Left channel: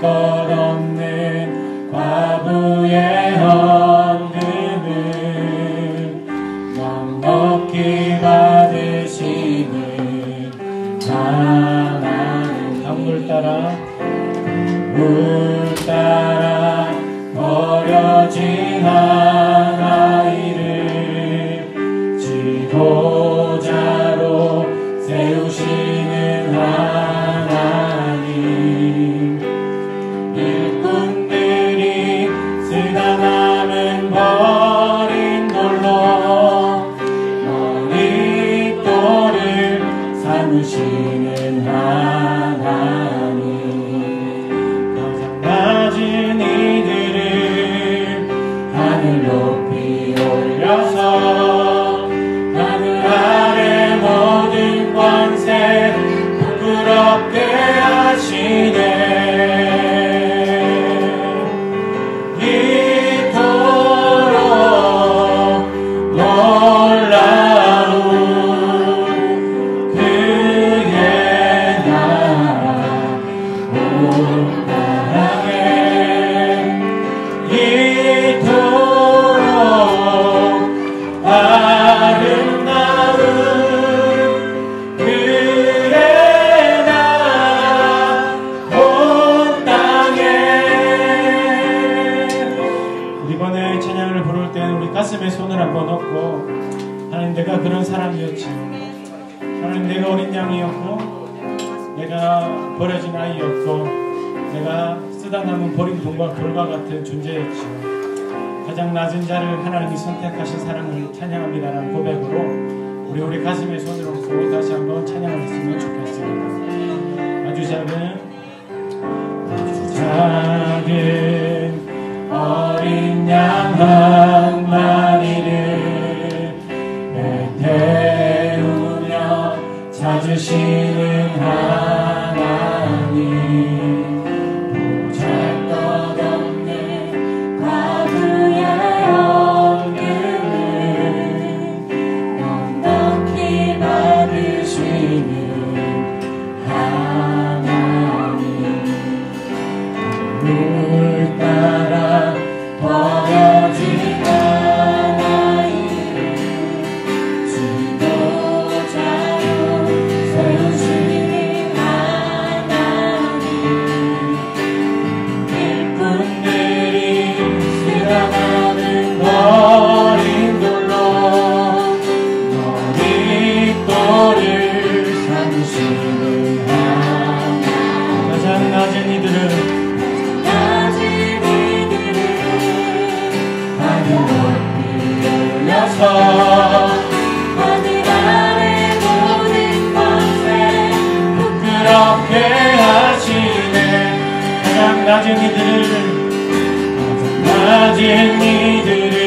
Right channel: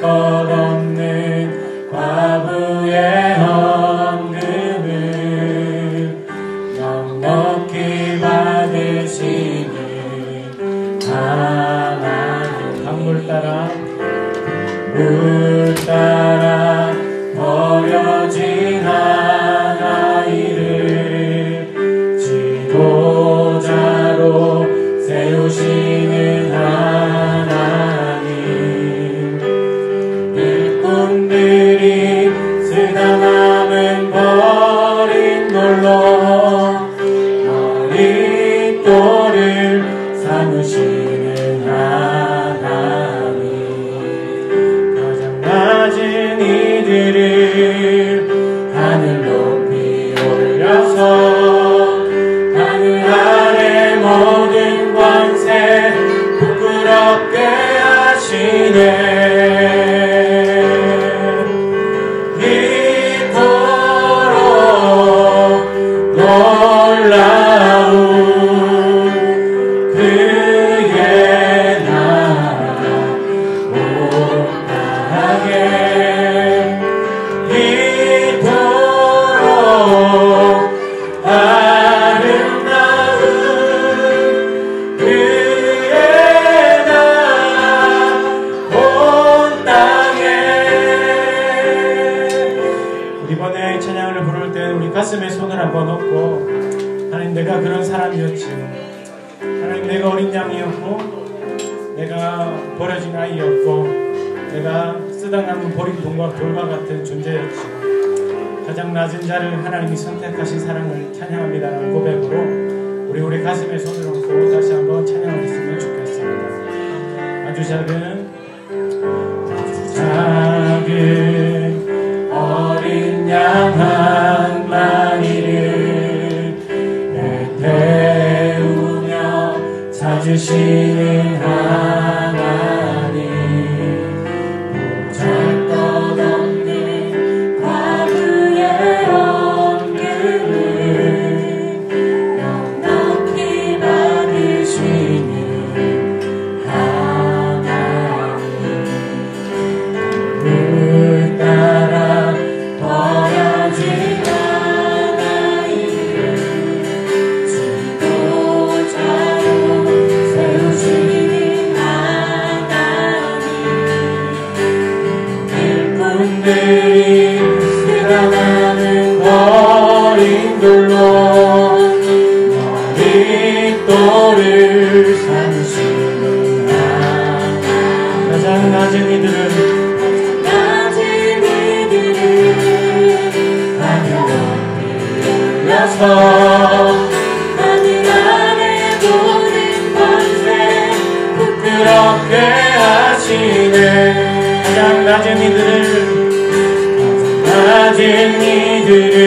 것 없는 과부의 헌금을 넉넉히 받으시는 하나님. 물 따라 버려진 아이를 지도자로 세우시는 하나님. 일꾼들이 쓰다 남은 버린 돌로 머릿돌을 삼으시는 하나님. 가장 낮은 이들을 하늘 높이 올려서 하늘 아래 모든 권세 부끄럽게 하시네. 이번에 찬양을 부를 때 우리 가슴에 손을 한번 얹고, 하나님, 내가 그런 사람이었지. 하나님, 내가 어린 양이었고, 내가 버려진 아이였고, 내가 쓰다 남은 버린 돌과 같은 존재였지. 가장 낮은 자를 하나님이 선택하신 사랑을 찬양합니다라는 고백으로 우리 가슴에 손을 얹고 다시 한번 찬양을 했으면 좋겠습니다. 아주 작은 어린 양 한 마리를 태우며 찾으시는 하나님. 보잘것없는 과부의 헌금을 넉넉히 받으시는 하나님. 물 따라 버려진 아이를 지도자로 세우시는 하나님. 일꾼들이 쓰다가는 버린 돌로 머릿돌을 삼으시는 하나님. 가장 낮은 이들을 하늘 아래 모든 권세 부끄럽게 하시네. 가장 낮은 이들을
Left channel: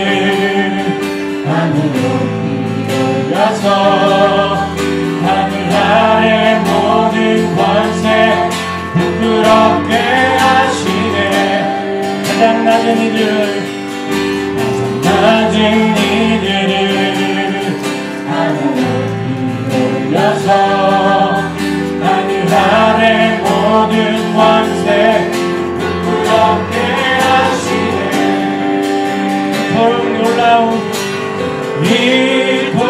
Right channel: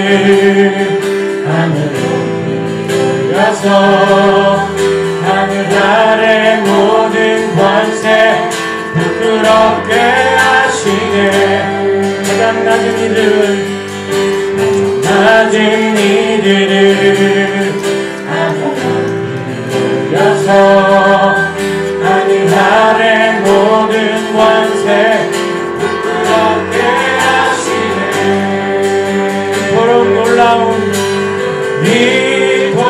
하늘로 올려서 하늘 아래 모든 권세 부끄럽게 하시네. 가장 낮은 이들을 하늘로 올려서 하늘 아래 모든 권세 부끄럽게 하시네. 이토록 놀라운 이토록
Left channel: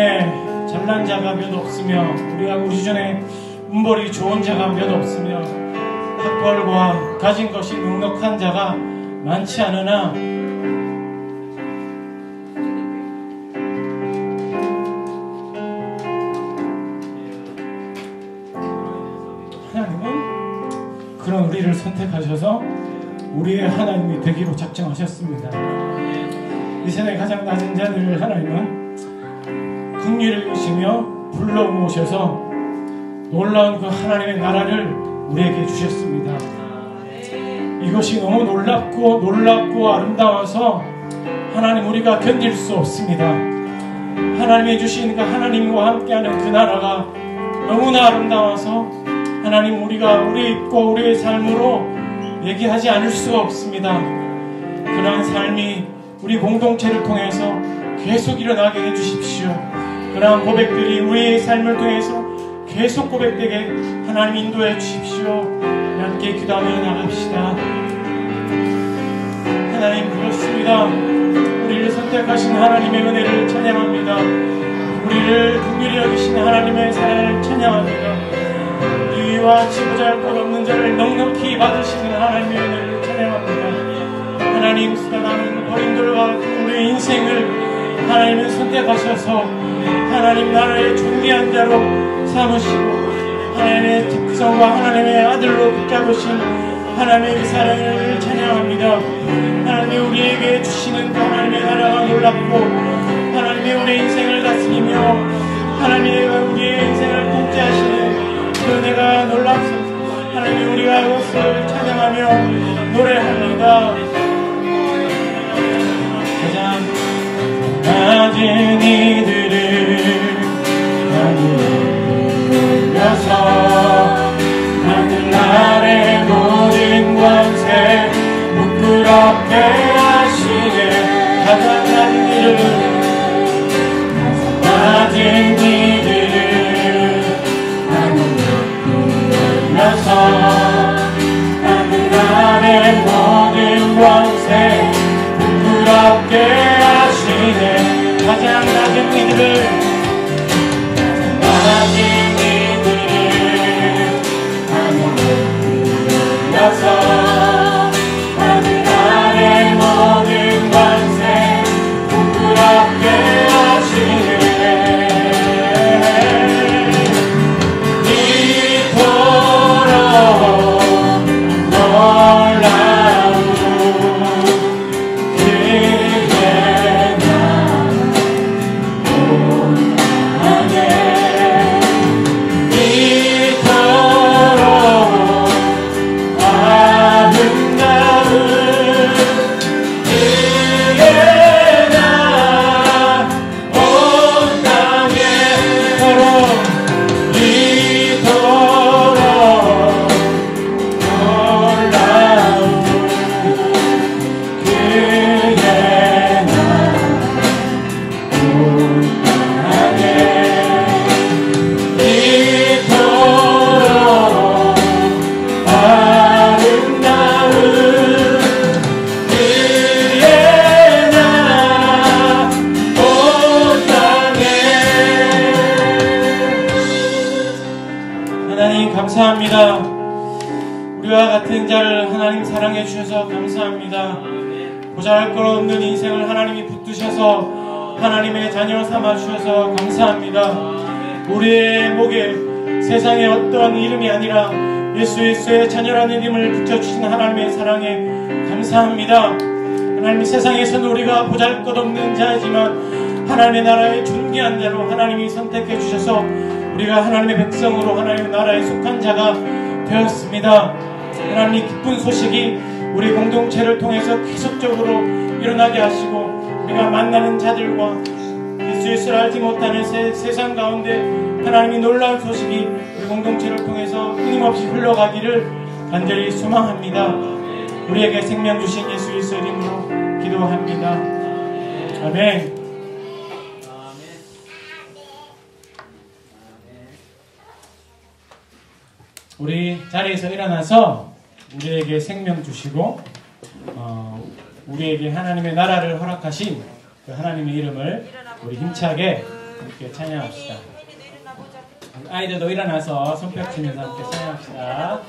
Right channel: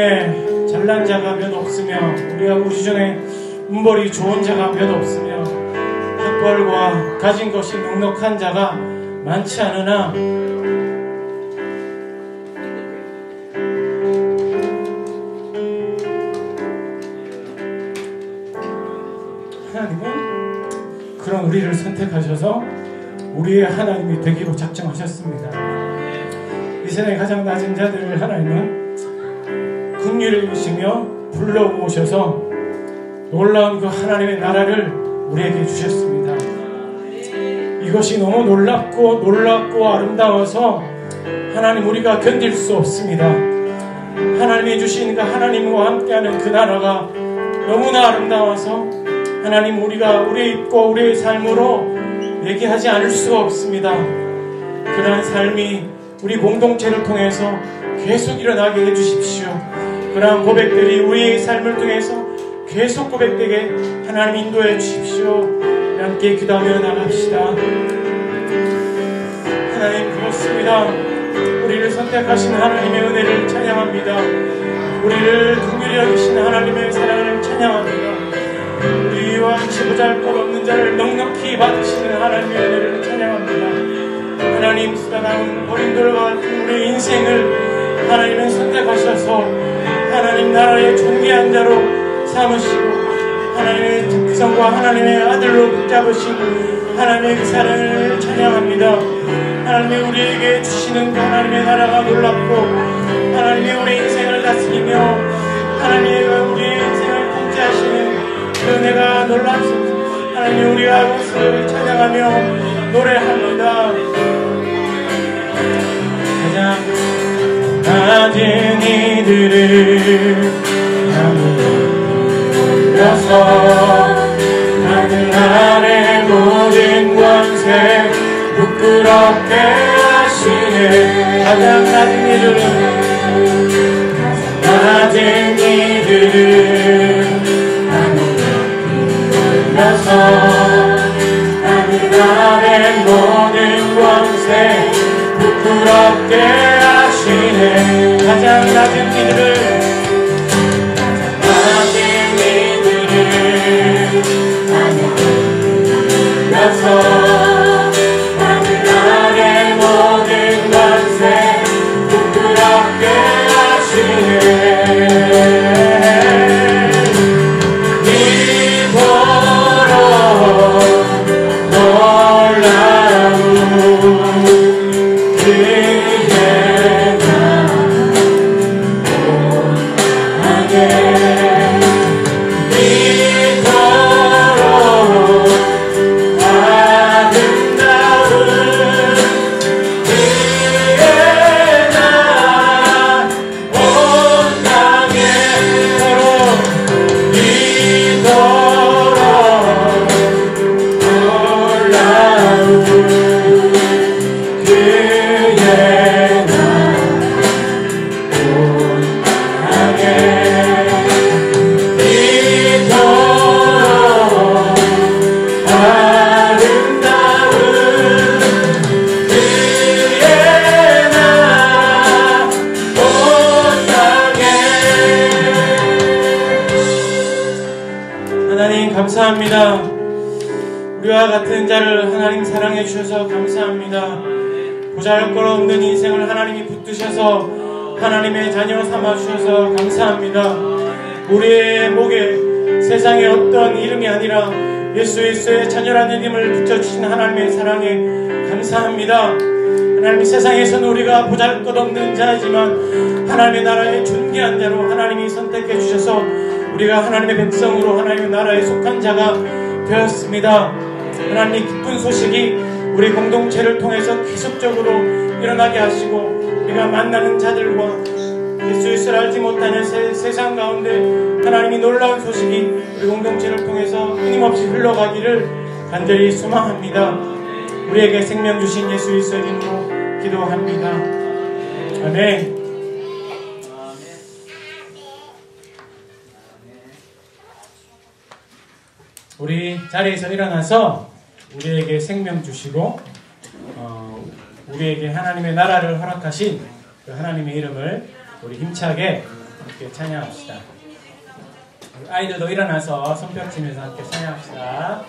중에 잘난 자가 몇 없으며 우리 중에 음벌이 좋은 자가 몇 없으며 학벌과 가진 것이 넉넉한 자가 많지 않으나 하나님은 그런 우리를 선택하셔서 우리의 하나님이 되기로 작정하셨습니다. 이 세상에 가장 낮은 자들을 하나님은 긍휼히 여기시며 불러 모셔서 놀라운 그 하나님의 나라를 우리에게 주셨습니다. 이것이 너무 놀랍고 아름다워서 하나님 우리가 견딜 수 없습니다. 하나님이 주신 그 하나님과 함께하는 그 나라가 너무나 아름다워서 하나님 우리가 우리의 삶으로 얘기하지 않을 수가 없습니다. 그러한 삶이 우리 공동체를 통해서 계속 일어나게 해주십시오. 그러한 고백들이 우리의 삶을 통해서 계속 고백되게 하나님 인도해 주십시오. 함께 기도하며 나갑시다. 하나님 고맙습니다. 우리를 선택하신 하나님의 은혜를 찬양합니다. 우리를 긍휼히 여기신 하나님의 사랑을 찬양합니다. 우리와 지부잘 것 없는 자를 넉넉히 받으시는 하나님의 은혜를 찬양합니다. 하나님 사랑하는 버림돌과 우리의 인생을 하나님은 선택하셔서 하나님 나라의 존귀한 자로 삼으시고 하나님의 특성과 하나님의 아들로 붙잡으신 하나님의 사랑을 찬양합니다. 하나님이 우리에게 주시는 그 하나님의 나라가 놀랍고 하나님이 우리 인생을 다스리며 하나님이 우리의 인생을 통치하시는 그 은혜가 놀랍소서. 하나님 우리가 그것을 찬양하며 노래합니다. 그냥 낮은 이들을 하늘 아래 모든 권세 부끄럽게 하시네. 낮은 이들을 하늘에서 하늘 아래 모든 권세 부끄럽게 하시네. 가장 낮은 이들을 감사합니다. 우리와 같은 자를 하나님 사랑해 주셔서 감사합니다. 보잘것없는 인생을 하나님이 붙드셔서 하나님의 자녀를 삼아 주셔서 감사합니다. 우리의 목에 세상의 어떤 이름이 아니라 예수 그리스도의 자녀라는 이름을 붙여주신 하나님의 사랑에 감사합니다. 하나님 세상에서는 우리가 보잘것없는 자이지만 하나님의 나라의 존귀한 자로 하나님이 선택해 주셔서 우리가 하나님의 백성으로 하나님의 나라에 속한 자가 되었습니다. 하나님의 기쁜 소식이 우리 공동체를 통해서 계속적으로 일어나게 하시고 우리가 만나는 자들과 예수 그리스도를 알지 못하는 세상 가운데 하나님이 놀라운 소식이 우리 공동체를 통해서 끊임없이 흘러가기를 간절히 소망합니다. 우리에게 생명 주신 예수 그리스도의 이름으로 기도합니다. 아멘. 우리 자리에서 일어나서 우리에게 생명 주시고 우리에게 하나님의 나라를 허락하신 그 하나님의 이름을 우리 힘차게 함께 찬양합시다. 아이들도 일어나서 손뼉 치면서 함께 찬양합시다.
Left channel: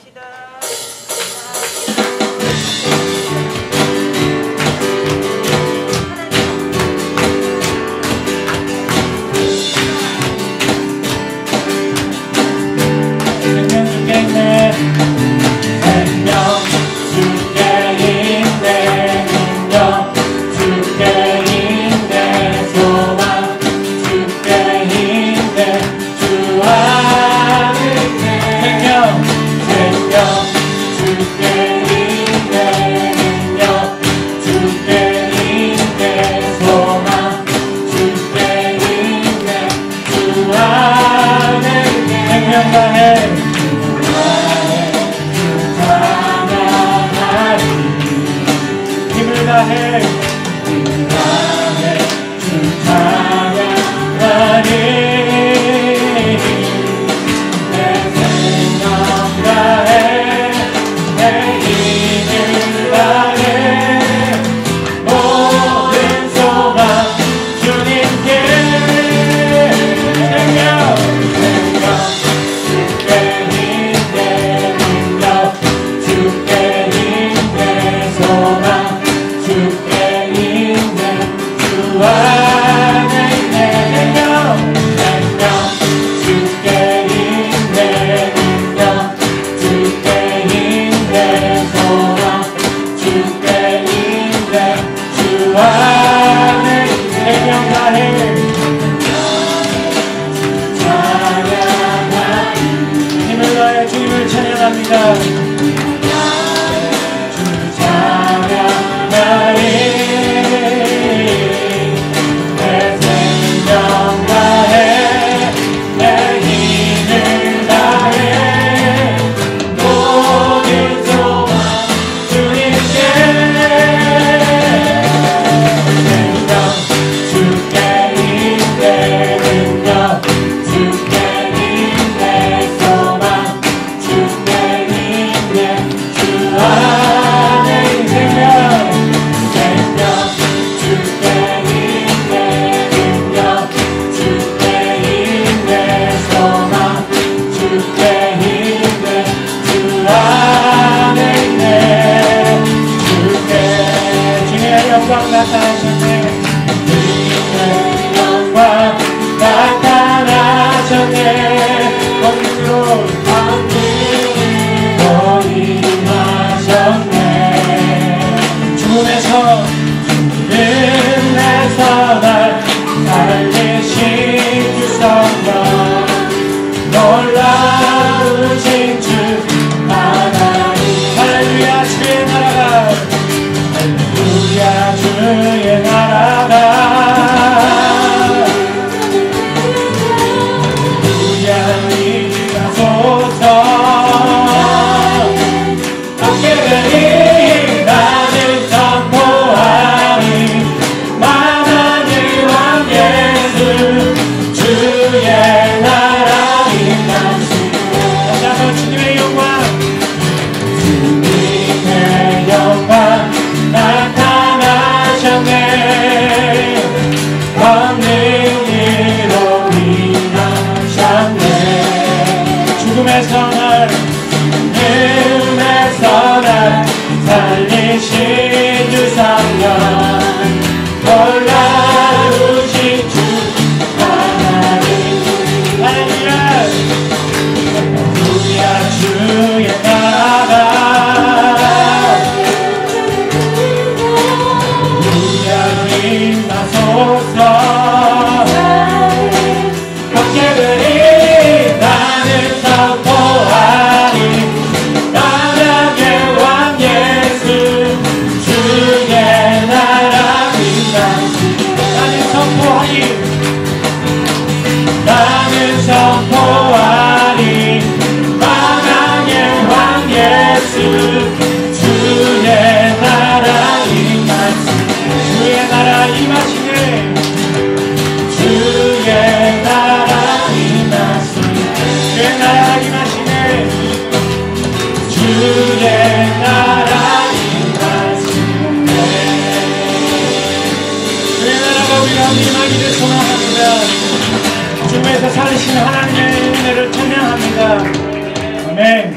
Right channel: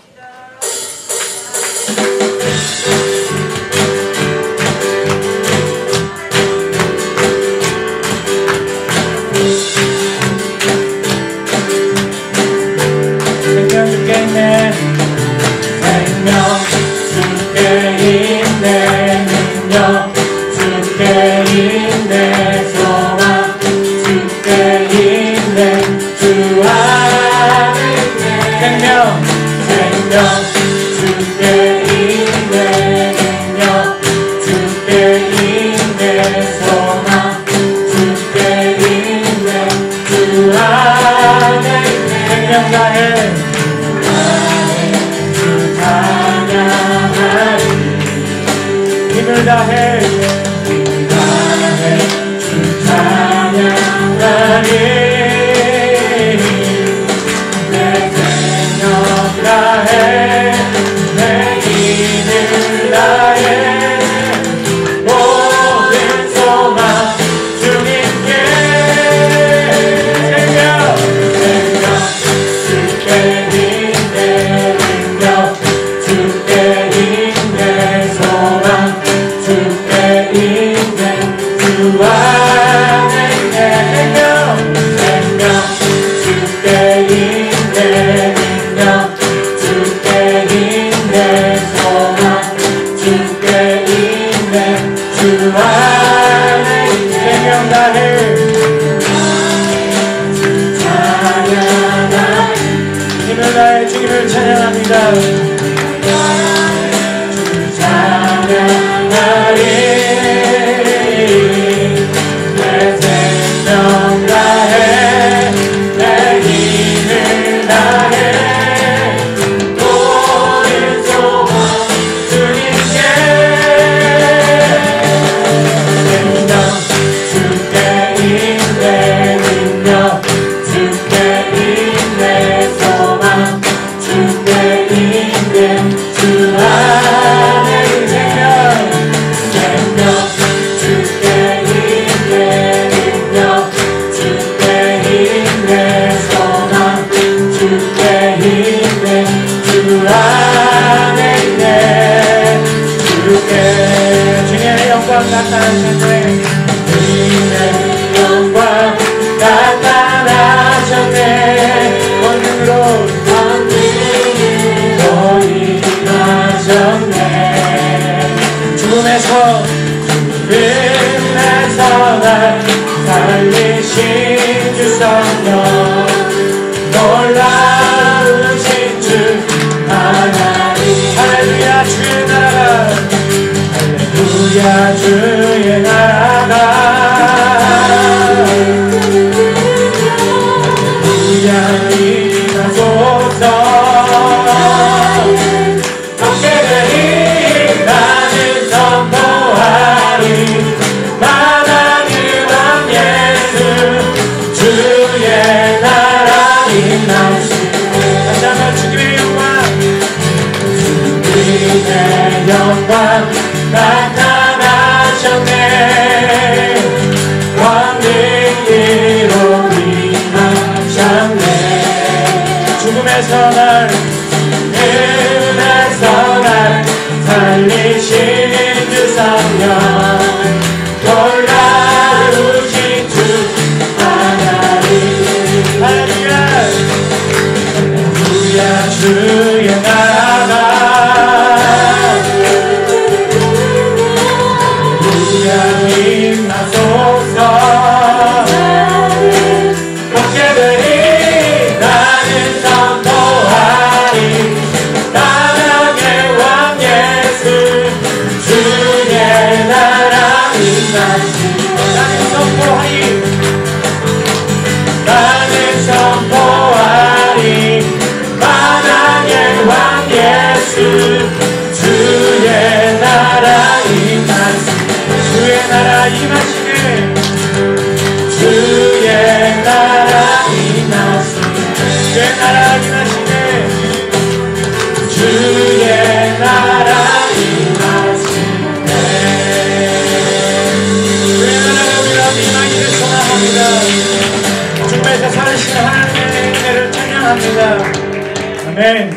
나는 선포하리 감사합니다. 아멘.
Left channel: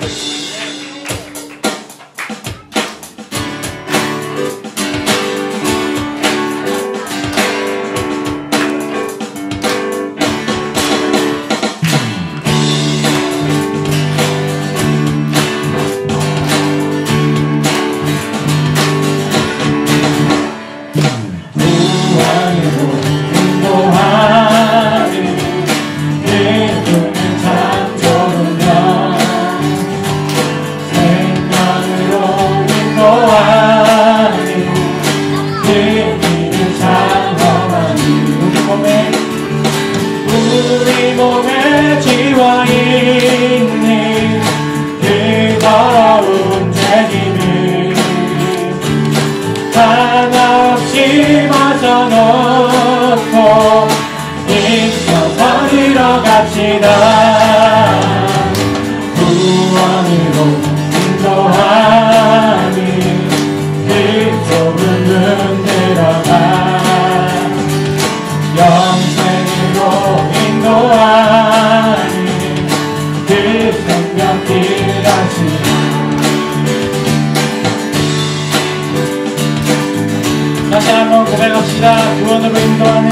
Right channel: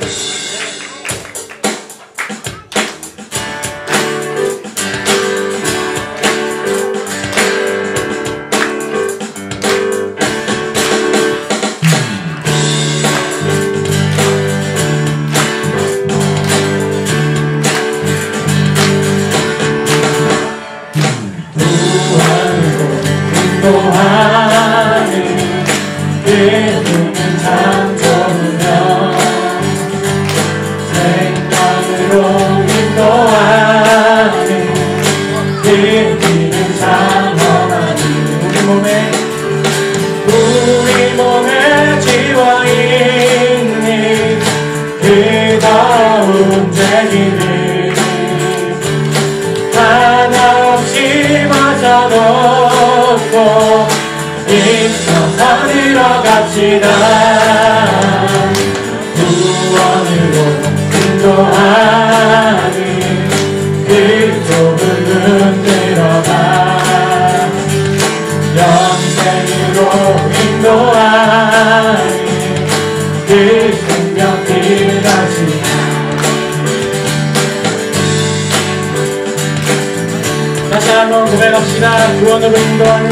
다시 한번 고백합시다. 구원으로 인도하는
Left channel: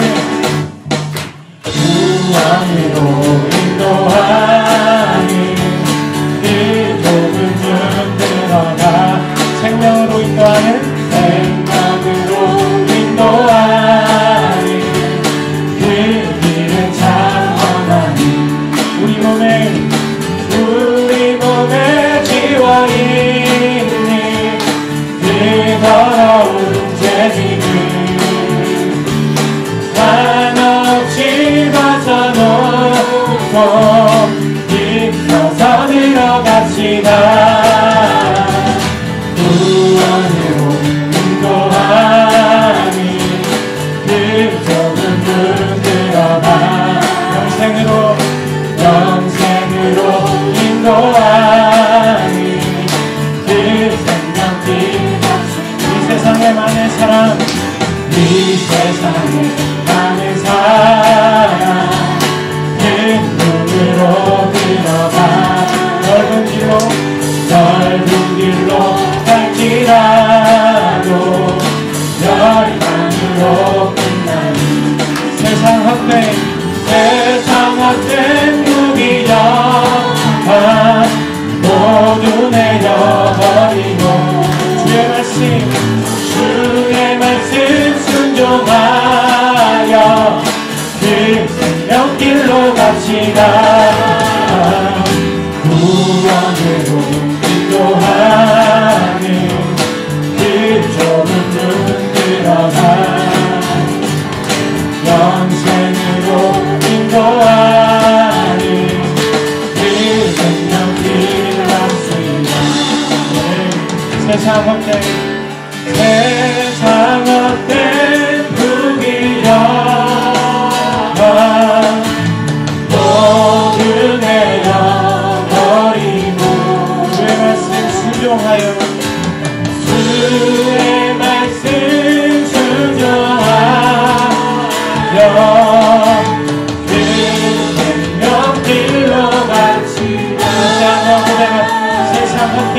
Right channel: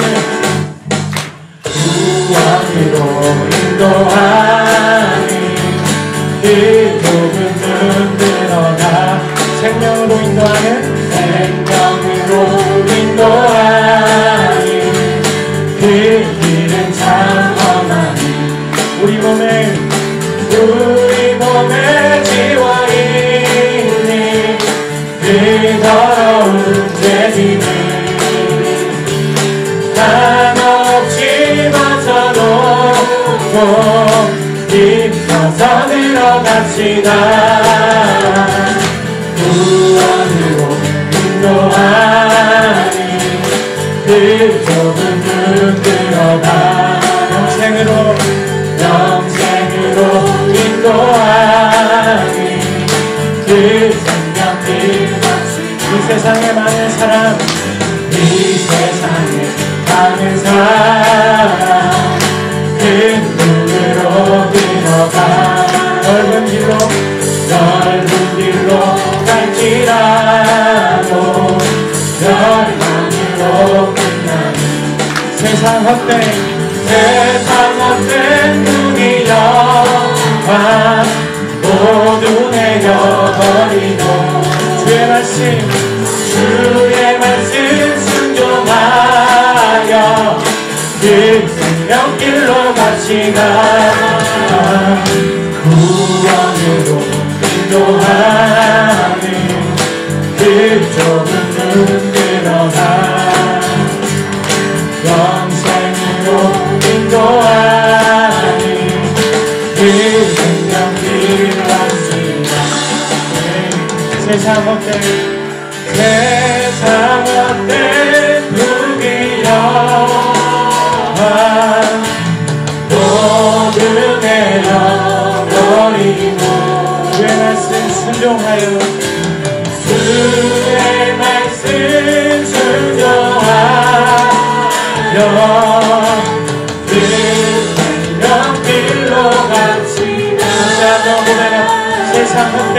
구원으로 인도하는 그 좁은 문 들어가 생명으로 인도하는 그 길은 장엄하니 우리 몸에 지워 있니 그 더러운 죄짐을 한없이 벗어놓고 힘써서 들어갑시다. 구원으로 인도하는 그 좁은 문 들어가 영생으로 인도하는 그 생명길 이 세상에 많은 사람 이 세상에 많은 사람 그 눈으로 들어가 넓은 길로 갈지라도 열망으로 끝나는 세상 헛된 무기력한 모두 내려버리고 주의 말씀 순종하여 그 생명길로 갑시다. 구원으로 인도하는 그 좁은 문 들어가 영생으로 인도하는 그 생명길 갑시다. 세상 헛된 무기력한 모두 내려버리고 주의 말씀 순종하여 주의 말씀 순종하여 그 생명길로 갑시다. 세상 헛된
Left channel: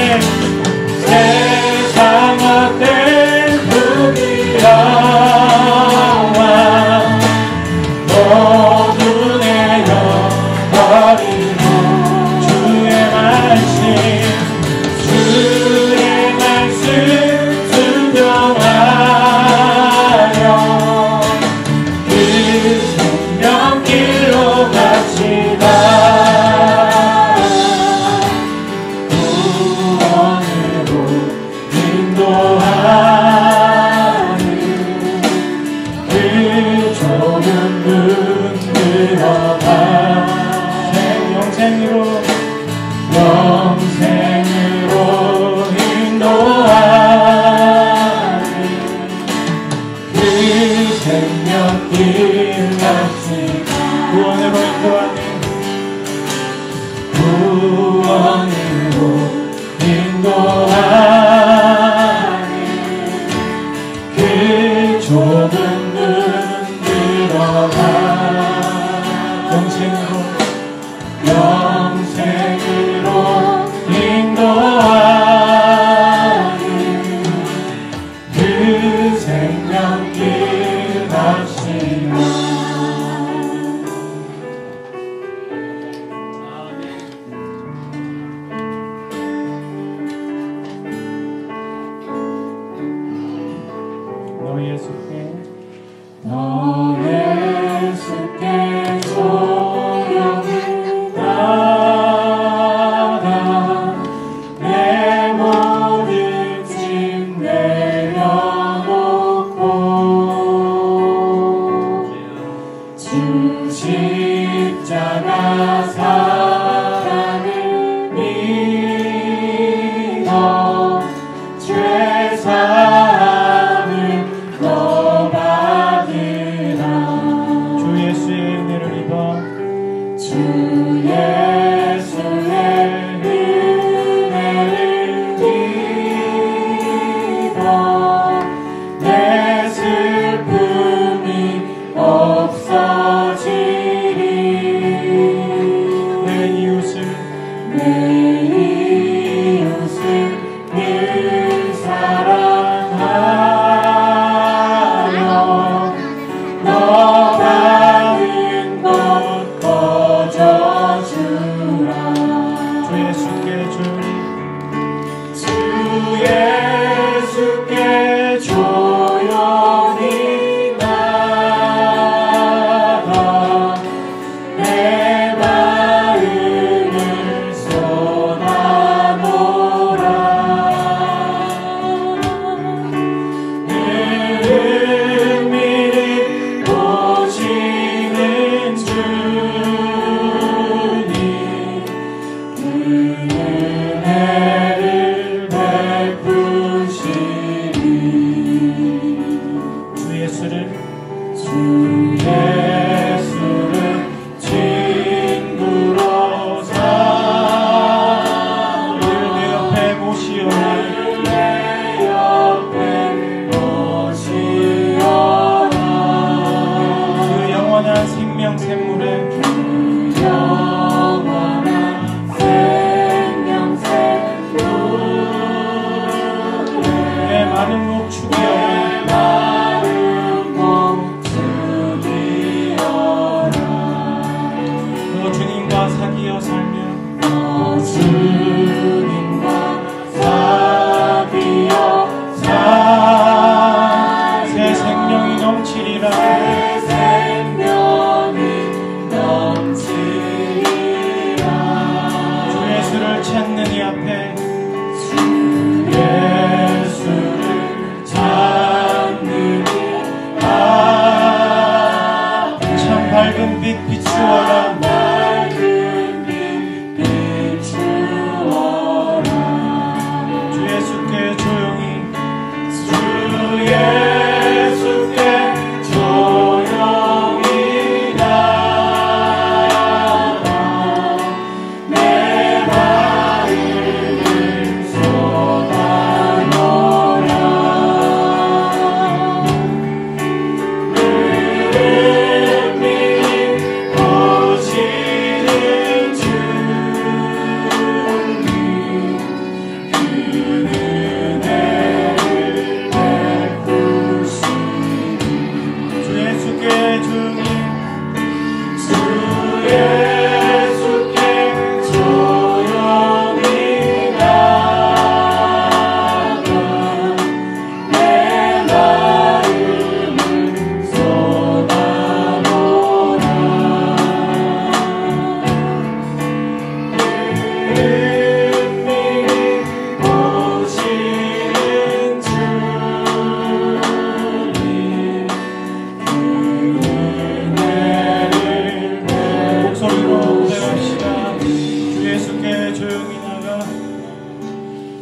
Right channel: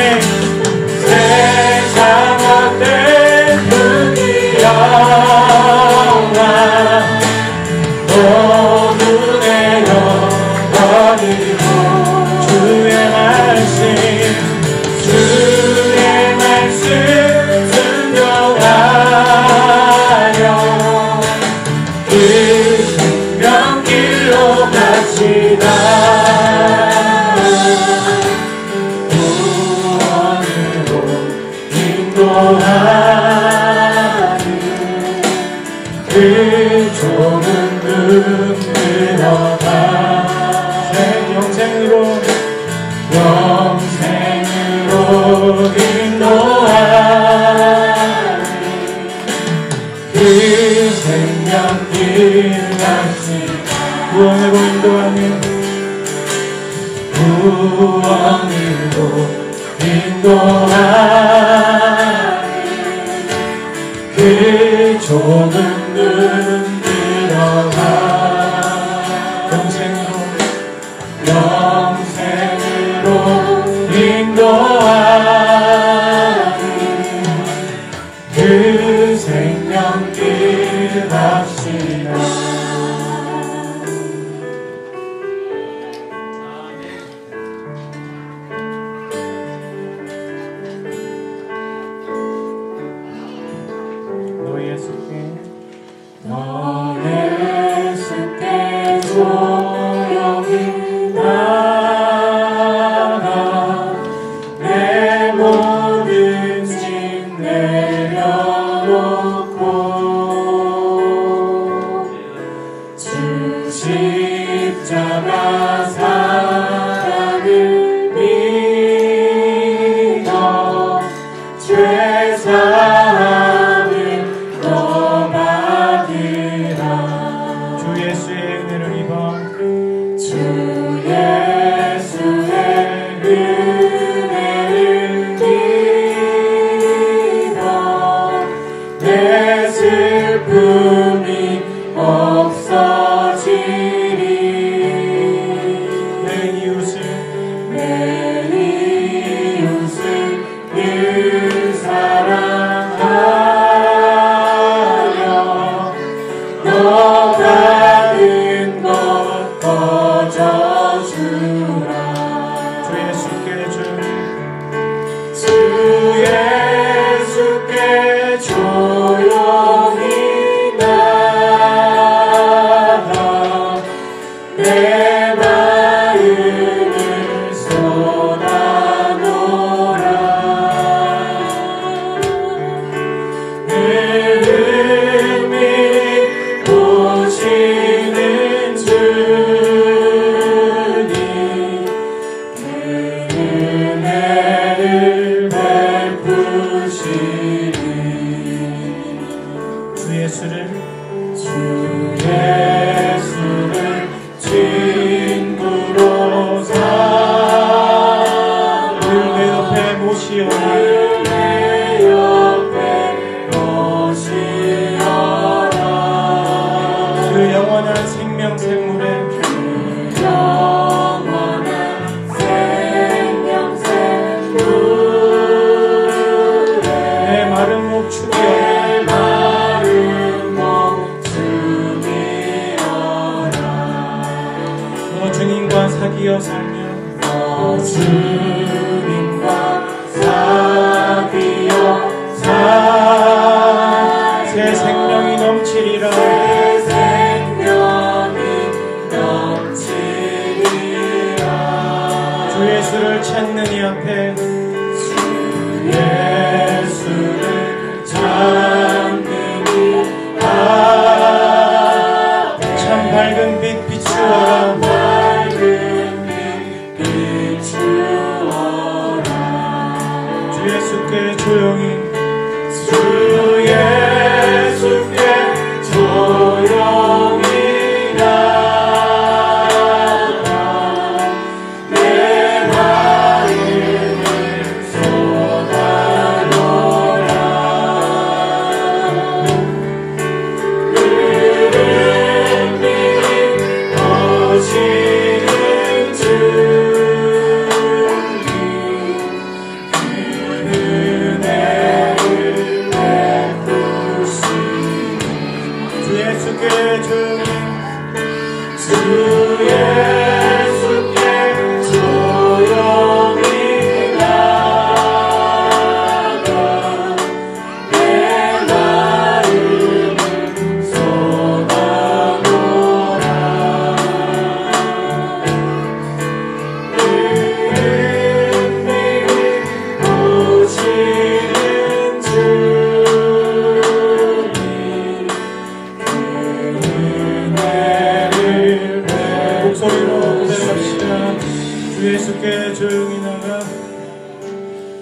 무기력한 모두 내려버리고 주의 말씀 순종하여 그 생명길로 갑시다. 구원으로 인도하는 그 좁은 문 들어가 영생으로 인도하는 그 생명길 같이 구원으로 인도하는 그 좁은 문 들어가 영생으로 지켜 살며 주님과 사귀어 새 생명이 넘치리라 주 예수를 찾는 이 앞에 참 밝은 빛 비추어라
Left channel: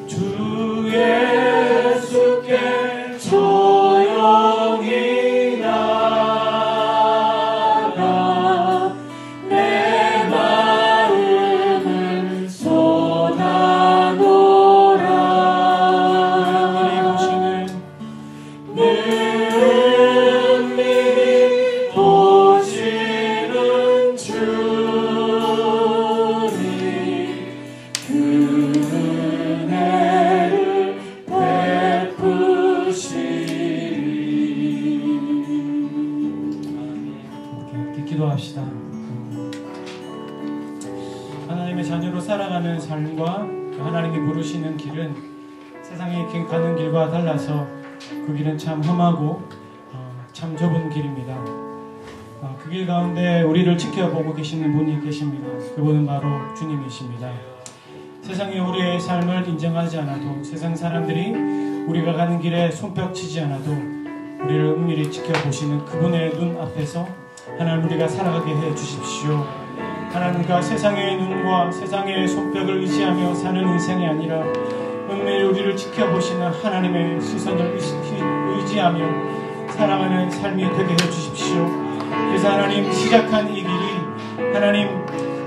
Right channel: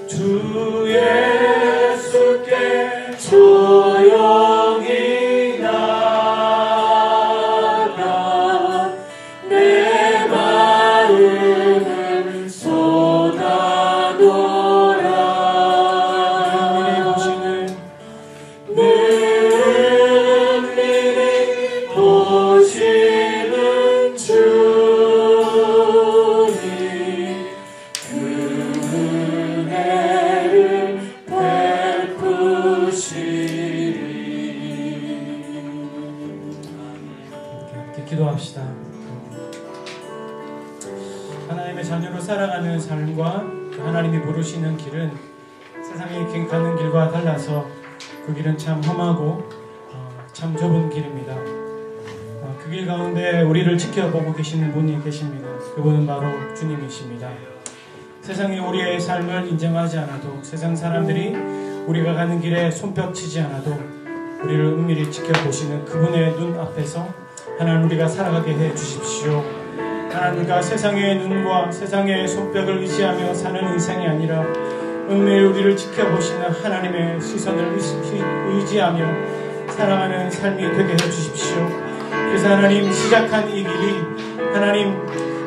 주 예수께 조용히 기도합시다. 하나님의 자녀로 살아가는 삶과 하나님이 부르시는 길은 세상에 가는 길과 달라서 그 길은 참 험하고 참 좁은 길입니다. 그 길 가운데 우리를 지켜보고 계시는 분이 계십니다. 그분은 바로 주님이십니다. 세상이 우리의 삶을 인정하지 않아도, 세상 사람들이 우리가 가는 길에 손뼉치지 않아도 우리를 은밀히 지켜보시는 그분의 눈 앞에서 하나님 우리가 살아가게 해주십시오. 하나님과 세상의 눈과 세상의 손뼉을 의지하며 사는 인생이 아니라 은밀히 우리를 지켜보시는 하나님의 시선을 의지하며 살아가는 삶이 되게 해주십시오. 그래서 하나님 시작한 이 길이, 하나님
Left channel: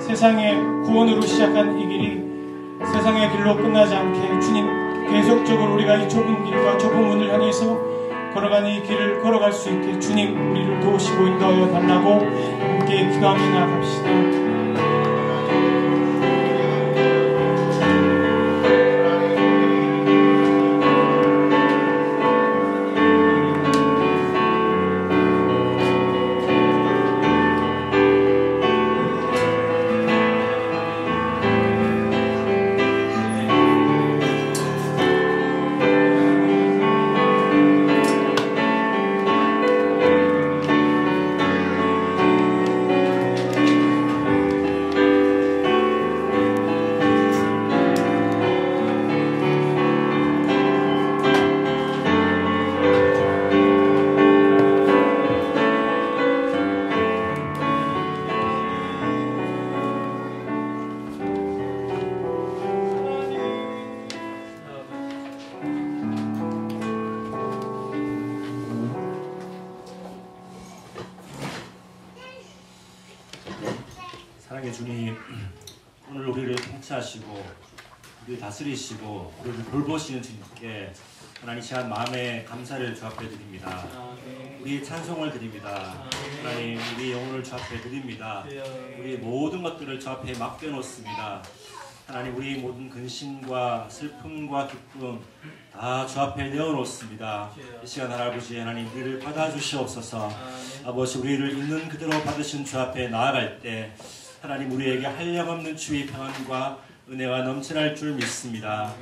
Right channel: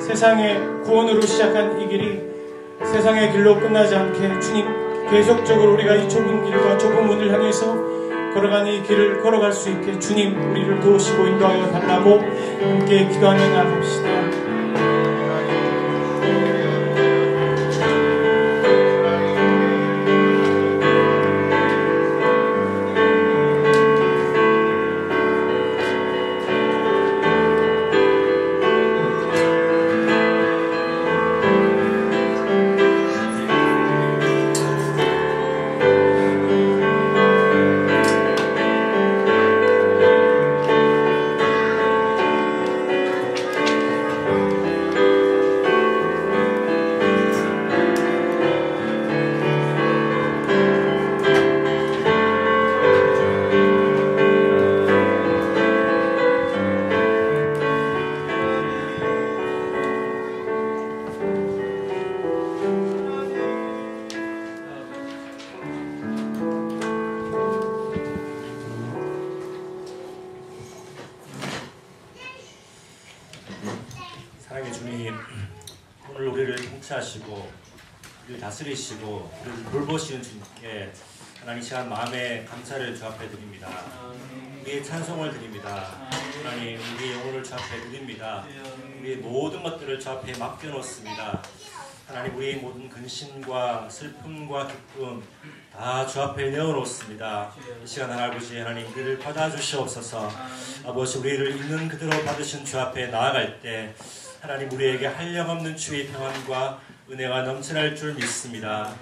세상의 구원으로 시작한 이 길이 세상의 길로 끝나지 않게 주님 계속적으로 우리가 이 좁은 길과 좁은 문을 향해서 걸어가는 이 길을 걸어갈 수 있게 주님 우리를 도우시고 인도하여 달라고 함께 기도하며 나갑시다. 통치하시고 우리 다스리시고 우리를 돌보시는 주님께 하나님 이 시간 마음에 감사를 주 앞에 드립니다. 우리의 찬송을 드립니다. 하나님 우리의 영혼을 주 앞에 드립니다. 우리의 모든 것들을 주 앞에 맡겨놓습니다. 하나님 우리의 모든 근심과 슬픔과 기쁨 다 주 앞에 내어놓습니다. 이 시간 아버지 하나님 우리를 받아주시옵소서. 아버지 우리를 있는 그대로 받으신 주 앞에 나아갈 때 하나님 우리에게 한량없는 주의 평안과 은혜가 넘쳐날 줄 믿습니다.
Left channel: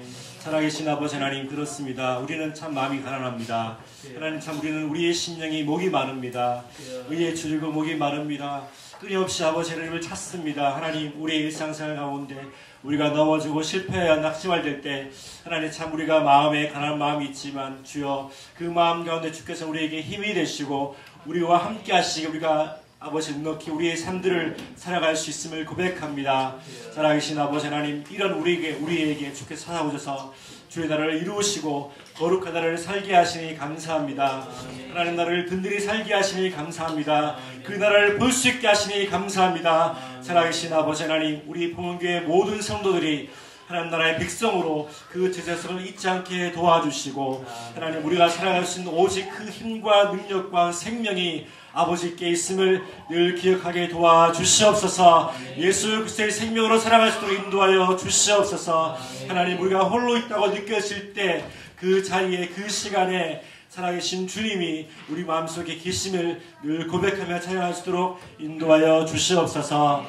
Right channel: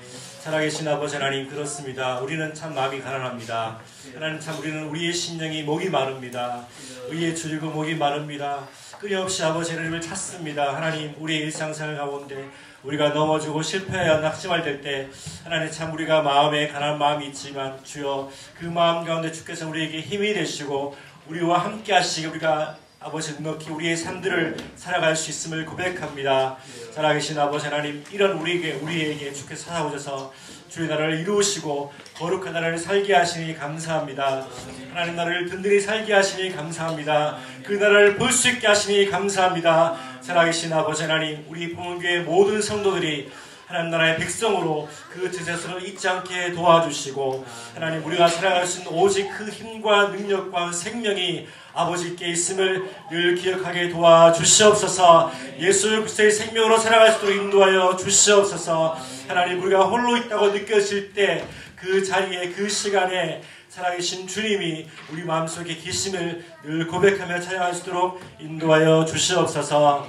살아계신 아버지 하나님, 그렇습니다. 우리는 참 마음이 가난합니다. 하나님, 참 우리는 우리의 심령이 목이 마릅니다. 의에 줄이고 목이 마릅니다. 끊임없이 아버지 하나님을 찾습니다. 하나님, 우리의 일상생활 가운데 우리가 넘어지고 실패하여 낙심할 때 하나님, 참 우리가 마음에 가난한 마음이 있지만 주여 그 마음 가운데 주께서 우리에게 힘이 되시고 우리와 함께 하시고 우리가 아버지 넉넉히 우리의 삶들을 살아갈 수 있음을 고백합니다. 살아계신 아버지 하나님, 이런 우리에게 주께서 찾아오셔서 주의 나라를 이루시고 거룩한 나라를 살게 하시니 감사합니다. 하나님 나라를 든든히 살게 하시니 감사합니다. 그 나라를 볼 수 있게 하시니 감사합니다. 살아계신 아버지 하나님, 우리 봉헌교회 모든 성도들이 하나님 나라의 백성으로 그 제자성을 잊지 않게 도와주시고 하나님, 우리가 살아갈 수 있는 오직 그 힘과 능력과 생명이 아버지께 있음을 늘 기억하게 도와주시옵소서. 예수 그리스도의 생명으로 살아갈 수 있도록 인도하여 주시옵소서. 하나님, 우리가 홀로 있다고 느껴질 때 그 자리에 그 시간에 살아계신 주님이 우리 마음속에 계심을 늘 고백하며 찬양할 수 있도록 인도하여 주시옵소서.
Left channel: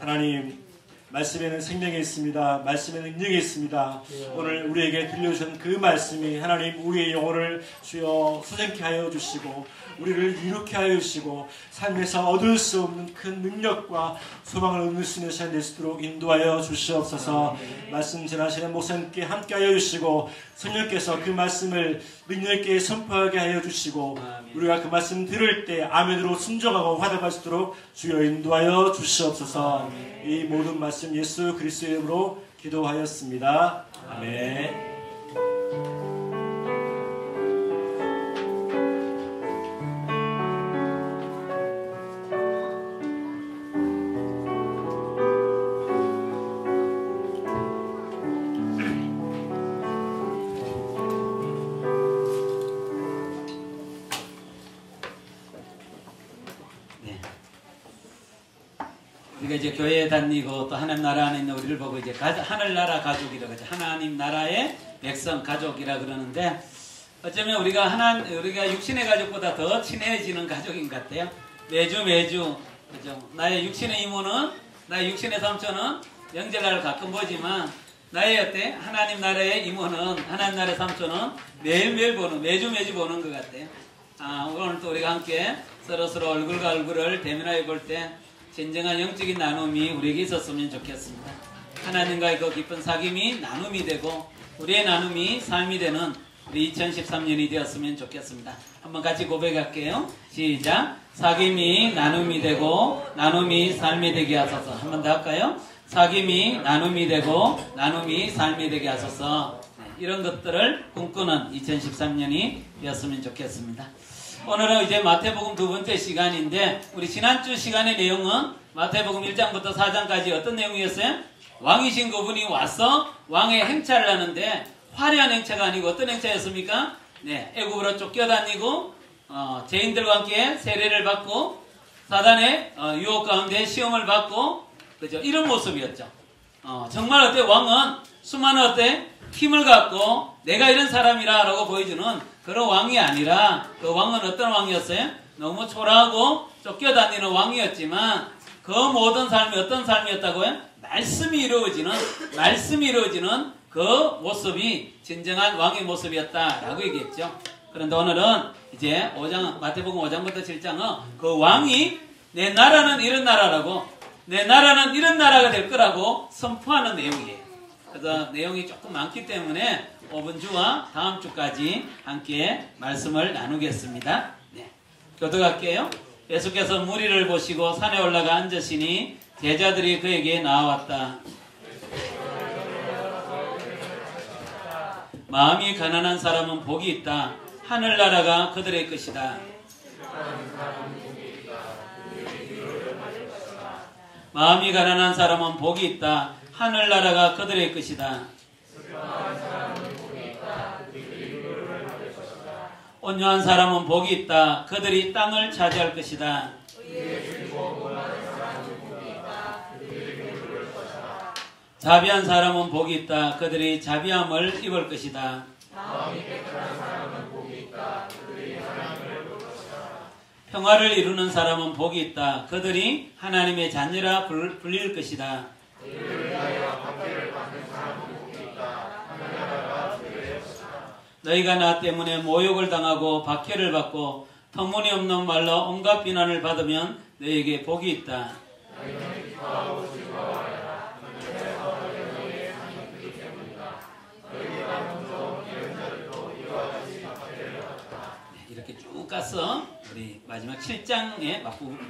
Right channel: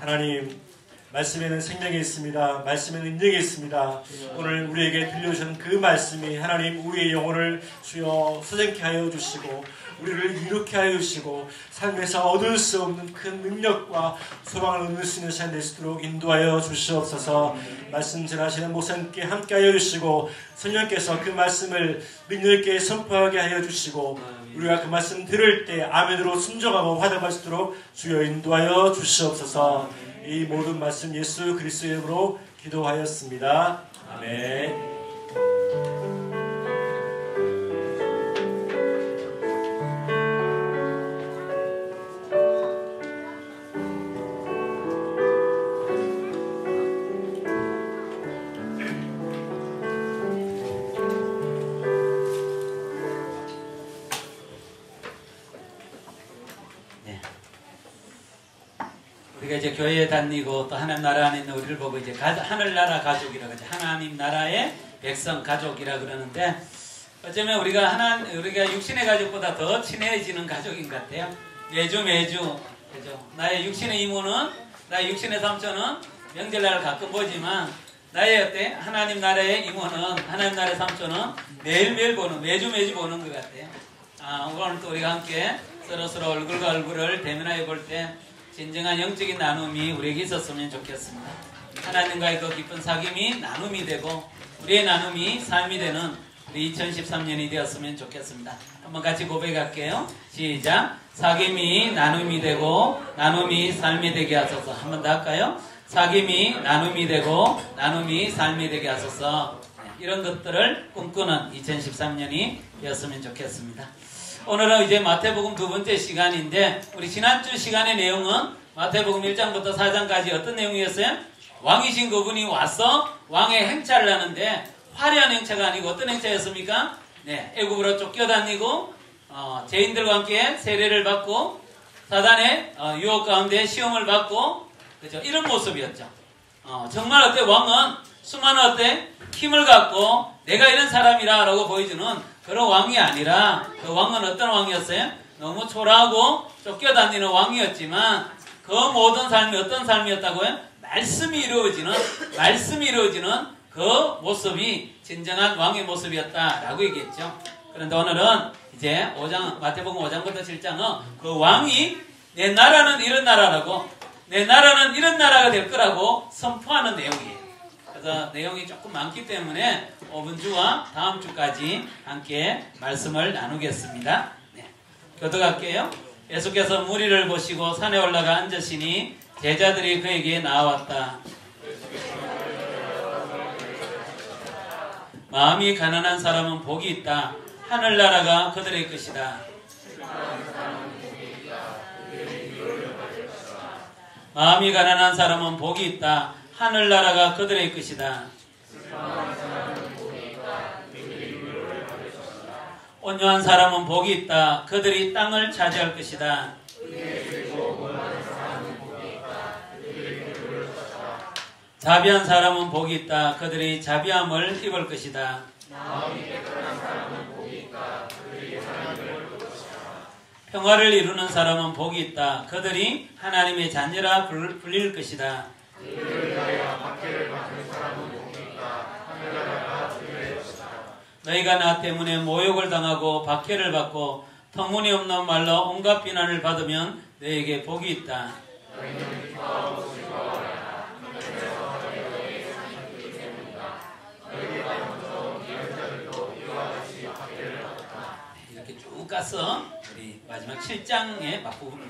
하나님, 말씀에는 생명이 있습니다. 말씀에는 능력이 있습니다. 오늘 우리에게 들려주신 그 말씀이 하나님 우리의 영혼을 주여 소생케 하여 주시고 우리를 이룩게 하여 주시고 삶에서 얻을 수 없는 큰 능력과 소망을 얻을 수 있는 시간 될 수 있도록 인도하여 주시옵소서. 말씀 전하시는 목사님께 함께 하여 주시고 성령께서 그 말씀을 능력 있게 선포하게 하여 주시고 우리가 그 말씀 들을 때 아멘으로 순종하고 화답할 수 있도록 주여 인도하여 주시옵소서. 이 모든 말씀 예수 그리스도의 이름으로 기도하였습니다. 아멘. 이제 교회에 다니고 또 하나님 나라 안에 있는 우리를 보고 이제 하늘나라 가족이라고 그러죠. 하나님 나라의 백성 가족이라 그러는데 어쩌면 우리가 육신의 가족보다 더 친해지는 가족인 것 같아요. 매주 나의 육신의 이모는, 나의 육신의 삼촌은 명절날 가끔 보지만 나의 하나님 나라의 이모는, 하나님 나라의 삼촌은 매일매일 매주 보는 것 같아요. 오늘 또 우리가 함께 서로 얼굴과 얼굴을 대면하여 볼 때 진정한 영적인 나눔이 우리에게 있었으면 좋겠습니다. 하나님과의 그 깊은 사귐이 나눔이 되고 우리의 나눔이 삶이 되는 우리 2013년이 되었으면 좋겠습니다. 한번 같이 고백할게요. 시작. 사귐이 나눔이 되고 나눔이 삶이 되게 하소서. 한 번 더 할까요? 사귐이 나눔이 되고 나눔이 삶이 되게 하소서. 이런 것들을 꿈꾸는 2013년이 되었으면 좋겠습니다. 오늘은 이제 마태복음 두 번째 시간인데 우리 지난주 시간의 내용은 마태복음 1장부터 4장까지 어떤 내용이었어요? 왕이신 그분이 와서 왕의 행차를 하는데 화려한 행차가 아니고 어떤 행차였습니까? 네, 애굽으로 쫓겨다니고 죄인들과 함께 세례를 받고 사단의 유혹 가운데 시험을 받고 그죠? 이런 모습이었죠. 정말 왕은 수많은 힘을 갖고 내가 이런 사람이라 라고 보여주는 그런 왕이 아니라 그 왕은 어떤 왕이었어요? 너무 초라하고 쫓겨다니는 왕이었지만 그 모든 삶이 어떤 삶이었다고요? 말씀이 이루어지는 그 모습이 진정한 왕의 모습이었다라고 얘기했죠. 그런데 오늘은 이제 마태복음 5장부터 7장은 그 왕이 내 나라는 이런 나라라고, 내 나라는 이런 나라가 될 거라고 선포하는 내용이에요. 그래서 내용이 조금 많기 때문에 5분 주와 다음 주까지 함께 말씀을 나누겠습니다. 네. 교독할게요. 예수께서 무리를 보시고 산에 올라가 앉으시니 제자들이 그에게 나왔다. 마음이 가난한 사람은 복이 있다. 하늘나라가 그들의 것이다. 마음이 가난한 사람은 복이 있다. 하늘나라가 그들의 것이다. 온유한 사람은 복이 있다. 그들이 땅을 차지할 것이다. 자비한 사람은 복이 있다. 그들이 자비함을 입을 것이다. 평화를 이루는 사람은 복이 있다. 그들이 하나님의 자녀라 불릴 것이다. 너희가 나 때문에 모욕을 당하고 박해를 받고 터무니없는 말로 온갖 비난을 받으면 너희에게 복이 있다. 이렇게 쭉 가서 우리 마지막 7장의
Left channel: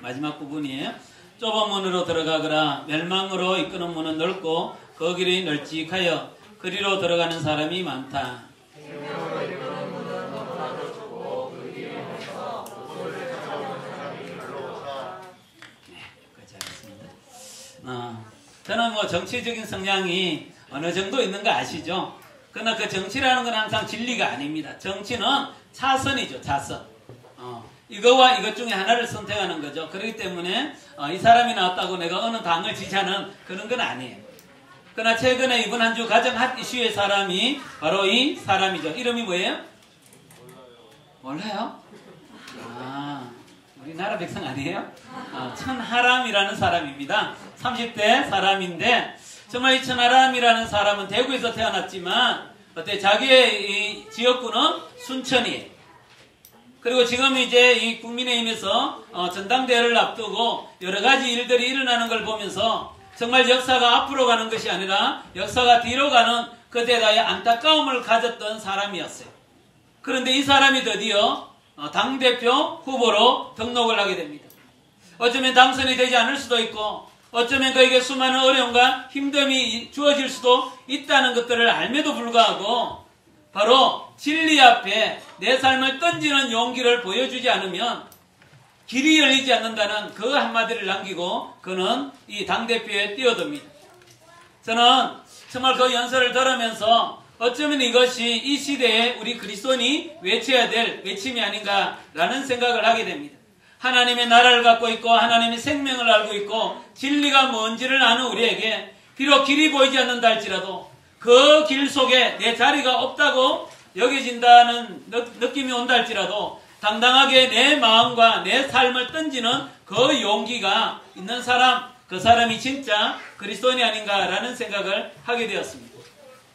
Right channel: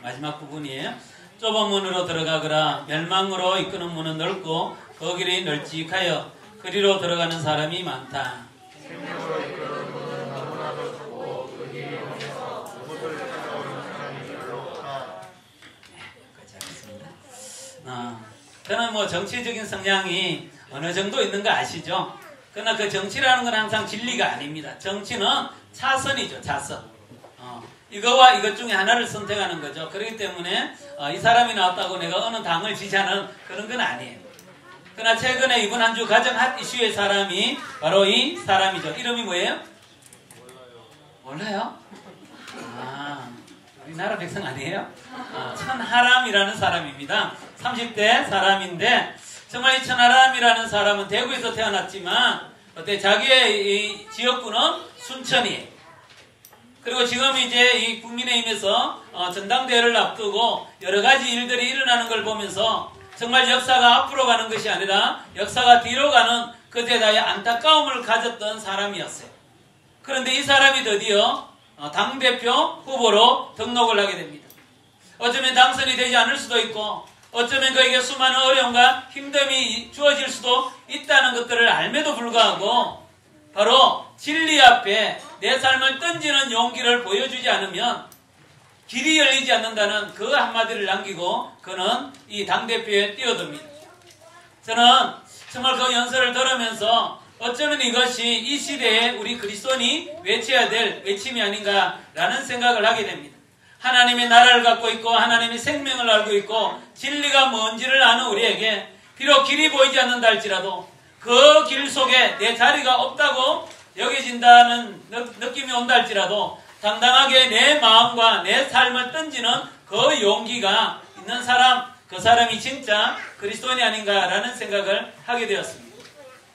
마지막 부분이에요. 좁은 문으로 들어가거라. 멸망으로 이끄는 문은 넓고 그 길이 널찍하여 그리로 들어가는 사람이 많다. 저는 뭐 정치적인 성향이 어느 정도 있는 거 아시죠? 그러나 그 정치라는 건 항상 진리가 아닙니다. 정치는 차선이죠, 차선. 이거와 이것 중에 하나를 선택하는 거죠. 그렇기 때문에 이 사람이 나왔다고 내가 어느 당을 지지하는 그런 건 아니에요. 그러나 최근에 이번 한 주 가장 핫 이슈의 사람이 바로 이 사람이죠. 이름이 뭐예요? 몰라요? 우리나라 백성 아니에요? 천하람이라는 사람입니다. 30대 사람인데 정말 이 천하람이라는 사람은 대구에서 태어났지만 자기의 이 지역구는 순천이에요. 그리고 지금 이제 이 국민의힘에서 전당대회를 앞두고 여러 가지 일들이 일어나는 걸 보면서 정말 역사가 앞으로 가는 것이 아니라 역사가 뒤로 가는 그에 대해 안타까움을 가졌던 사람이었어요. 그런데 이 사람이 드디어 당대표 후보로 등록을 하게 됩니다. 어쩌면 당선이 되지 않을 수도 있고 어쩌면 그에게 수많은 어려움과 힘듦이 주어질 수도 있다는 것들을 알매도 불구하고 바로 진리 앞에 내 삶을 던지는 용기를 보여주지 않으면 길이 열리지 않는다는 그 한마디를 남기고 그는 이 당대표에 뛰어듭니다. 저는 정말 그 연설을 들으면서 어쩌면 이것이 이 시대에 우리 그리스도인이 외쳐야 될 외침이 아닌가라는 생각을 하게 됩니다. 하나님의 나라를 갖고 있고 하나님의 생명을 알고 있고 진리가 뭔지를 아는 우리에게 비록 길이 보이지 않는다 할지라도 그 길 속에 내 자리가 없다고 여겨진다는 느낌이 온다 할지라도 당당하게 내 마음과 내 삶을 던지는 그 용기가 있는 사람, 그 사람이 진짜 그리스도인이 아닌가라는 생각을 하게 되었습니다.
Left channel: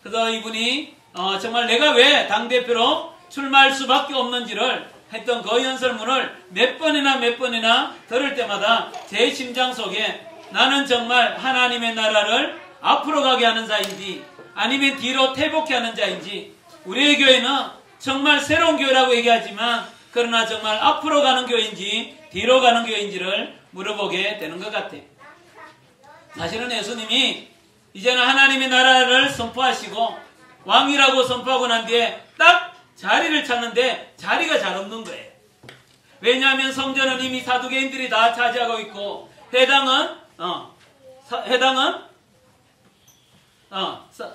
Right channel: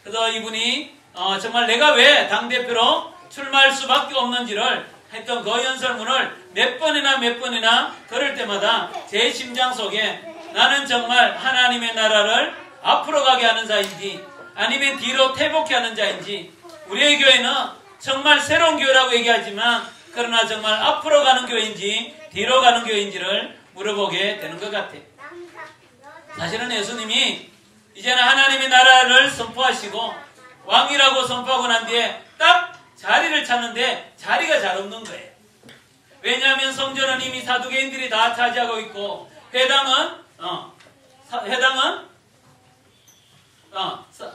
그래서 이분이 정말 내가 왜 당대표로 출마할 수밖에 없는지를 했던 그 연설문을 몇 번이나 들을 때마다 제 심장 속에 나는 정말 하나님의 나라를 앞으로 가게 하는 자인지 아니면 뒤로 퇴복해 하는 자인지 우리의 교회는 정말 새로운 교회라고 얘기하지만 그러나 정말 앞으로 가는 교회인지 뒤로 가는 교회인지를 물어보게 되는 것 같아요. 사실은 예수님이 이제는 하나님의 나라를 선포하시고 왕이라고 선포하고 난 뒤에 딱 자리를 찾는데 자리가 잘 없는 거예요. 왜냐하면 성전은 이미 사두개인들이 다 차지하고 있고 회당은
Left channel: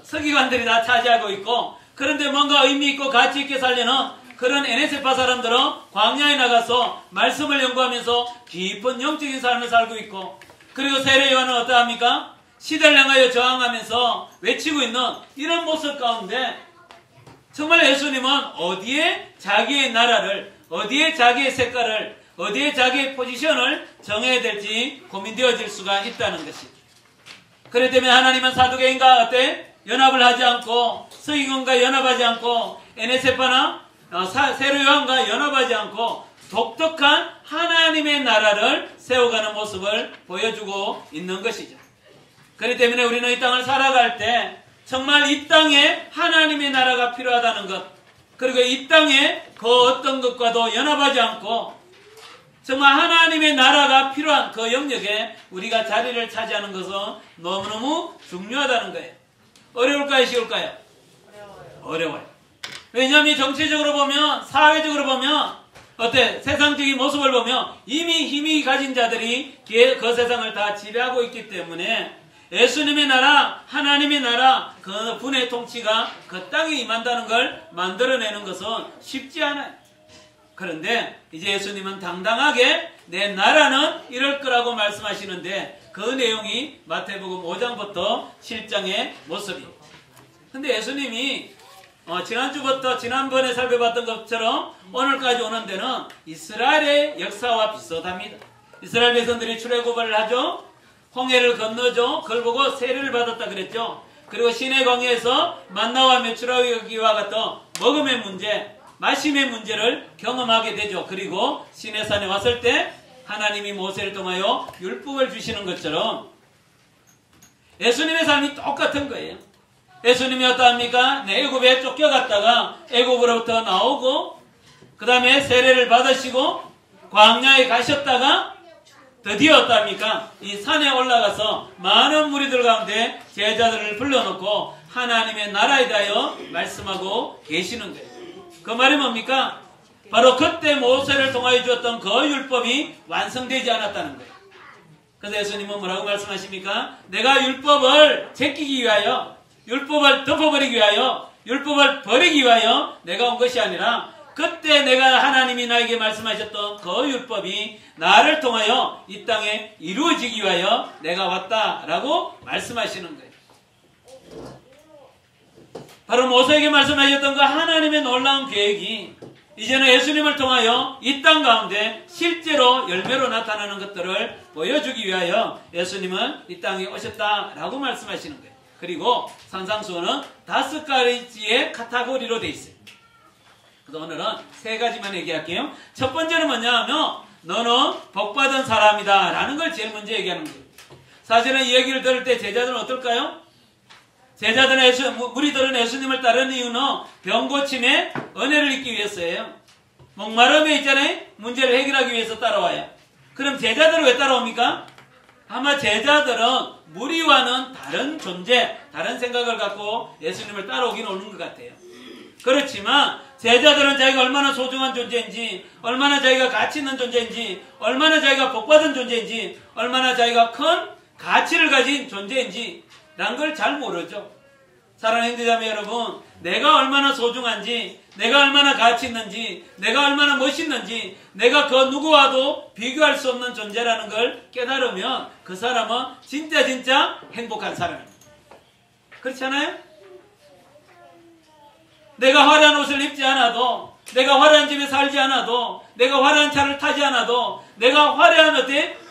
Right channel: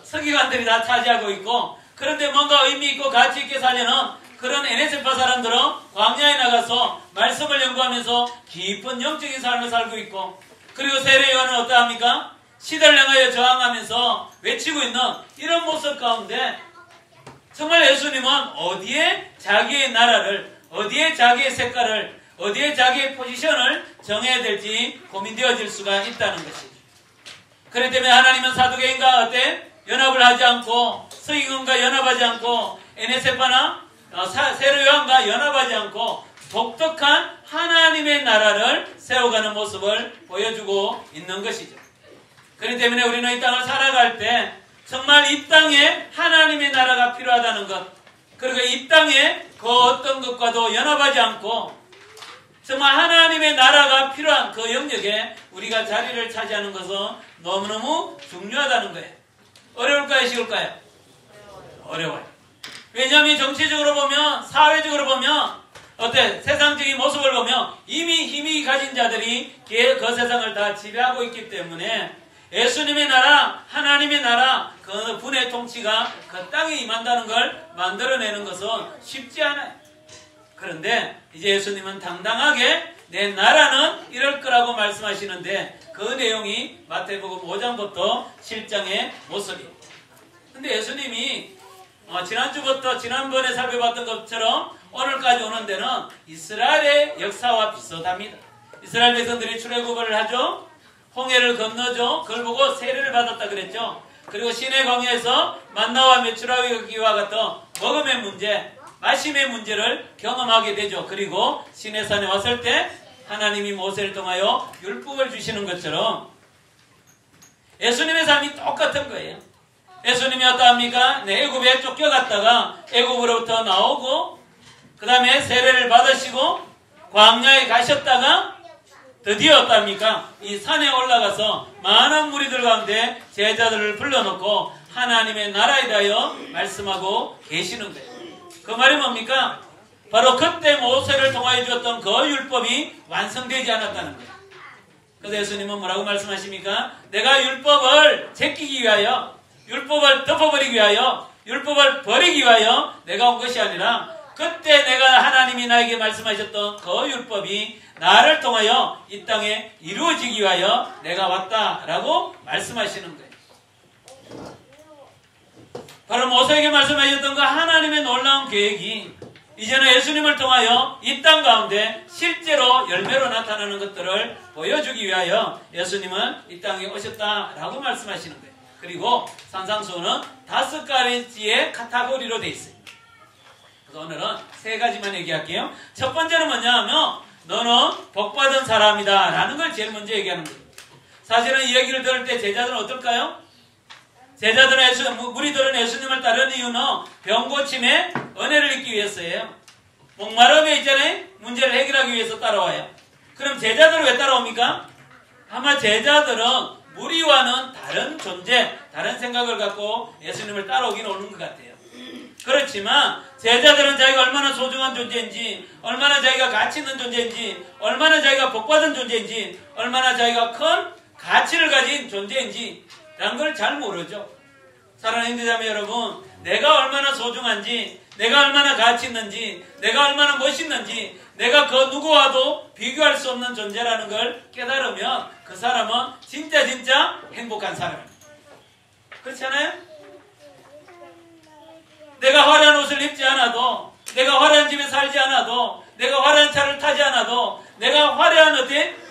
서기관들이 다 차지하고 있고 그런데 뭔가 의미 있고 가치 있게 살려는 그런 에네세파 사람들은 광야에 나가서 말씀을 연구하면서 깊은 영적인 삶을 살고 있고 그리고 세례요한은 어떠합니까? 시대를 향하여 저항하면서 외치고 있는 이런 모습 가운데 정말 예수님은 어디에 자기의 나라를 어디에 자기의 색깔을 어디에 자기의 포지션을 정해야 될지 고민되어질 수가 있다는 것이죠. 그렇기 때문에 하나님은 사두개인과 어때? 연합을 하지 않고 서기관과 연합하지 않고 에네세파나 세례요한과 연합하지 않고 독특한 하나님의 나라를 세워가는 모습을 보여주고 있는 것이죠. 그렇기 때문에 우리는 이 땅을 살아갈 때 정말 이 땅에 하나님의 나라가 필요하다는 것 그리고 이 땅에 그 어떤 것과도 연합하지 않고 정말 하나님의 나라가 필요한 그 영역에 우리가 자리를 차지하는 것은 너무너무 중요하다는 거예요. 어려울까요? 쉬울까요? 어려워요. 왜냐하면 정치적으로 보면 사회적으로 보면 세상적인 모습을 보면 이미 힘이 가진 자들이 그 세상을 다 지배하고 있기 때문에 예수님의 나라, 하나님의 나라, 그 분의 통치가 그 땅에 임한다는 걸 만들어내는 것은 쉽지 않아요. 그런데 이제 예수님은 당당하게 내 나라는 이럴 거라고 말씀하시는데 그 내용이 마태복음 5장부터 7장의 모습이에요. 근데 예수님이 지난주부터 지난번에 살펴봤던 것처럼 오늘까지 오는 데는 이스라엘의 역사와 비슷합니다. 이스라엘 백성들이 출애굽을 하죠. 홍해를 건너죠. 그걸 보고 세례를 받았다 그랬죠. 그리고 시내 광야에서 만나와 메추라기와 같은 먹음의 문제, 마심의 문제를 경험하게 되죠. 그리고 시내산에 왔을 때 하나님이 모세를 통하여 율법을 주시는 것처럼 예수님의 삶이 똑같은 거예요. 예수님이 어떠합니까? 애굽에 쫓겨갔다가 애굽으로부터 나오고 그 다음에 세례를 받으시고 광야에 가셨다가 드디어 어떠합니까? 이 산에 올라가서 많은 무리들 가운데 제자들을 불러놓고 하나님의 나라에 대하여 말씀하고 계시는 거예요. 그 말이 뭡니까? 바로 그때 모세를 통하여 주었던 그 율법이 완성되지 않았다는 거예요. 그런데 예수님은 뭐라고 말씀하십니까? 내가 율법을 제끼기 위하여, 율법을 덮어버리기 위하여, 율법을 버리기 위하여 내가 온 것이 아니라 그때 내가 하나님이 나에게 말씀하셨던 그 율법이 나를 통하여 이 땅에 이루어지기 위하여 내가 왔다라고 말씀하시는 거예요. 바로 모세에게 말씀하셨던 그 하나님의 놀라운 계획이 이제는 예수님을 통하여 이 땅 가운데 실제로 열매로 나타나는 것들을 보여주기 위하여 예수님은 이 땅에 오셨다라고 말씀하시는 거예요. 그리고 산상수훈은 5가지의 카테고리로 되어 있어요. 그래서 오늘은 3가지만 얘기할게요. 첫 번째는 뭐냐 하면 너는 복받은 사람이다 라는 걸 제일 먼저 얘기하는 거예요. 사실은 이 얘기를 들을 때 제자들은 어떨까요? 무리들은 예수님을 따르는 이유는 병고침에 은혜를 입기 위해서예요. 목마름에 있잖아요. 문제를 해결하기 위해서 따라와요. 그럼 제자들은 왜 따라옵니까? 아마 제자들은 무리와는 다른 존재, 다른 생각을 갖고 예수님을 따라오긴 오는 것 같아요. 그렇지만 제자들은 자기가 얼마나 소중한 존재인지, 얼마나 자기가 가치 있는 존재인지, 얼마나 자기가 복받은 존재인지, 얼마나 자기가 큰 가치를 가진 존재인지 라는 걸 잘 모르죠. 사랑하는 형제자매 여러분, 내가 얼마나 소중한지, 내가 얼마나 가치 있는지, 내가 얼마나 멋있는지, 내가 그 누구와도 비교할 수 없는 존재라는 걸 깨달으면 그 사람은 진짜 행복한 사람입니다. 그렇지 않아요? 내가 화려한 옷을 입지 않아도, 내가 화려한 집에 살지 않아도, 내가 화려한 차를 타지 않아도, 내가 화려한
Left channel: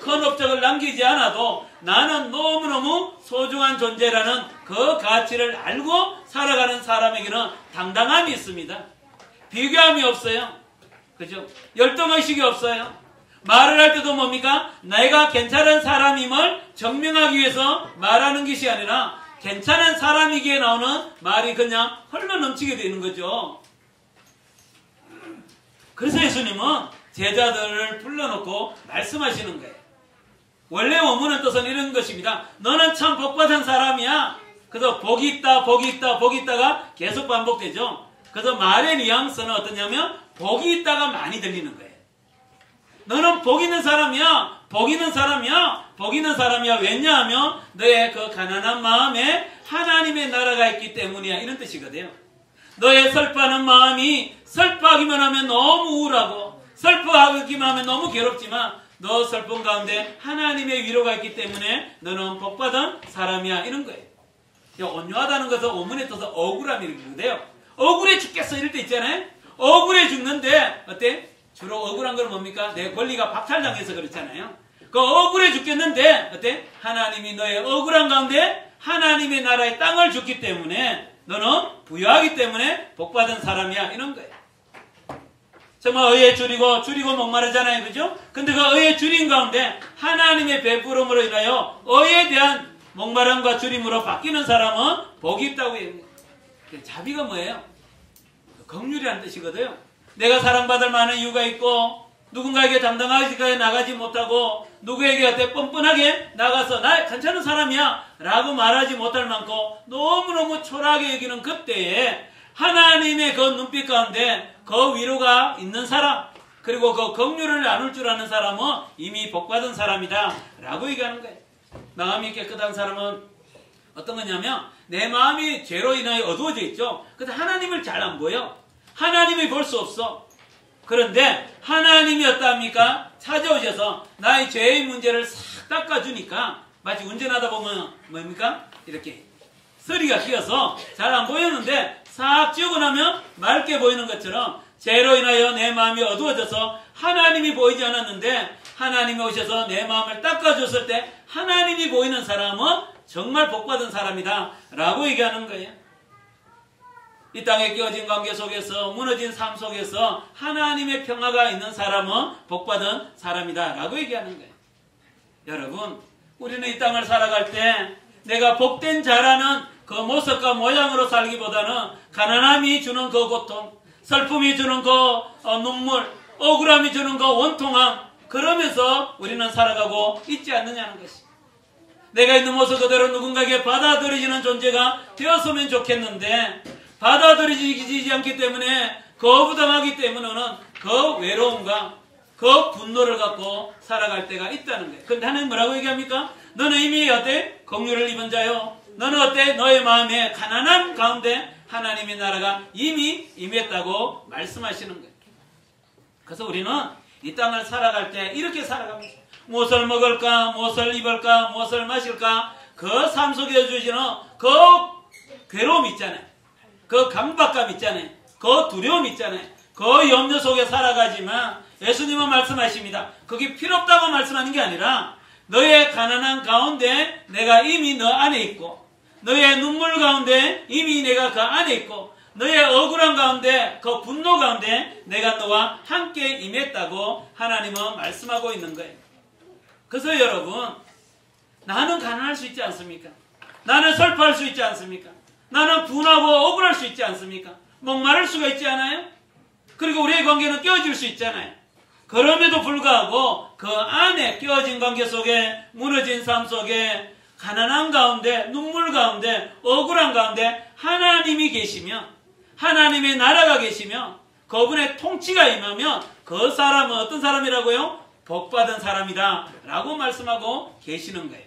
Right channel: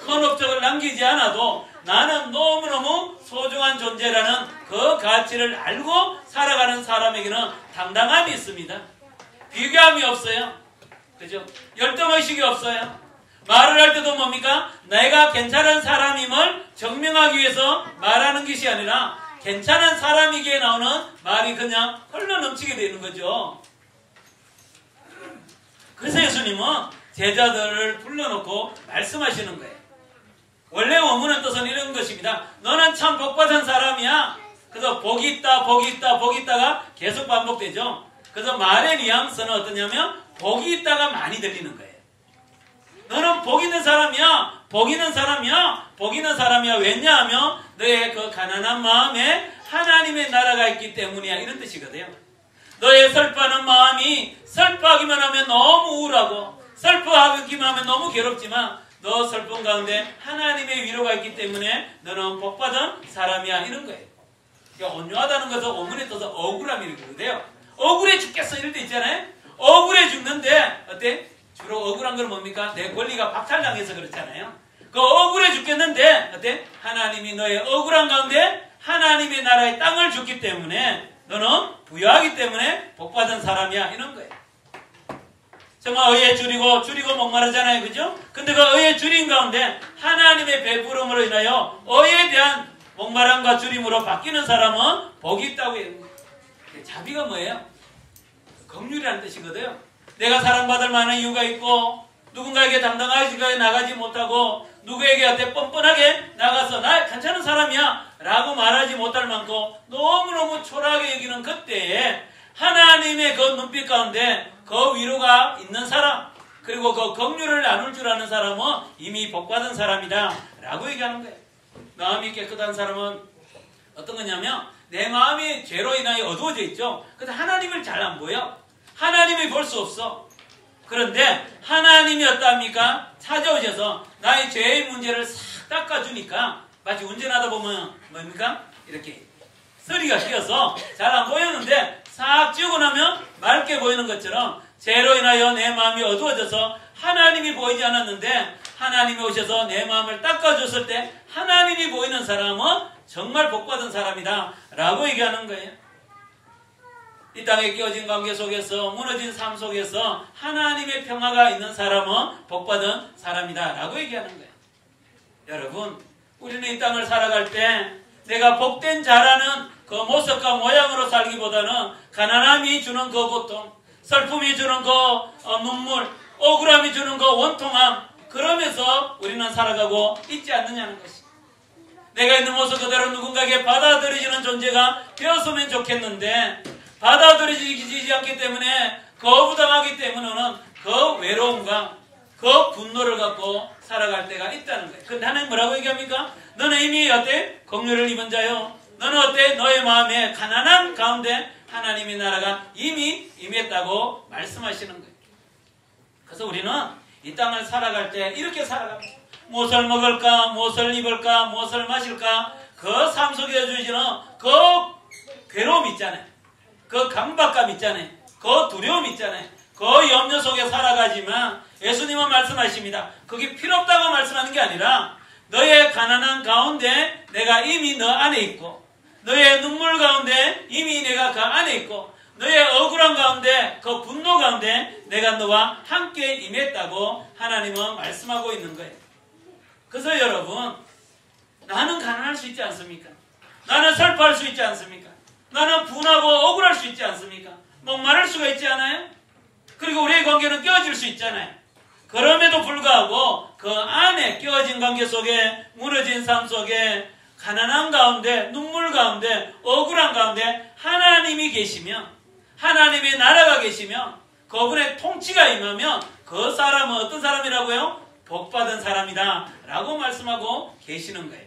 큰 업적을 남기지 않아도 나는 너무너무 소중한 존재라는 그 가치를 알고 살아가는 사람에게는 당당함이 있습니다. 비교함이 없어요. 그죠? 열등의식이 없어요. 말을 할 때도 뭡니까? 내가 괜찮은 사람임을 증명하기 위해서 말하는 것이 아니라 괜찮은 사람이기에 나오는 말이 그냥 흘러 넘치게 되는 거죠. 그래서 예수님은 제자들을 불러놓고 말씀하시는 거예요. 원래 원문의 뜻은 이런 것입니다. 너는 참 복받은 사람이야. 그래서 복이 있다, 복이 있다, 복이 있다가 계속 반복되죠. 그래서 말의 뉘앙스는 어떠냐면 복이 있다가 많이 들리는 거예요. 너는 복 있는 사람이야, 복 있는 사람이야, 복 있는 사람이야. 왜냐하면 너의 그 가난한 마음에 하나님의 나라가 있기 때문이야. 이런 뜻이거든요. 너의 슬퍼하는 마음이 슬퍼하기만 하면 너무 우울하고 슬퍼하기만 하면 너무 괴롭지만 너 슬픔 가운데 하나님의 위로가 있기 때문에 너는 복받은 사람이야. 이런 거예요. 온유하다는 것은 원문에 떠서 억울함이 이렇게 억울해 죽겠어 이럴 때 있잖아요. 억울해 죽는데 어때? 주로 억울한 건 뭡니까? 내 권리가 박탈당해서 그렇잖아요. 그 억울해 죽겠는데 어때? 하나님이 너의 억울한 가운데 하나님의 나라의 땅을 줬기 때문에 너는 부유하기 때문에 복받은 사람이야. 이런 거예요. 정말 의에 줄이고 목마르잖아요. 그죠? 근데 그 의에 줄인 가운데 하나님의 베푸름으로 인하여 의에 대한 목마름과 줄임으로 바뀌는 사람은 복이 있다고 해요. 자비가 뭐예요? 긍휼이라는 뜻이거든요. 내가 사랑받을 만한 이유가 있고 누군가에게 당당하게 나가지 못하고 누구에게 어때 뻔뻔하게 나가서 나 괜찮은 사람이야 라고 말하지 못할 만큼 너무너무 초라하게 여기는 그때에 하나님의 그 눈빛 가운데 그 위로가 있는 사람 그리고 그 긍휼을 나눌 줄 아는 사람은 이미 복받은 사람이다 라고 얘기하는 거예요. 마음이 깨끗한 사람은 어떤 거냐면 내 마음이 죄로 인하여 어두워져 있죠. 근데 하나님을 잘 안 보여. 하나님이 볼 수 없어. 그런데 하나님이 어떠합니까? 찾아오셔서 나의 죄의 문제를 싹 닦아주니까 마치 운전하다 보면 뭡니까? 이렇게 서리가 띄어서 잘 안 보였는데 싹 지우고 나면 맑게 보이는 것처럼 죄로 인하여 내 마음이 어두워져서 하나님이 보이지 않았는데 하나님이 오셔서 내 마음을 닦아줬을 때 하나님이 보이는 사람은 정말 복받은 사람이다 라고 얘기하는 거예요. 이 땅에 끼어진 관계 속에서 무너진 삶 속에서 하나님의 평화가 있는 사람은 복받은 사람이다 라고 얘기하는 거예요. 여러분, 우리는 이 땅을 살아갈 때 내가 복된 자라는 그 모습과 모양으로 살기보다는 가난함이 주는 그 고통, 슬픔이 주는 그 눈물, 억울함이 주는 그 원통함, 그러면서 우리는 살아가고 있지 않느냐는 것입니다. 내가 있는 모습 그대로 누군가에게 받아들여지는 존재가 되었으면 좋겠는데 받아들여지지 않기 때문에 거부당하기 때문에는 그 외로움과 그 분노를 갖고 살아갈 때가 있다는 거예요. 그런데 하나님 뭐라고 얘기합니까? 너는 이미 어때? 긍휼을 입은 자요. 너는 어때? 너의 마음에 가난한 가운데 하나님의 나라가 이미 임했다고 말씀하시는 거예요. 그래서 우리는 이 땅을 살아갈 때 이렇게 살아갑니다. 무엇을 먹을까? 무엇을 입을까? 무엇을 마실까? 그 삶 속에 주시는 그 괴로움 있잖아요. 그 강박감 있잖아요. 그 두려움 있잖아요. 그 염려 속에 살아가지만 예수님은 말씀하십니다. 그게 필요 없다고 말씀하는 게 아니라 너의 가난한 가운데 내가 이미 너 안에 있고 너의 눈물 가운데 이미 내가 그 안에 있고 너의 억울함 가운데 그 분노 가운데 내가 너와 함께 임했다고 하나님은 말씀하고 있는 거예요. 그래서 여러분, 나는 가난할 수 있지 않습니까? 나는 슬퍼할 수 있지 않습니까? 나는 분하고 억울할 수 있지 않습니까? 목마를 수가 있지 않아요? 그리고 우리의 관계는 깨어질 수 있잖아요. 그럼에도 불구하고 그 안에 깨어진 관계 속에 무너진 삶 속에 가난한 가운데 눈물 가운데 억울한 가운데 하나님이 계시면 하나님의 나라가 계시면 그분의 통치가 임하면 그 사람은 어떤 사람이라고요? 복받은 사람이다 라고 말씀하고 계시는 거예요.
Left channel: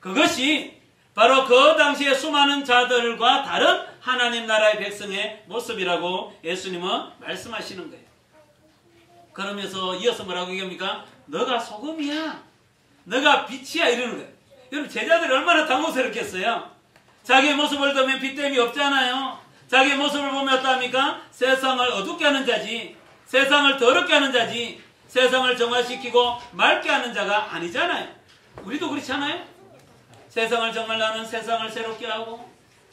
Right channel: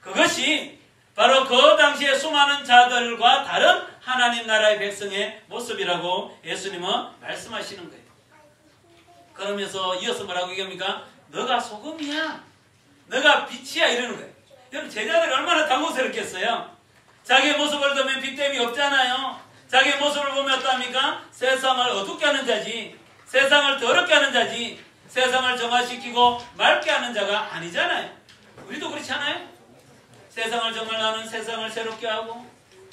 그것이 바로 그 당시에 수많은 자들과 다른 하나님 나라의 백성의 모습이라고 예수님은 말씀하시는 거예요. 그러면서 이어서 뭐라고 얘기합니까? 너가 소금이야. 너가 빛이야. 이러는 거예요. 여러분, 제자들이 얼마나 당혹스럽겠어요. 자기의 모습을 보면 빛됨이 없잖아요. 자기의 모습을 보면 어떡합니까? 세상을 어둡게 하는 자지, 세상을 더럽게 하는 자지, 세상을 정화시키고 맑게 하는 자가 아니잖아요. 우리도 그렇지 않아요? 세상을 정말 나는 세상을 새롭게 하고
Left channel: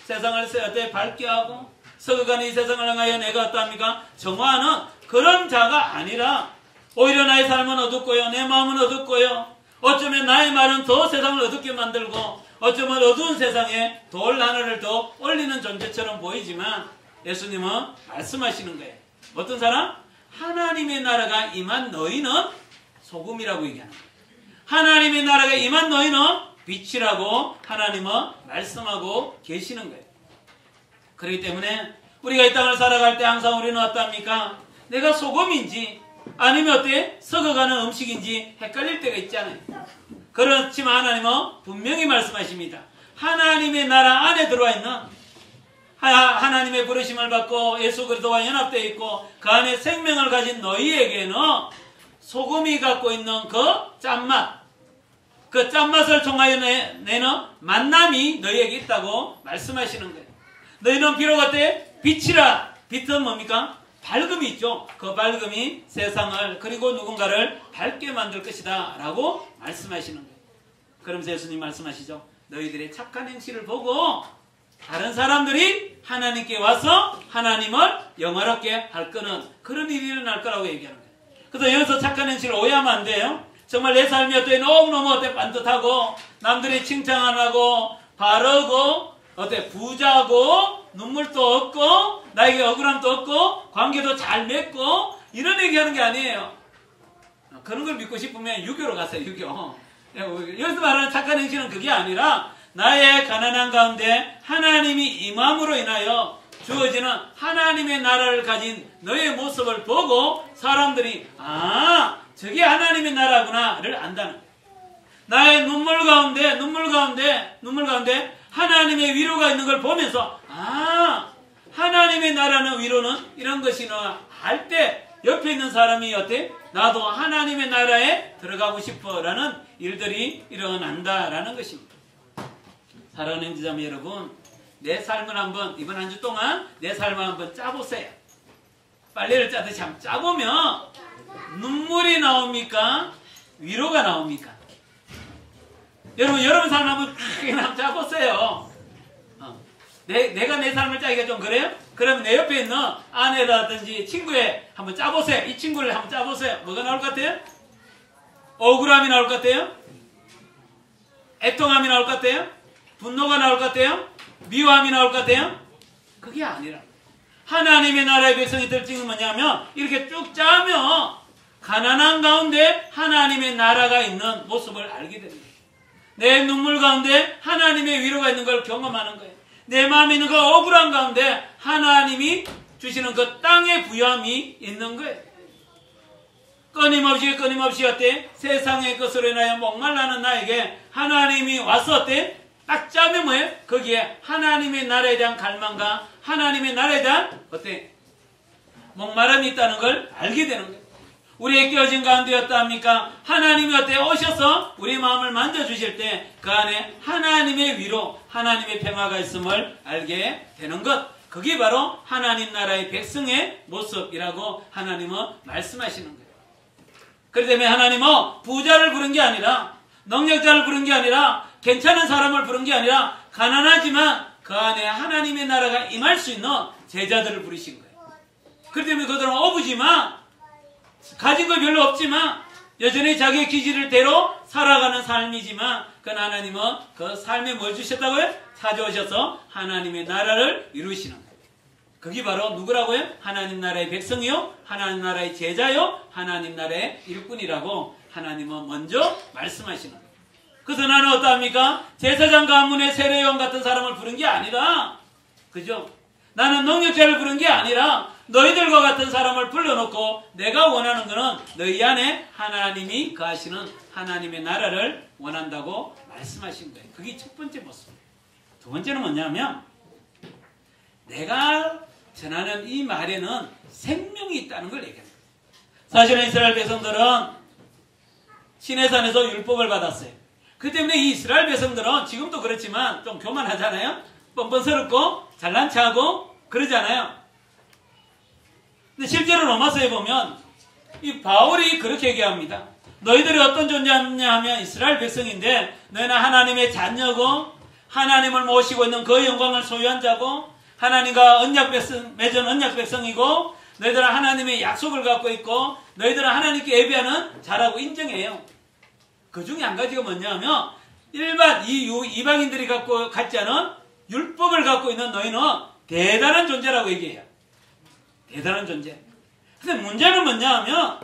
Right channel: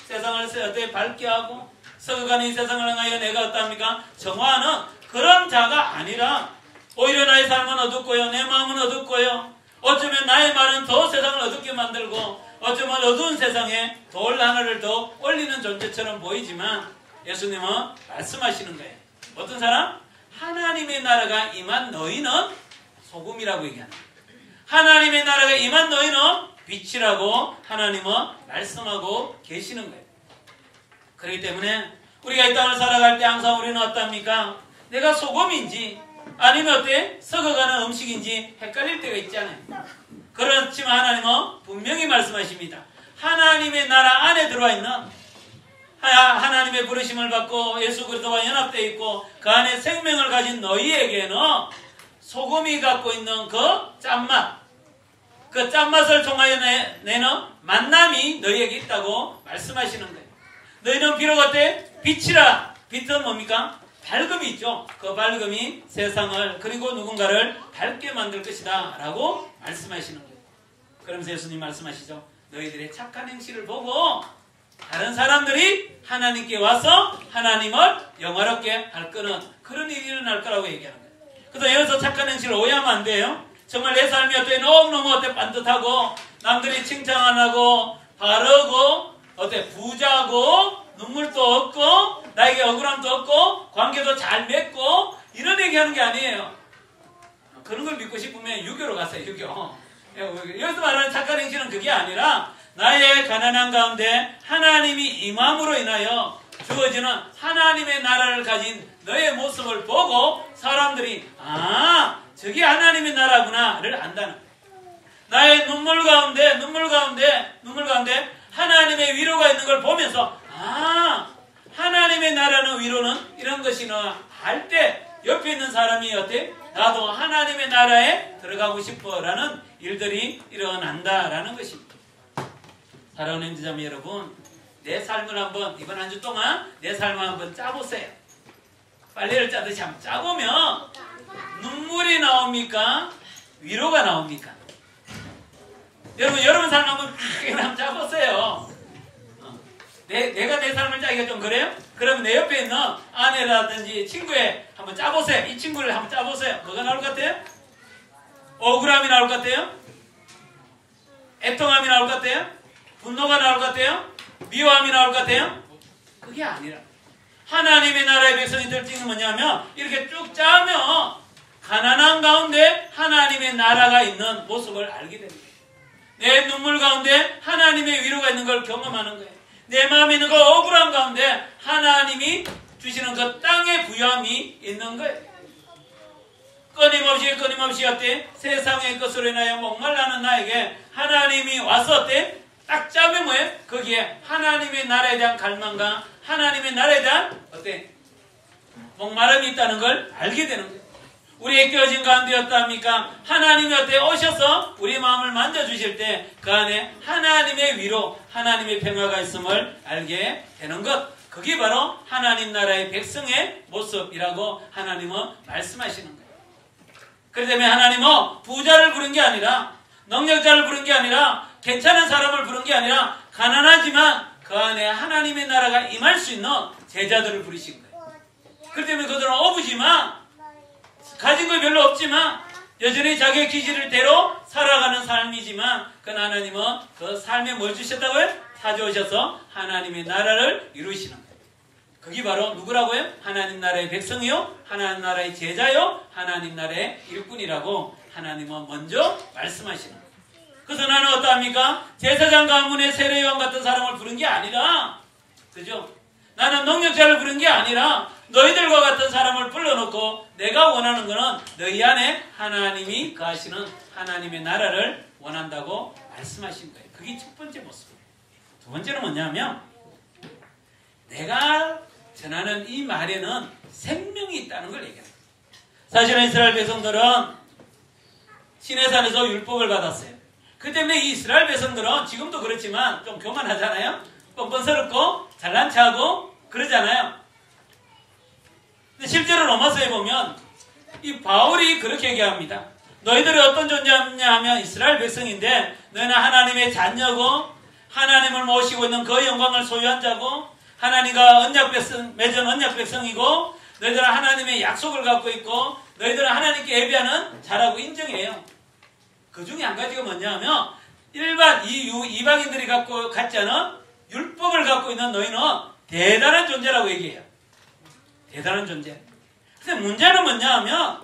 세상을 밝게 하고 썩어가는 이 세상을 향하여 내가 어떠합니까? 정화하는 그런 자가 아니라 오히려 나의 삶은 어둡고요. 내 마음은 어둡고요. 어쩌면 나의 말은 더 세상을 어둡게 만들고 어쩌면 어두운 세상에 돌 하나를 더 올리는 존재처럼 보이지만 예수님은 말씀하시는 거예요. 어떤 사람? 하나님의 나라가 임한 너희는 소금이라고 얘기합니다. 하나님의 나라가 임한 너희는 빛이라고 하나님은 말씀하고 계시는 거예요. 그렇기 때문에 우리가 이 땅을 살아갈 때 항상 우리는 어떻습니까? 내가 소금인지 아니면 어때? 썩어가는 음식인지 헷갈릴 때가 있잖아요. 그렇지만 하나님은 분명히 말씀하십니다. 하나님의 나라 안에 들어와 있는 하나님의 부르심을 받고 예수 그리스도와 연합되어 있고 그 안에 생명을 가진 너희에게는 소금이 갖고 있는 그 짠맛, 그 짠맛을 통하여 내는 만남이 너희에게 있다고 말씀하시는 거예요. 너희는 비록 어때? 빛이라. 빛은 뭡니까? 밝음이 있죠. 그 밝음이 세상을 그리고 누군가를 밝게 만들 것이다 라고 말씀하시는 거예요. 그러면서 예수님 말씀하시죠. 너희들의 착한 행실을 보고 다른 사람들이 하나님께 와서 하나님을 영화롭게 할 거는 그런 일이 일어날 거라고 얘기하는 거예요. 그래서 여기서 착한 행실을 오해하면 안 돼요. 정말 내 삶이 어때 너무너무 어때 반듯하고 남들이 칭찬 안 하고 바르고 어때 부자고 눈물도 없고 나에게 억울함도 없고 관계도 잘 맺고 이런 얘기하는 게 아니에요. 그런 걸 믿고 싶으면 유교로 가세요. 유교. 여기서 말하는 착한 행실은 그게 아니라 나의 가난한 가운데 하나님이 임함으로 인하여 주어지는 하나님의 나라를 가진 너의 모습을 보고 사람들이 저게 하나님의 나라구나를 안다는 거예요. 나의 눈물 가운데 하나님의 위로가 있는 걸 보면서 하나님의 나라는 위로는 이런 것이나 할 때 옆에 있는 사람이 어때? 나도 하나님의 나라에 들어가고 싶어라는 일들이 일어난다라는 것입니다. 사랑하는 형제자매 여러분, 내 삶을 한번 이번 한 주 동안 내 삶을 한번 짜보세요. 빨래를 짜듯이 한번 짜보면 눈물이 나옵니까? 위로가 나옵니까? 여러분 삶 한번 그냥 짜보세요. 내가 내 삶을 짜기가 좀 그래요? 그러면 내 옆에 있는 아내라든지 친구에 한번 짜보세요. 이 친구를 한번 짜보세요. 뭐가 나올 것 같아요? 억울함이 나올 것 같아요? 애통함이 나올 것 같아요? 분노가 나올 것 같아요? 미워함이 나올 것 같아요? 그게 아니라 하나님의 나라의 백성이 될 적은 뭐냐면 이렇게 쭉 짜면 가난한 가운데 하나님의 나라가 있는 모습을 알게 됩니다. 내 눈물 가운데 하나님의 위로가 있는 걸 경험하는 거예요. 내 마음에 있는 그 억울한 가운데 하나님이 주시는 그 땅의 부여함이 있는 거예요. 끊임없이 어때? 세상의 것으로 인하여 목말라는 나에게 하나님이 와서 어때? 딱 짜면 뭐예요? 거기에 하나님의 나라에 대한 갈망과 하나님의 나라에 대한 어때? 목마름이 있다는 걸 알게 되는 거예요. 우리의 깨어진 가운데 어떠합니까? 하나님이 어때? 오셔서 우리 마음을 만져주실 때 그 안에 하나님의 위로, 하나님의 평화가 있음을 알게 되는 것. 그게 바로 하나님 나라의 백성의 모습이라고 하나님은 말씀하시는 거예요. 그렇기 때문에 하나님은 부자를 부른 게 아니라 능력자를 부른 게 아니라 괜찮은 사람을 부른 게 아니라 가난하지만 그 안에 하나님의 나라가 임할 수 있는 제자들을 부르신 거예요. 그렇기 때문에 그들은 어부지만 가진 거 별로 없지만 여전히 자기의 기질대로 살아가는 삶이지만 그 하나님은 그 삶에 뭘 주셨다고요? 찾아오셔서 하나님의 나라를 이루시는 거예요. 그게 바로 누구라고요? 하나님 나라의 백성이요, 하나님 나라의 제자요, 하나님 나라의 일꾼이라고 하나님은 먼저 말씀하시는 거예요. 그래서 나는 어떠합니까? 제사장 가문의 세례요한 같은 사람을 부른 게 아니다. 그죠? 나는 능력자를 부른 게 아니라 너희들과 같은 사람을 불러놓고 내가 원하는 것은 너희 안에 하나님이 거하시는 하나님의 나라를 원한다고 말씀하신 거예요. 그게 첫 번째 모습이에요. 두 번째는 뭐냐면 내가 전하는 이 말에는 생명이 있다는 걸 얘기해요. 사실은 이스라엘 백성들은 시내산에서 율법을 받았어요. 그 때문에 이 이스라엘 백성들은 지금도 그렇지만 좀 교만하잖아요. 뻔뻔스럽고 잘난 체하고 그러잖아요. 근데 실제로 로마서에 보면 이 바울이 그렇게 얘기합니다. 너희들이 어떤 존재냐 하면 이스라엘 백성인데 너희는 하나님의 자녀고 하나님을 모시고 있는 그 영광을 소유한 자고 하나님과 언약 백성, 맺은 언약 백성이고 너희들은 하나님의 약속을 갖고 있고 너희들은 하나님께 예배하는 자라고 인정해요. 그 중에 한 가지가 뭐냐면 일반 이방인들이 갖지 않은 율법을 갖고 있는 너희는 대단한 존재라고 얘기해요. 대단한 존재. 근데 문제는 뭐냐 하면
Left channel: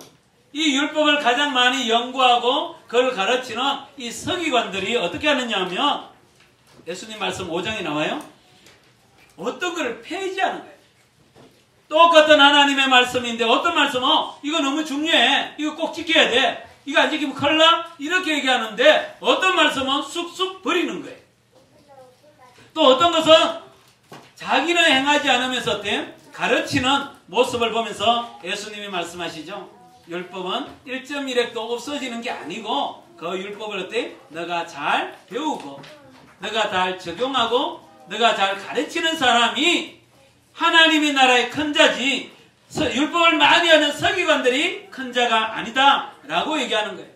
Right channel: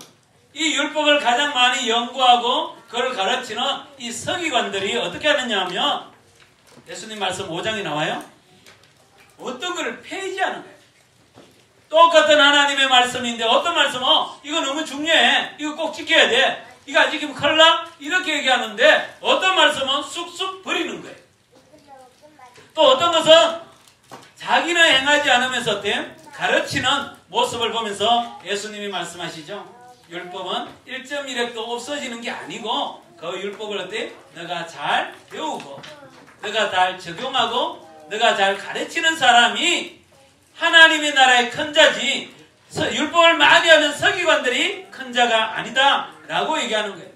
이 율법을 가장 많이 연구하고 그걸 가르치는 이 서기관들이 어떻게 하느냐 하면 예수님 말씀 5장에 나와요. 어떤 걸 폐지하는 거예요. 똑같은 하나님의 말씀인데 어떤 말씀은 이거 너무 중요해. 이거 꼭 지켜야 돼. 이거 안 지키면 큰일 나? 이렇게 얘기하는데 어떤 말씀은 쑥쑥 버리는 거예요. 또 어떤 것은 자기는 행하지 않으면서 어때? 가르치는 모습을 보면서 예수님이 말씀하시죠. 율법은 1.1획도 없어지는 게 아니고 그 율법을 어때? 너가 잘 배우고 너가 잘 적용하고 너가 잘 가르치는 사람이 하나님의 나라의 큰 자지 율법을 많이 하는 서기관들이 큰 자가 아니다 라고 얘기하는 거예요.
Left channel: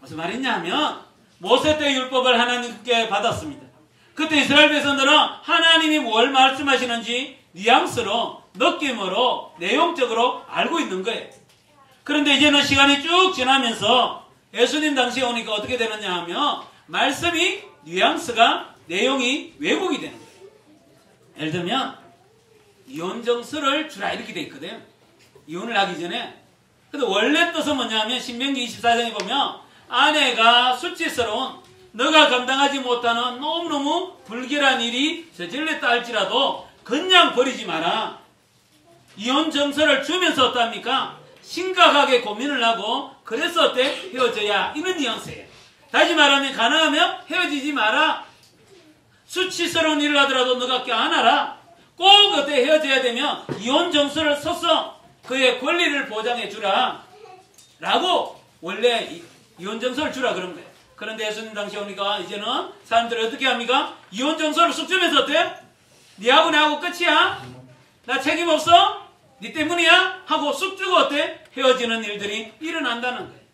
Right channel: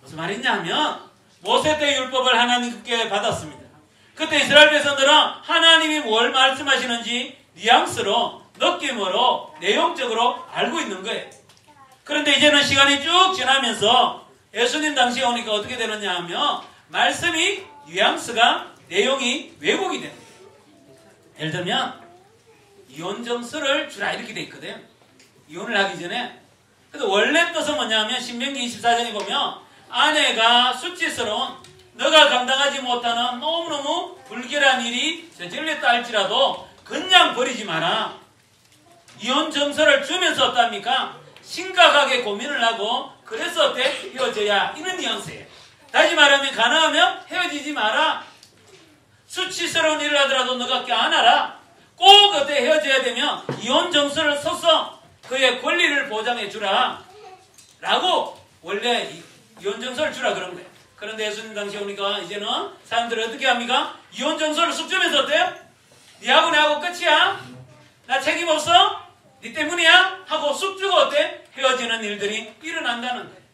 무슨 말이냐 하면 모세 때 율법을 하나님께 받았습니다. 그때 이스라엘 백성들은 하나님이 뭘 말씀하시는지 뉘앙스로 느낌으로 내용적으로 알고 있는 거예요. 그런데 이제는 시간이 쭉 지나면서 예수님 당시에 오니까 어떻게 되느냐 하면 말씀이 뉘앙스가 내용이 왜곡이 되는 거예요. 예를 들면 이혼정서를 주라 이렇게 돼 있거든요. 이혼을 하기 전에. 근데 원래 뜻은 뭐냐면 신명기 24장에 보면 아내가 수치스러운 너가 감당하지 못하는 너무너무 불길한 일이 저질렀다 할지라도 그냥 버리지 마라. 이혼정서를 주면서 어떡합니까? 심각하게 고민을 하고 그래서 어때? 헤어져야 이런 뉘앙스예요. 다시 말하면 가능하면 헤어지지 마라. 수치스러운 일을 하더라도 너가 껴안아라. 꼭 어때? 헤어져야 되면 이혼정서를 써서 그의 권리를 보장해 주라 라고 원래 이혼정서를 주라 그러면 돼요. 그런데 예수님 당시에 오니까 이제는 사람들이 어떻게 합니까? 이혼 정서를 쑥 주면서 어때요? 니하고 내하고 끝이야? 나 책임 없어? 니 때문이야? 하고 쑥 주고 어때? 헤어지는 일들이 일어난다는 거예요.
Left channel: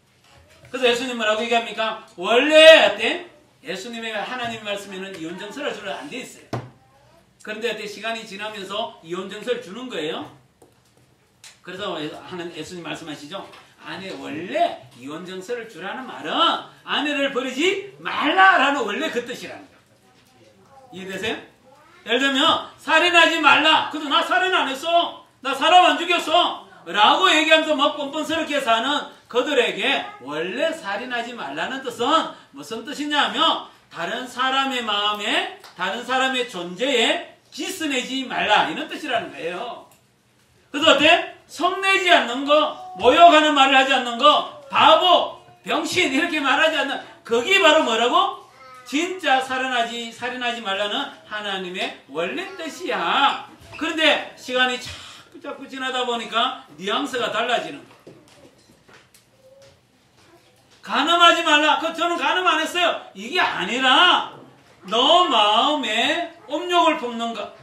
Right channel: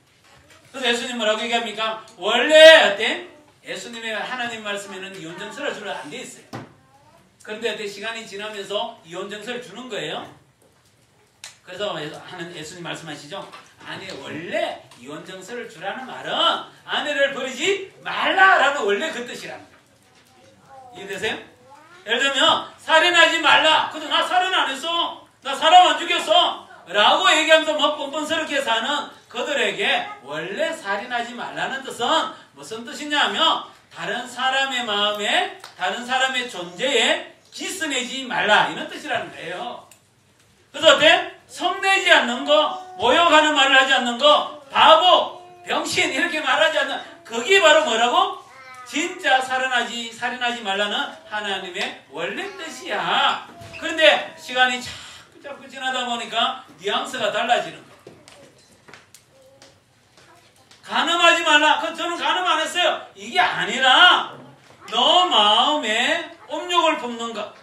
그래서 예수님 뭐라고 얘기합니까? 원래 어때? 예수님의 하나님 말씀에는 이혼 정서를 주려 안 돼 있어요. 그런데 어때? 시간이 지나면서 이혼 정서를 주는 거예요. 그래서 예수님 말씀하시죠? 아내 원래 이혼 정서를 주라는 말은 아내를 버리지 말라라는 원래 그 뜻이랍니다. 이해되세요? 예를 들면 살인하지 말라. 근데 나 살인 안 했어. 나 사람 안 죽였어. 라고 얘기하면서 뭐 뻔뻔스럽게 사는 그들에게 원래 살인하지 말라는 뜻은 무슨 뜻이냐면 다른 사람의 마음에 다른 사람의 존재에 기스내지 말라 이런 뜻이라는 거예요. 그래서 어때? 성내지 않는 거, 모욕하는 말을 하지 않는 거, 바보, 병신 이렇게 말하지 않는 그게 바로 뭐라고? 진짜 살인하지 말라는 하나님의 원래 뜻이야. 그런데 시간이 자꾸 지나다 보니까 뉘앙스가 달라지는 거. 간음하지 말라. 저는 간음 안 했어요. 이게 아니라 너 마음에 음욕을 품는 것.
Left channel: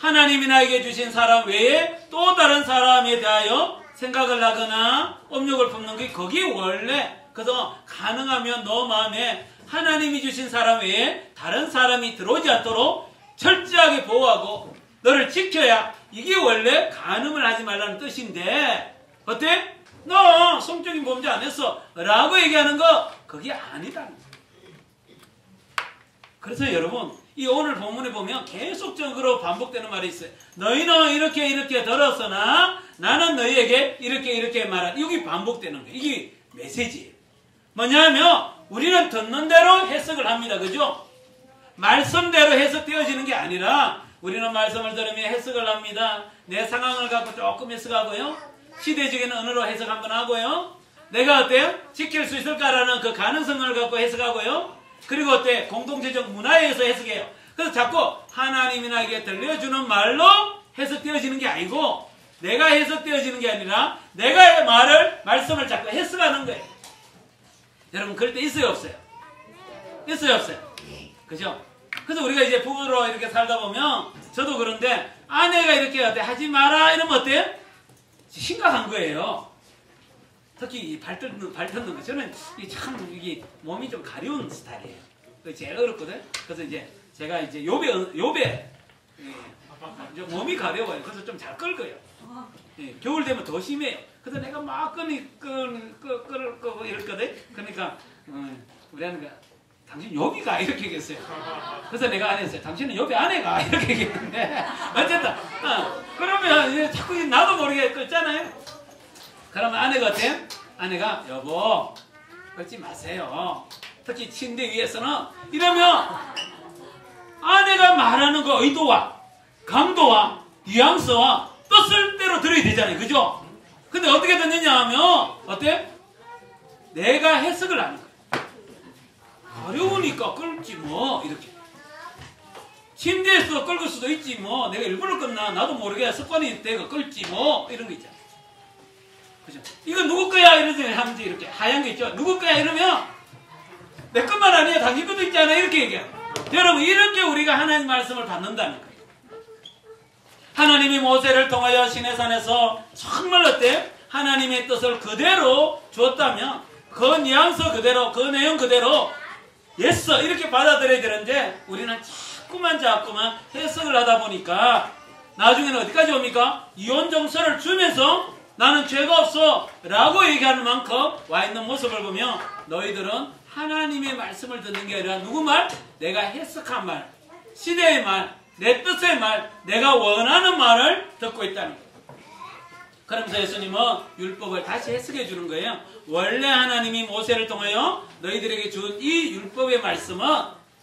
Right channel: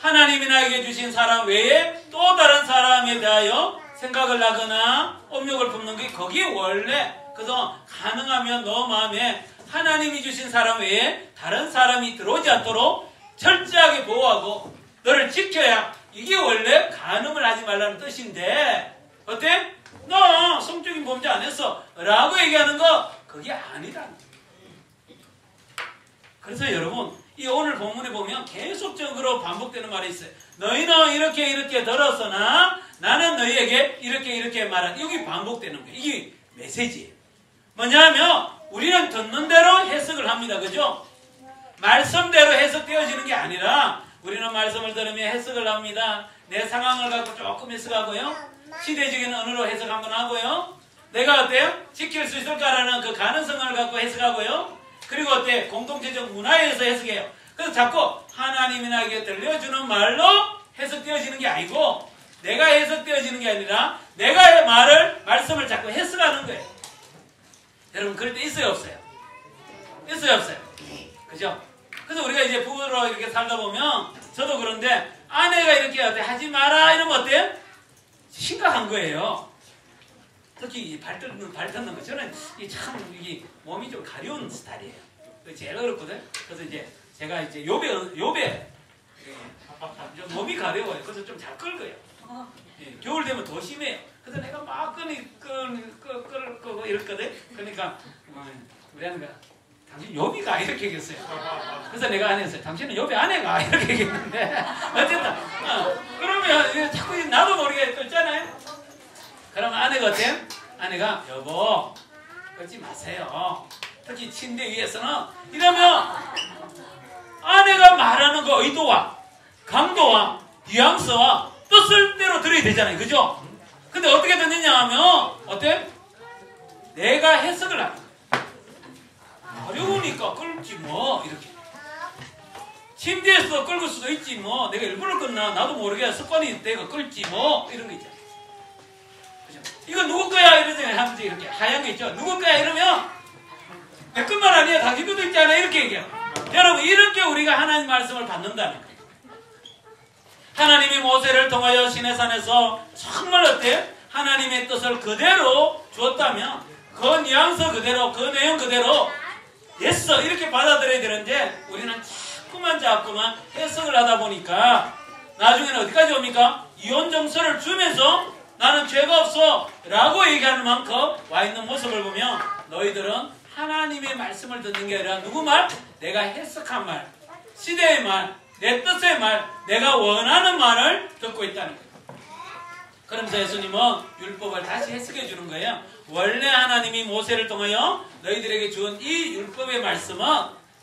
하나님이 나에게 주신 사람 외에 또 다른 사람에 대하여 생각을 하거나 음욕을 품는 게 거기 원래. 그래서 가능하면 너 마음에 하나님이 주신 사람 외에 다른 사람이 들어오지 않도록 철저하게 보호하고 너를 지켜야 이게 원래 간음을 하지 말라는 뜻인데 어때? 너 성적인 범죄 안 했어 라고 얘기하는 거 그게 아니다. 그래서 여러분 이 오늘 본문에 보면 계속적으로 반복되는 말이 있어요. 너희는 이렇게 들었으나 나는 너희에게 이렇게 말한. 여기 반복되는 거예요. 이게 메시지예요. 뭐냐면 우리는 듣는 대로 해석을 합니다. 그죠? 말씀대로 해석되어지는 게 아니라 우리는 말씀을 들으며 해석을 합니다. 내 상황을 갖고 조금 해석하고요. 시대적인 언어로 해석 한번 하고요. 내가 어때요? 지킬 수 있을까라는 그 가능성을 갖고 해석하고요. 그리고 어때? 공동체적 문화에서 해석해요. 그래서 자꾸 하나님이 나에게 들려주는 말로 해석되어지는 게 아니고 내가 해석되어지는 게 아니라 내가 말씀을 자꾸 해석하는 거예요. 여러분 그럴 때 있어요 없어요? 있어요 없어요? 그죠? 그래서 우리가 이제 부부로 이렇게 살다 보면 저도 그런데 아내가 이렇게 어때? 하지 마라 이러면 어때요? 심각한 거예요. 특히 발 뜯는 거. 저는 참 이게 몸이 좀 가려운 스타일이에요. 제일 어렵거든. 그래서 이제 제가 이제 요배 이제 몸이 가벼워요. 그래서 좀 잘 끌고요. 겨울 되면 더 심해. 그래서 내가 막 끌고 이랬거든. 그러니까 우리 아내가 당신 여기가 이렇게 얘기했어요. 그래서 내가 안 했어요. 당신은 여기 아내가 이렇게 얘기했는데 어쨌든 그러면 이제 자꾸 나도 모르게 끌잖아요. 그러면 아내가 어때요? 아내가 여보 끌지 마세요. 특히 침대 위에서는 이러면 아내가 말하는 그 의도와 강도와 뉘앙스와 뜻을 대로 들어야 되잖아요. 그죠? 근데 어떻게 듣느냐 하면 어때? 내가 해석을 하는 거야. 어려우니까 끌지 뭐 이렇게. 침대에서 끌고 수도 있지 뭐. 내가 일부러 끌나 나도 모르게 습관이 내가 끌지 뭐 이런 거 있잖아. 그죠? 이거 누구 거야 이러잖아요. 하면서 이렇게 하얀 거 있죠. 누구 거야 이러면 내 것만 아니야 당신 것도 있잖아 이렇게 얘기해요. 여러분 이렇게 우리가 하나님 말씀을 받는다는 거예요. 하나님이 모세를 통하여 시내산에서 정말 어때? 하나님의 뜻을 그대로 주었다면 그 뉘앙스 그대로 그 내용 그대로 예스 이렇게 받아들여야 되는데 우리는 자꾸만 해석을 하다 보니까 나중에는 어디까지 옵니까? 이혼 정서를 주면서 나는 죄가 없어 라고 얘기하는 만큼 와 있는 모습을 보면 너희들은 하나님의 말씀을 듣는 게 아니라 누구 말? 내가 해석한 말, 시대의 말, 내 뜻의 말, 내가 원하는 말을 듣고 있다는 거예요. 그러면서 예수님은 율법을 다시 해석해 주는 거예요. 원래 하나님이 모세를 통하여 너희들에게 준 이 율법의 말씀은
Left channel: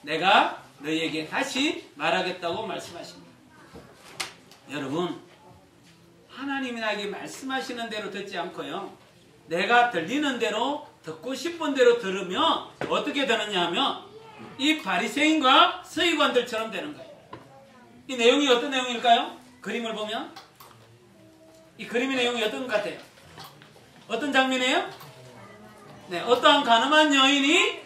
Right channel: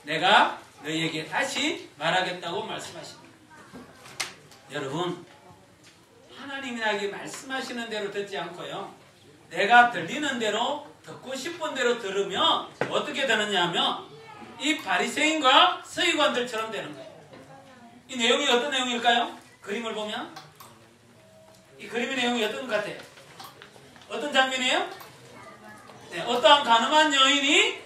내가 너희에게 다시 말하겠다고 말씀하십니다. 여러분 하나님이 나에게 말씀하시는 대로 듣지 않고요. 내가 들리는 대로 듣고 싶은 대로 들으면 어떻게 되느냐 하면 이 바리새인과 서기관들처럼 되는 거예요. 이 내용이 어떤 내용일까요? 그림을 보면 이 그림의 내용이 어떤 것 같아요? 어떤 장면이에요? 네, 어떠한 가늠한 여인이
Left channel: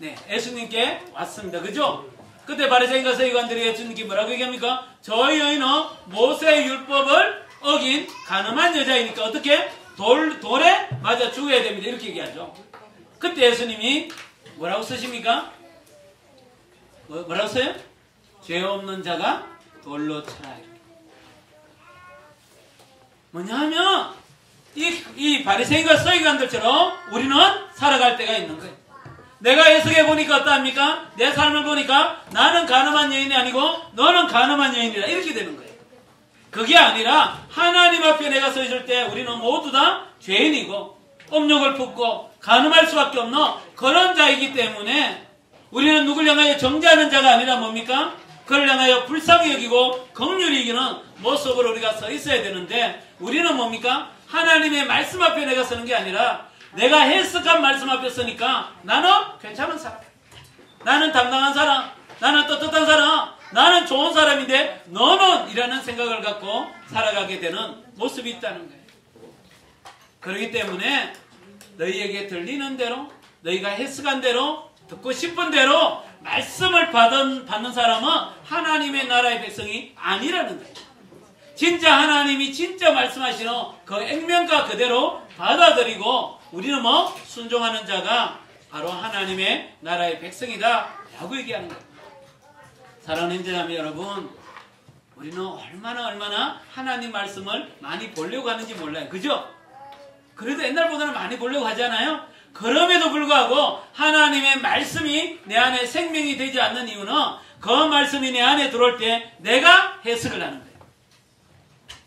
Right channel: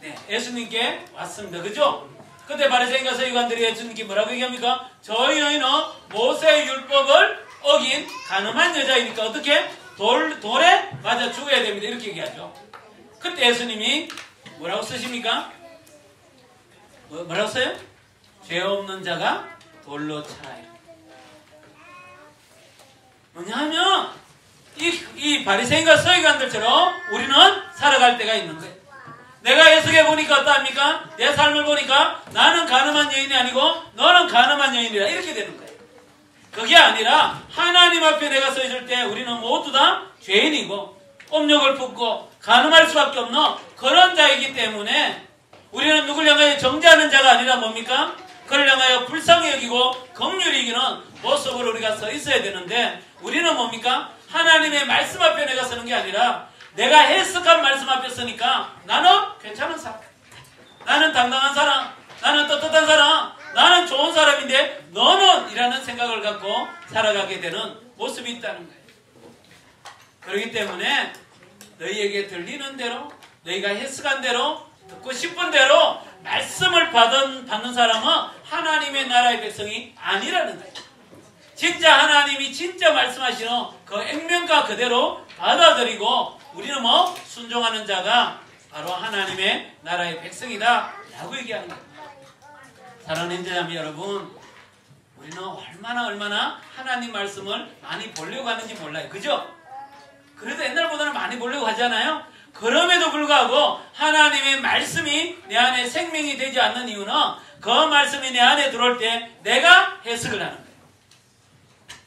네, 예수님께 왔습니다. 그죠? 그때 바리새인과 서기관들이 예수님께 뭐라고 얘기합니까? 저희 여인은 모세의 율법을 어긴 가늠한 여자이니까 어떻게? 돌에 맞아 죽어야 됩니다. 이렇게 얘기하죠. 그때 예수님이 뭐라고 쓰십니까? 뭐라고 써요? 죄 없는 자가 돌로 쳐라요. 뭐냐면 이 바리새인과 서기관들처럼 우리는 살아갈 때가 있는 거예요. 내가 해석해 보니까 어떠합니까? 내 삶을 보니까 나는 가늠한 여인이 아니고 너는 가늠한 여인이다. 이렇게 되는 거예요. 그게 아니라 하나님 앞에 내가 서 있을 때 우리는 모두 다 죄인이고 업력을 품고 가늠할 수밖에 없는 그런 자이기 때문에 우리는 누굴 향하여 정죄하는 자가 아니라 뭡니까? 그를 향하여 불쌍히 여기고 긍휼히 여기는 모습으로 우리가 서 있어야 되는데 우리는 뭡니까? 하나님의 말씀 앞에 내가 서는 게 아니라 내가 해석한 말씀 앞에 서니까 나는 괜찮은 사람, 나는 당당한 사람, 나는 떳떳한 사람, 나는 좋은 사람인데 너는 이라는 생각을 갖고 살아가게 되는 모습이 있다는 거예요. 그렇기 때문에 너희에게 들리는 대로 너희가 해석한 대로 듣고 싶은 대로 말씀을 받는 사람은 하나님의 나라의 백성이 아니라는 거예요. 진짜 하나님이 진짜 말씀하시는 그 액면가 그대로 받아들이고 우리는 순종하는 자가 바로 하나님의 나라의 백성이다 라고 얘기하는 거예요. 사랑하는 형제자매 여러분, 우리는 얼마나 하나님 말씀을 많이 보려고 하는지 몰라요. 그죠? 그래도 옛날보다는 많이 보려고 하잖아요. 그럼에도 불구하고 하나님의 말씀이 내 안에 생명이 되지 않는 이유는 그 말씀이 내 안에 들어올 때 내가 해석을 하는 거예요.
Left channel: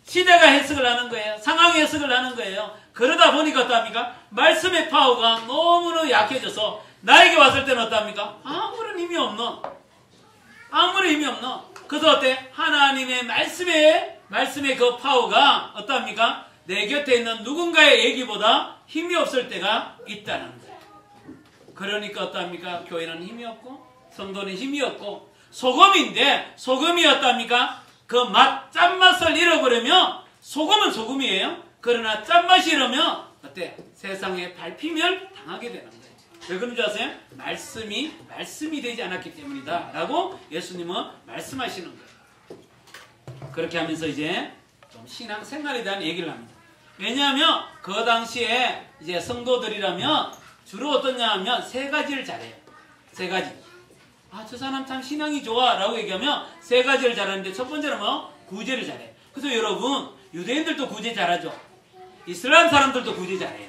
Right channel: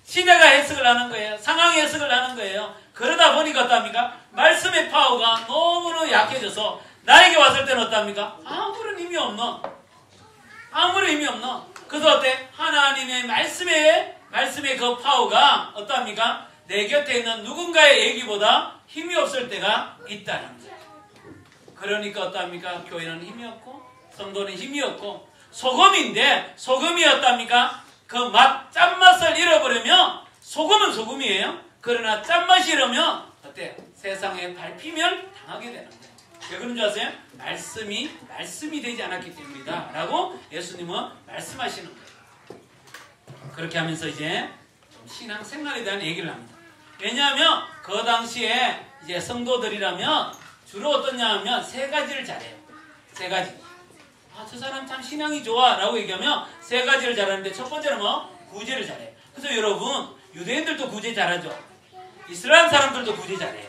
시대가 해석을 하는 거예요. 상황이 해석을 하는 거예요. 그러다 보니까 어떡합니까? 말씀의 파워가 너무너무 약해져서 나에게 왔을 때는 어떡합니까? 아무런 힘이 없는 그래서 어때? 하나님의 말씀의 그 파워가 어떡합니까? 내 곁에 있는 누군가의 얘기보다 힘이 없을 때가 있다는 거예요. 그러니까 어떡합니까? 교회는 힘이 없고 성도는 힘이 없고 소금인데 소금이 어떡합니까? 그 짠맛을 잃어버리면 소금은 소금이에요. 그러나 짠맛이 잃으면 어때요? 세상에 밟히면 당하게 되는 거예요. 왜 그런 줄 아세요? 말씀이 되지 않았기 때문이다 라고 예수님은 말씀하시는 거예요. 그렇게 하면서 이제 신앙생활에 대한 얘기를 합니다. 왜냐하면 그 당시에 이제 성도들이라면 주로 어떠냐 하면 세 가지를 잘해요. 세 가지. 저 사람 참 신앙이 좋아 라고 얘기하면 세 가지를 잘하는데 첫 번째는 구제를 잘해요. 그래서 여러분 유대인들도 구제 잘하죠. 이슬람 사람들도 구제 잘해요.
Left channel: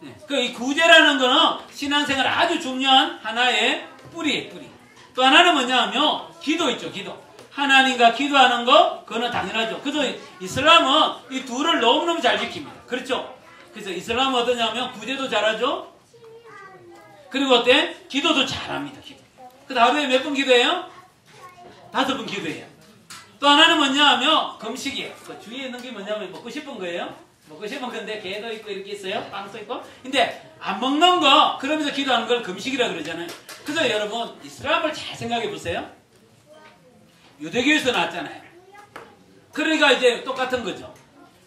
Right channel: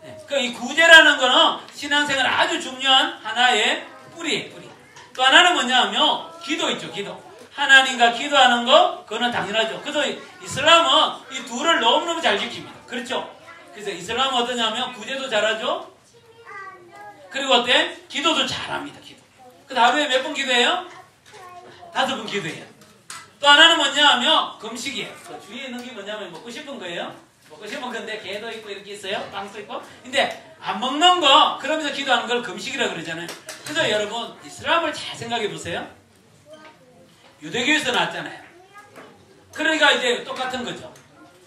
네. 이 구제라는 거는 신앙생활 아주 중요한 하나의 뿌리예요. 뿌리. 또 하나는 뭐냐 하면 기도 있죠. 기도. 하나님과 기도하는 거 그거는 당연하죠. 그래서 이슬람은 이 둘을 너무너무 잘 지킵니다. 그렇죠? 그래서 이슬람은 어떠냐면 구제도 잘하죠. 그리고 어때? 기도도 잘합니다. 기도. 그래서 하루에 몇 번 기도해요? 5번 기도해요. 또 하나는 뭐냐 하면 금식이에요. 그 주위에 있는 게 뭐냐면 먹고 싶은 거예요. 먹고 싶은 건데 게도 있고 이렇게 있어요. 빵도 있고. 근데 안 먹는 거 그러면서 기도하는 걸 금식이라고 그러잖아요. 그래서 여러분 이슬람을 잘 생각해 보세요. 유대교에서 나왔잖아요. 그러니까 이제 똑같은 거죠.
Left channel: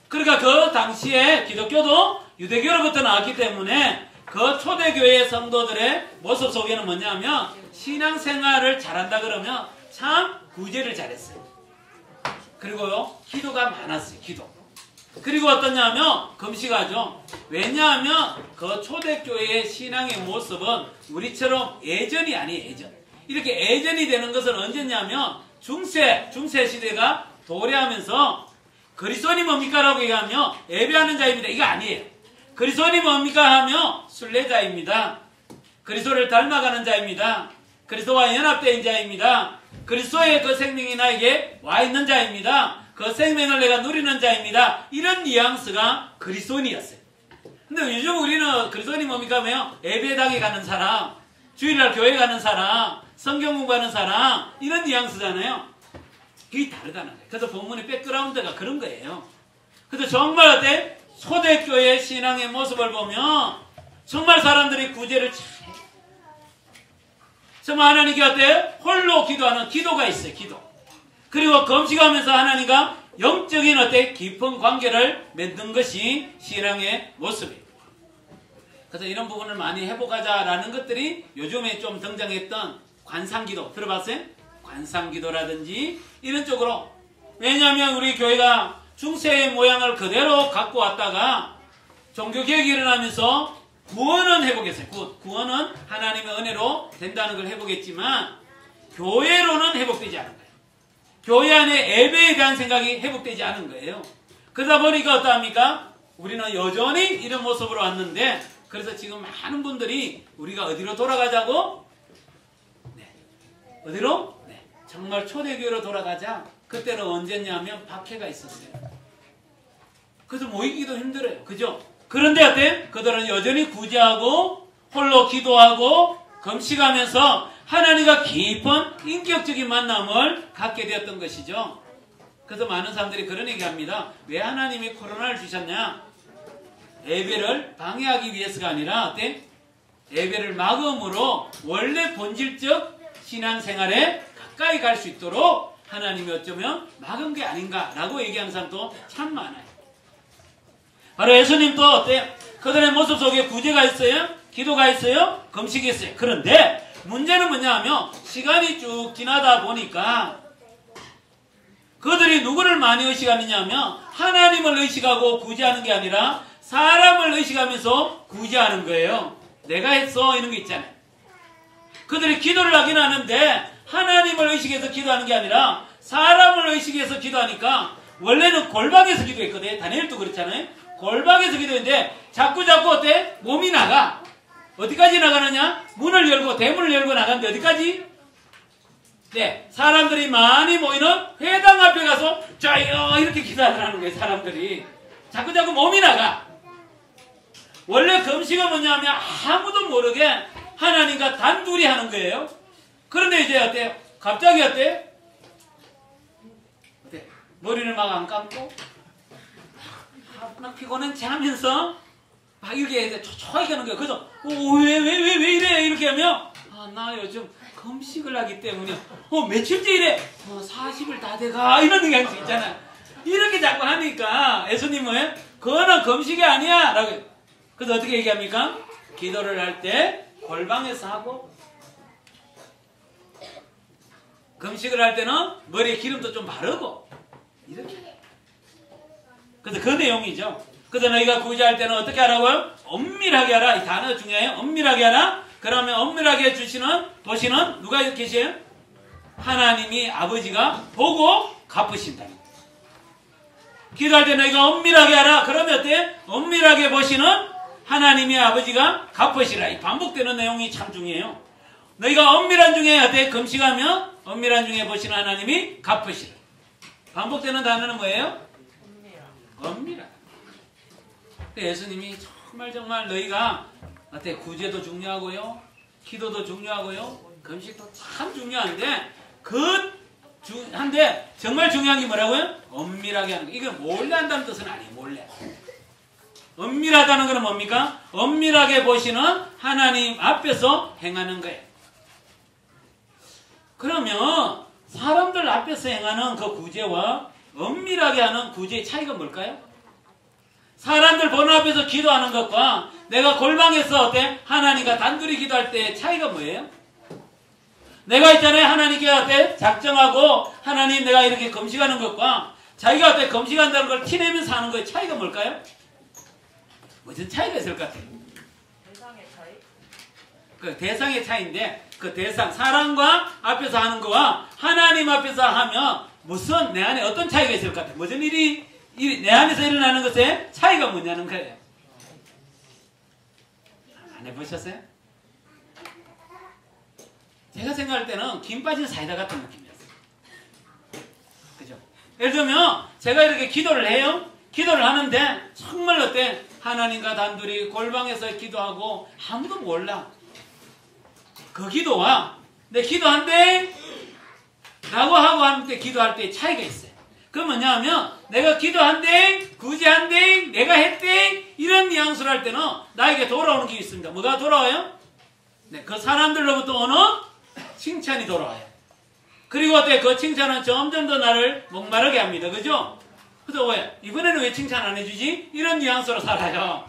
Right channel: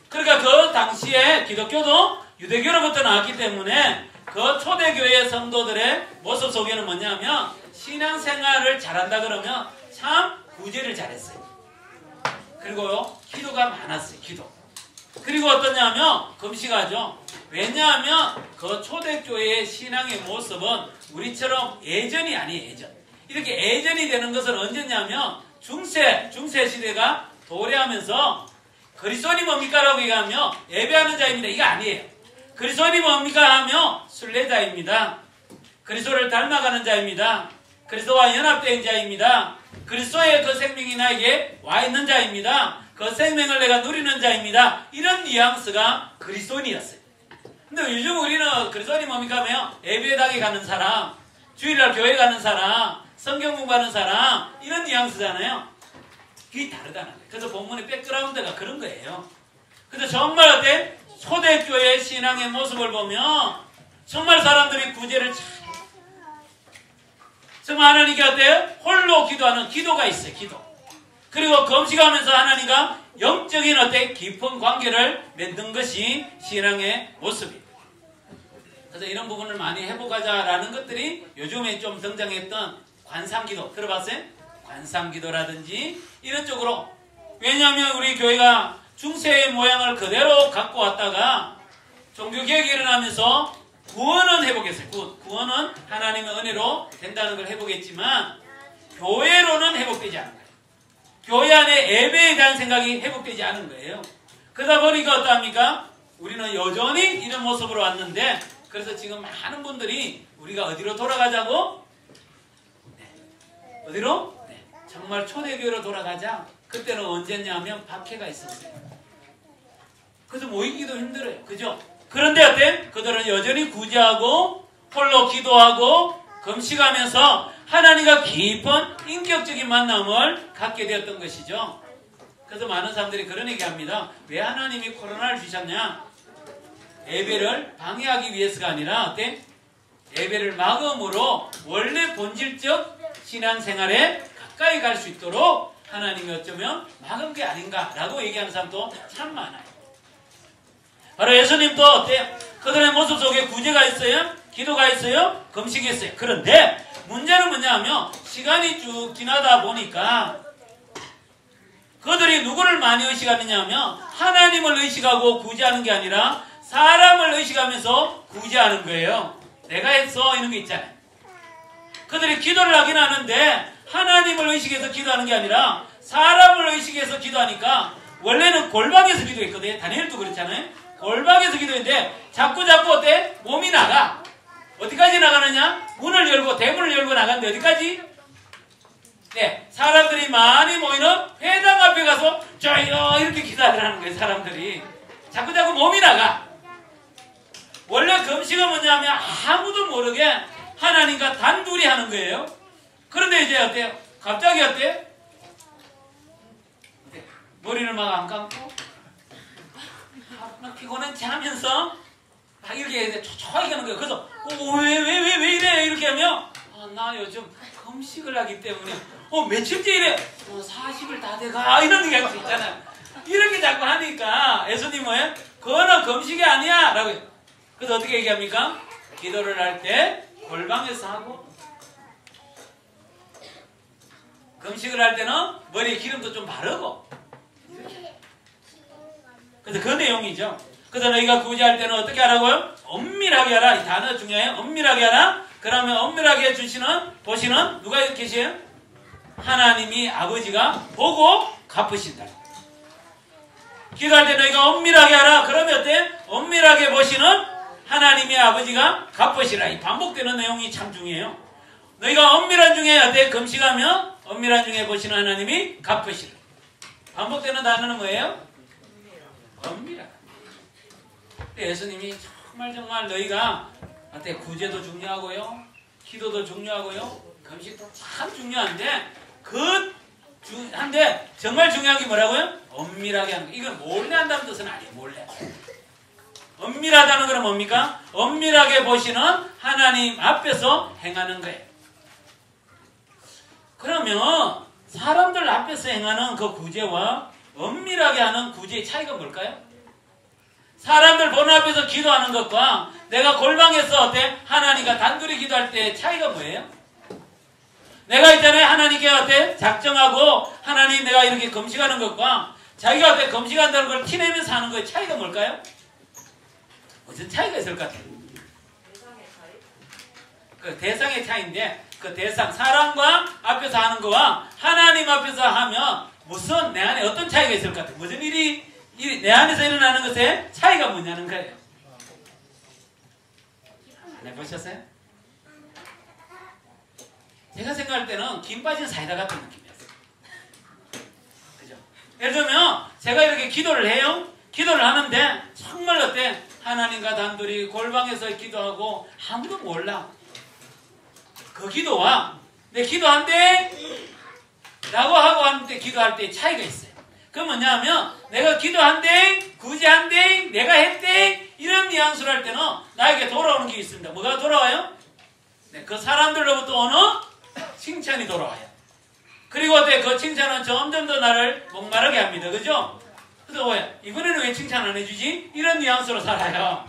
그러니까 그 당시에 기독교도 유대교로부터 나왔기 때문에 그 초대교회 성도들의 모습 속에는 뭐냐면 신앙생활을 잘한다 그러면 참 구제를 잘했어요. 그리고 기도가 많았어요. 기도. 그리고 어떠냐면 금식하죠. 왜냐하면 그 초대교회의 신앙의 모습은 우리처럼 예전이 아니에요. 예전. 이렇게 예전이 되는 것은 언제냐면 중세 시대가 도래하면서 그리스도인이 뭡니까? 라고 얘기하면 예배하는 자입니다. 이거 아니에요. 그리스도인이 뭡니까? 하면 순례자입니다. 그리스도를 닮아가는 자입니다. 그리스도와 연합된 자입니다. 그리스도의 그 생명이 나에게 와 있는 자입니다. 그 생명을 내가 누리는 자입니다. 이런 뉘앙스가 그리스도인이었어요. 근데 요즘 우리는 그리스도인이 뭡니까? 하면 예배당에 가는 사람, 주일날 교회 가는 사람, 성경 공부하는 사람 이런 뉘앙스잖아요. 이게 다르다는 거예요. 그래서 본문의 백그라운드가 그런 거예요. 그래서 정말 어때? 초대교회 신앙의 모습을 보면 정말 사람들이 구제를 정말 하나님께 어때요? 홀로 기도하는 기도가 있어요. 기도. 그리고 금식하면서 하나님과 영적인 어때? 깊은 관계를 맺는 것이 신앙의 모습이에요. 그래서 이런 부분을 많이 회복하자라는 것들이 요즘에 좀 등장했던 관상기도 들어봤어요? 관상기도라든지 이런 쪽으로. 왜냐하면 우리 교회가 중세의 모양을 그대로 갖고 왔다가 종교개혁이 일어나면서 구원은 회복했어요. 구원은 하나님의 은혜로 된다는 걸 회복했지만 교회로는 회복되지 않은 거예요. 교회 안에 예배에 대한 생각이 회복되지 않은 거예요. 그러다 보니까 어떠합니까? 우리는 여전히 이런 모습으로 왔는데, 그래서 지금 많은 분들이 우리가 어디로 돌아가자고? 네. 어디로? 네. 정말 초대교회로 돌아가자. 그때는 언제냐면 박해가 있었어요. 그래서 모이기도 힘들어요. 그죠? 그런데 어때? 그들은 여전히 구제하고 홀로 기도하고 금식하면서 하나님과 깊은 인격적인 만남을 갖게 되었던 것이죠. 그래서 많은 사람들이 그런 얘기합니다. 왜 하나님이 코로나를 주셨냐? 예배를 방해하기 위해서가 아니라 어때? 예배를 막음으로 원래 본질적 신앙생활에 가까이 갈 수 있도록 하나님이 어쩌면 막은 게 아닌가라고 얘기하는 사람도 참 많아요. 바로 예수님도 어때요? 그들의 모습 속에 구제가 있어요? 기도가 있어요? 금식이 있어요. 그런데 문제는 뭐냐 하면 시간이 쭉 지나다 보니까 그들이 누구를 많이 의식하느냐 하면 하나님을 의식하고 구제하는 게 아니라 사람을 의식하면서 구제하는 거예요. 내가 했어 이런 게 있잖아요. 그들이 기도를 하긴 하는데 하나님을 의식해서 기도하는 게 아니라 사람을 의식해서 기도하니까 원래는 골방에서 기도했거든요. 다니엘도 그랬잖아요. 골방에서 기도했는데 자꾸 어때? 몸이 나가. 어디까지 나가느냐? 문을 열고 대문을 열고 나가는데 어디까지? 네, 사람들이 많이 모이는 회당 앞에 가서 짜요 이렇게 기도를 하는 거예요. 사람들이 자꾸 몸이 나가. 원래 금식은 뭐냐면 아무도 모르게 하나님과 단둘이 하는 거예요. 그런데 이제 어때요? 갑자기 어때요? 머리를 막 안 감고 막 피곤한지 하면서 막 이렇게 초초하게 하는 거예요. 그래서 왜 이래 이렇게 하면 나 요즘 금식을 하기 때문에 며칠째 이래 40일 다 돼가 이런 얘기 할 수 있잖아요. 이렇게 자꾸 하니까 예수님은 그거는 금식이 아니야 라고. 그래서 어떻게 얘기합니까? 기도를 할 때 골방에서 하고 금식을 할 때는 머리에 기름도 좀 바르고 이렇게. 그래서 그 내용이죠. 그래서 너희가 구제할 때는 어떻게 하라고요? 엄밀하게 하라. 이 단어 중요해요. 엄밀하게 하라. 그러면 엄밀하게 보시는 누가 계세요? 하나님이 아버지가 보고 갚으신다. 기도할 때 너희가 엄밀하게 하라. 그러면 어때? 엄밀하게 보시는 하나님의 아버지가 갚으시라. 이 반복되는 내용이 참 중요해요. 너희가 엄밀한 중에 어때? 금식하면 엄밀한 중에 보시는 하나님이 갚으시라. 반복되는 단어는 뭐예요? 엄밀하. 예수님이 정말 너희가 어때? 구제도 중요하고요, 기도도 중요하고요, 금식도 참 중요한데 한데 정말 중요한 게 뭐라고요? 엄밀하게 하는 거. 이건 몰래 한다는 뜻은 아니에요. 몰래. 엄밀하다는 건 뭡니까? 엄밀하게 보시는 하나님 앞에서 행하는 거예요. 그러면 사람들 앞에서 행하는 그 구제와 엄밀하게 하는 구제의 차이가 뭘까요? 사람들 보는 앞에서 기도하는 것과 내가 골방에서 어때? 하나님과 단둘이 기도할 때 차이가 뭐예요? 내가 있잖아요. 하나님께 어때? 작정하고 하나님 내가 이렇게 금식하는 것과 자기가 어때? 금식한다는 걸 티내면서 하는 거의 차이가 뭘까요? 무슨 차이가 있을 것 같아요? 대상의 차이? 그 대상의 차이인데 그 대상, 사람과 앞에서 하는 거와 하나님 앞에서 하면 무슨 내 안에 어떤 차이가 있을 것 같아요? 무슨 일이 내 안에서 일어나는 것에 차이가 뭐냐는 거예요. 안 해보셨어요? 제가 생각할 때는 김 빠진 사이다 같은 느낌이었어요. 그죠? 예를 들면 제가 이렇게 기도를 해요. 기도를 하는데 정말 어때? 하나님과 단둘이 골방에서 기도하고 아무도 몰라. 그 기도와 내 기도한대 라고 하고 하는데 기도할 때 차이가 있어요. 그건 뭐냐면 내가 기도한대, 구제한대, 내가 했대 이런 뉘앙스를 할 때는 나에게 돌아오는 게 있습니다. 뭐가 돌아와요? 네, 그 사람들로부터 오는 칭찬이 돌아와요. 그리고 어때? 그 칭찬은 점점 더 나를 목마르게 합니다. 그죠? 그래서 왜? 이번에는 왜 칭찬 안 해주지? 이런 뉘앙스로 살아요.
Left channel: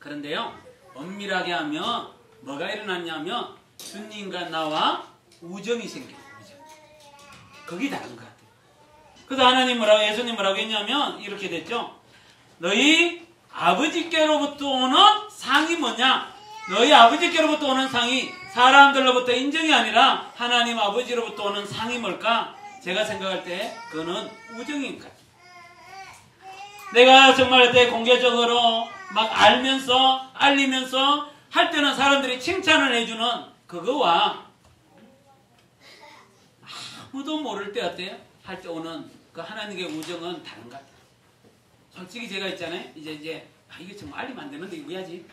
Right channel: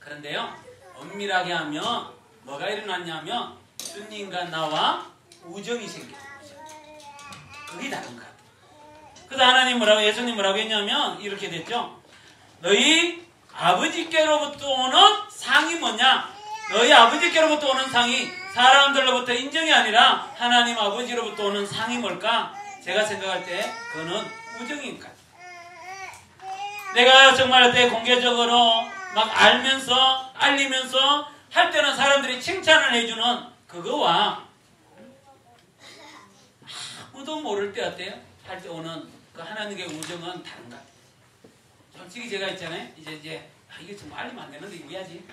그런데요, 엄밀하게 하면 뭐가 일어났냐면 주님과 나와 우정이 생겨요. 그게 다른 거야. 그래서 하나님 뭐라고, 예수님 뭐라고 했냐면 이렇게 됐죠. 너희 아버지께로부터 오는 상이 뭐냐? 너희 아버지께로부터 오는 상이 사람들로부터 인정이 아니라 하나님 아버지로부터 오는 상이 뭘까? 제가 생각할 때 그거는 우정인가. 내가 정말 그때 공개적으로 막 알리면서 할 때는 사람들이 칭찬을 해주는 그거와 아무도 모를 때 어때요? 할 때 오는 그 하나님의 우정은 다른가? 솔직히 제가 있잖아요. 이제 이게 좀 알리면 안 되는데 이거 해야지.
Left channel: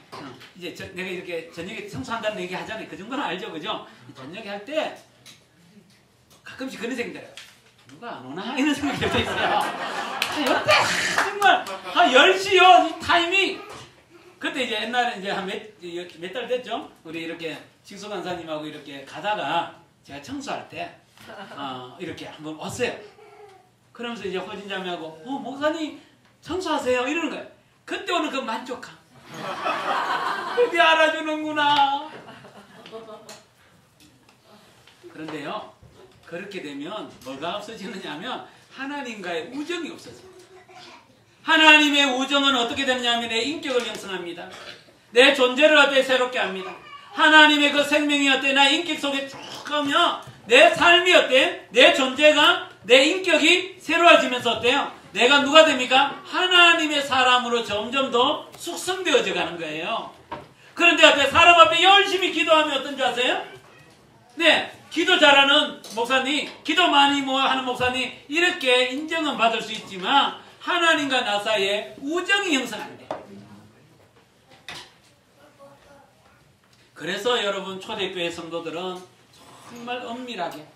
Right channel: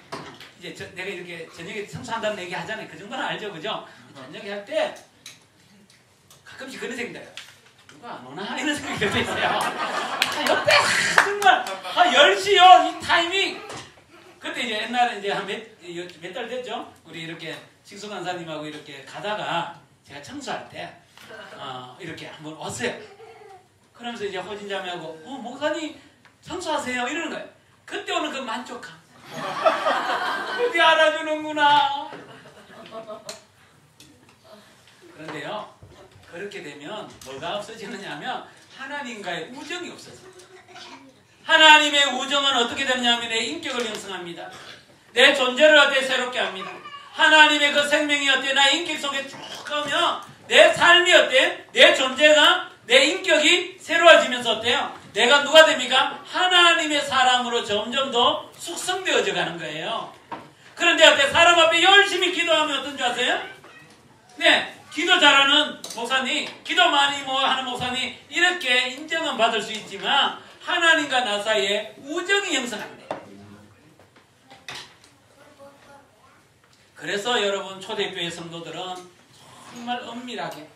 이제 내가 이렇게 저녁에 청소한다는 얘기 하잖아요. 그 정도는 알죠, 그죠? 저녁에 할 때 가끔씩 그런 생각이 들어요. 누가 안 오나? 이런 생각이 들 때 있어요. 옆에 정말 10시요 이 타이밍. 그때 이제 옛날에 이제 한 몇 달 됐죠? 우리 이렇게 직수 간사님하고 이렇게 가다가 제가 청소할 때 이렇게 한번 왔어요. 그러면서 이제 호진자매하고 목사님 청소하세요 이러는 거예요. 그때 오는 그 만족감. 우리 알아주는구나. 그런데요, 그렇게 되면 뭐가 없어지느냐 하면 하나님과의 우정이 없어져요. 하나님의 우정은 어떻게 되느냐면 내 인격을 형성합니다. 내 존재를 어때 새롭게 합니다. 하나님의 그 생명이 어때 나 인격 속에 쭉 가면 내 삶이 어때 내 존재가 내 인격이 새로워지면서 어때요? 내가 누가 됩니까? 하나님의 사람으로 점점 더 숙성되어져 가는 거예요. 그런데 어때 사람 앞에 열심히 기도하면 어떤 줄 아세요? 네, 기도 잘하는 목사님, 기도 많이 하는 목사님 이렇게 인정은 받을 수 있지만 하나님과 나 사이에 우정이 형성합니다. 그래서 여러분 초대교회 성도들은 정말 엄밀하게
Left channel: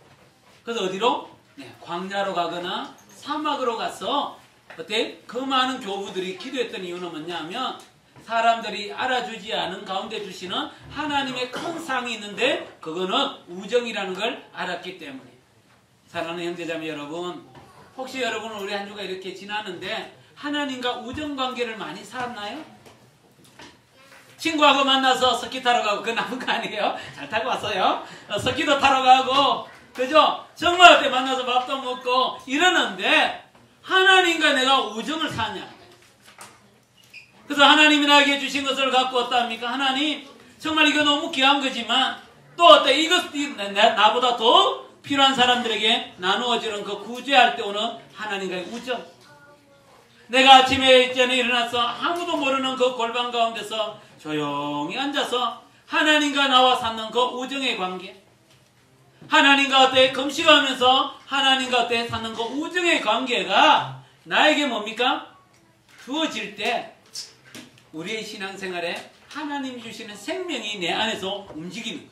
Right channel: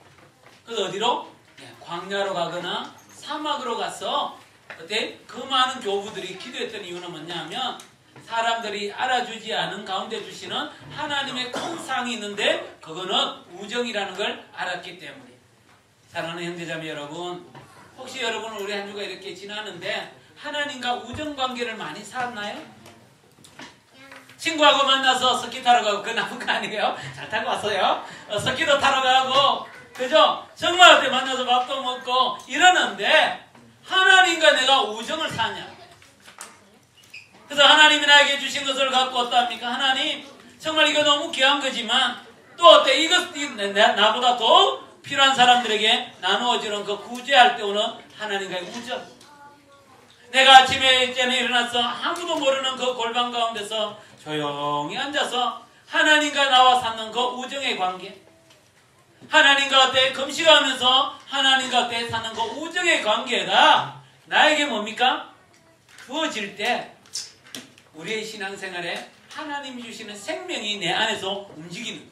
그래서 어디로? 네, 광야로 가거나 사막으로 가서 어때? 그 많은 교부들이 기도했던 이유는 뭐냐면 사람들이 알아주지 않은 가운데 주시는 하나님의 큰 상이 있는데 그거는 우정이라는 걸 알았기 때문에. 사랑하는 형제자매 여러분, 혹시 여러분은 우리 한 주가 이렇게 지났는데 하나님과 우정관계를 많이 살았나요? 친구하고 만나서 스키 타러 가고 그건 나쁜 거 아니에요? 잘 타고 왔어요. 스키도 타러 가고 그죠? 정말 어때 만나서 밥도 먹고 이러는데 하나님과 내가 우정을 사냐? 그래서 하나님이 나에게 주신 것을 갖고 어떠합니까? 하나님 정말 이거 너무 귀한 거지만 또 어때 이거 나보다 더 필요한 사람들에게 나누어지는 그 구제할 때 오는 하나님과의 우정. 내가 아침에 이때는 일어나서 아무도 모르는 그 골방 가운데서 조용히 앉아서 하나님과 나와 사는 그 우정의 관계. 하나님과 어때 금식하면서 하나님과 어때 사는 그 우정의 관계가 나에게 뭡니까? 주어질 때 우리의 신앙생활에 하나님 주시는 생명이 내 안에서 움직이는 거예요.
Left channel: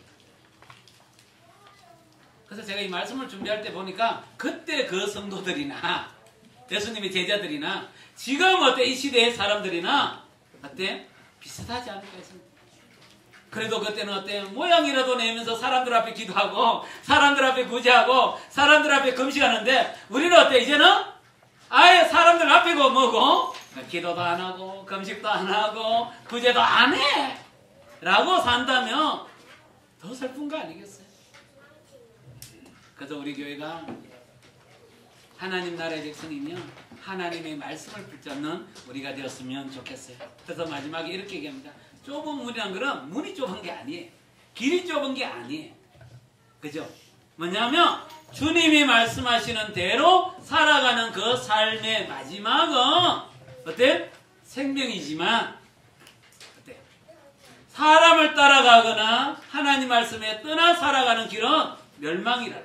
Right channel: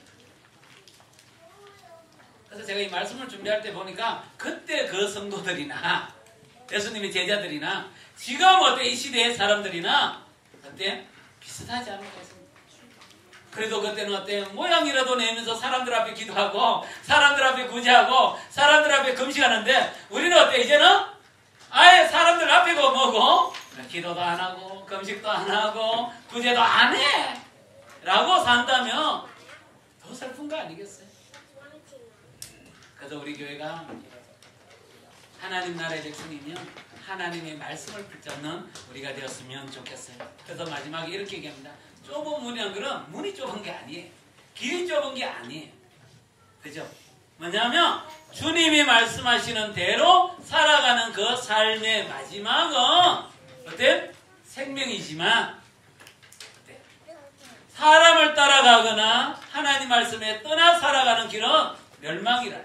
그래서 제가 이 말씀을 준비할 때 보니까 그때 그 성도들이나 예수님의 제자들이나 지금 어때 이 시대의 사람들이나 어때 비슷하지 않은 것은 그래도 그때는 어때 모양이라도 내면서 사람들 앞에 기도하고 사람들 앞에 구제하고 사람들 앞에 금식하는데 우리는 어때 이제는 아예 사람들 앞에고 뭐고 기도도 안 하고 금식도 안 하고 구제도 안 해 라고 산다면 더 슬픈 거 아니겠어요? 그래서 우리 교회가 하나님 나라의 백성이며 하나님의 말씀을 붙잡는 우리가 되었으면 좋겠어요. 그래서 마지막에 이렇게 얘기합니다. 좁은 문이란 거는 문이 좁은 게 아니에요. 길이 좁은 게 아니에요. 그죠? 뭐냐면 주님이 말씀하시는 대로 살아가는 그 삶의 마지막은 어때? 생명이지만 어때? 사람을 따라가거나 하나님 말씀에 떠나 살아가는 길은 멸망이라.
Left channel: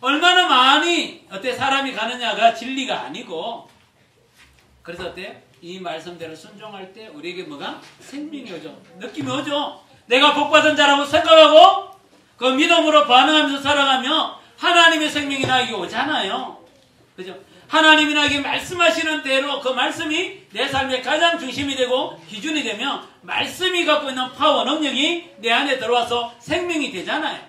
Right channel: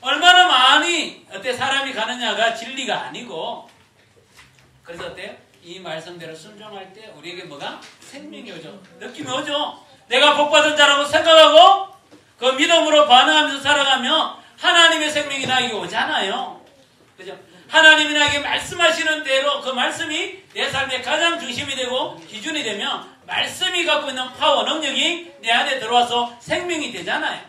얼마나 많이 어때 사람이 가느냐가 진리가 아니고 그래서 어때? 이 말씀대로 순종할 때 우리에게 뭐가? 생명이 오죠. 느낌이 오죠. 내가 복받은 자라고 생각하고 그 믿음으로 반응하면서 살아가면 하나님의 생명이 나에게 오잖아요. 그죠? 하나님이 나에게 말씀하시는 대로 그 말씀이 내 삶의 가장 중심이 되고 기준이 되면 말씀이 갖고 있는 파워, 능력이 내 안에 들어와서 생명이 되잖아요.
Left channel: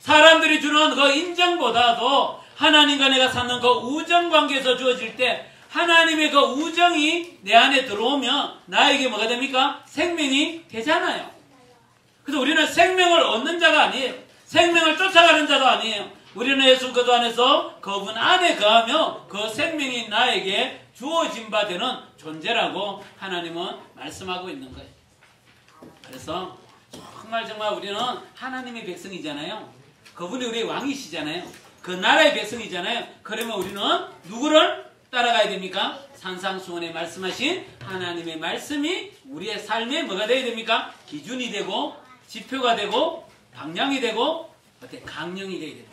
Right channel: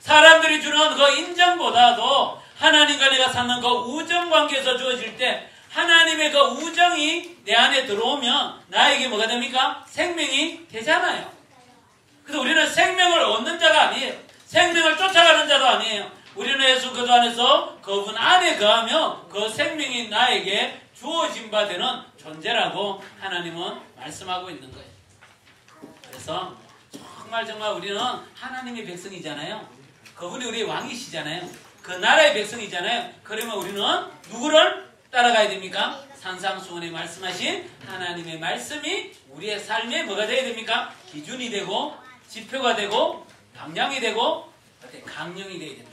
사람들이 주는 그 인정보다도 하나님과 내가 사는 그 우정관계에서 주어질 때 하나님의 그 우정이 내 안에 들어오면 나에게 뭐가 됩니까? 생명이 되잖아요. 그래서 우리는 생명을 얻는 자가 아니에요. 생명을 쫓아가는 자도 아니에요. 우리는 예수 그리스도 안에서 그분 안에 거하며 그 생명이 나에게 주어진 바 되는 존재라고 하나님은 말씀하고 있는 거예요. 그래서 정말 우리는 하나님의 백성이잖아요. 그분이 우리의 왕이시잖아요. 그 나라의 백성이잖아요. 그러면 우리는 누구를 따라가야 됩니까? 산상수훈에 말씀하신 하나님의 말씀이 우리의 삶에 뭐가 되어야 됩니까? 기준이 되고 지표가 되고 방향이 되고 어떻게 강령이 되어야 된다.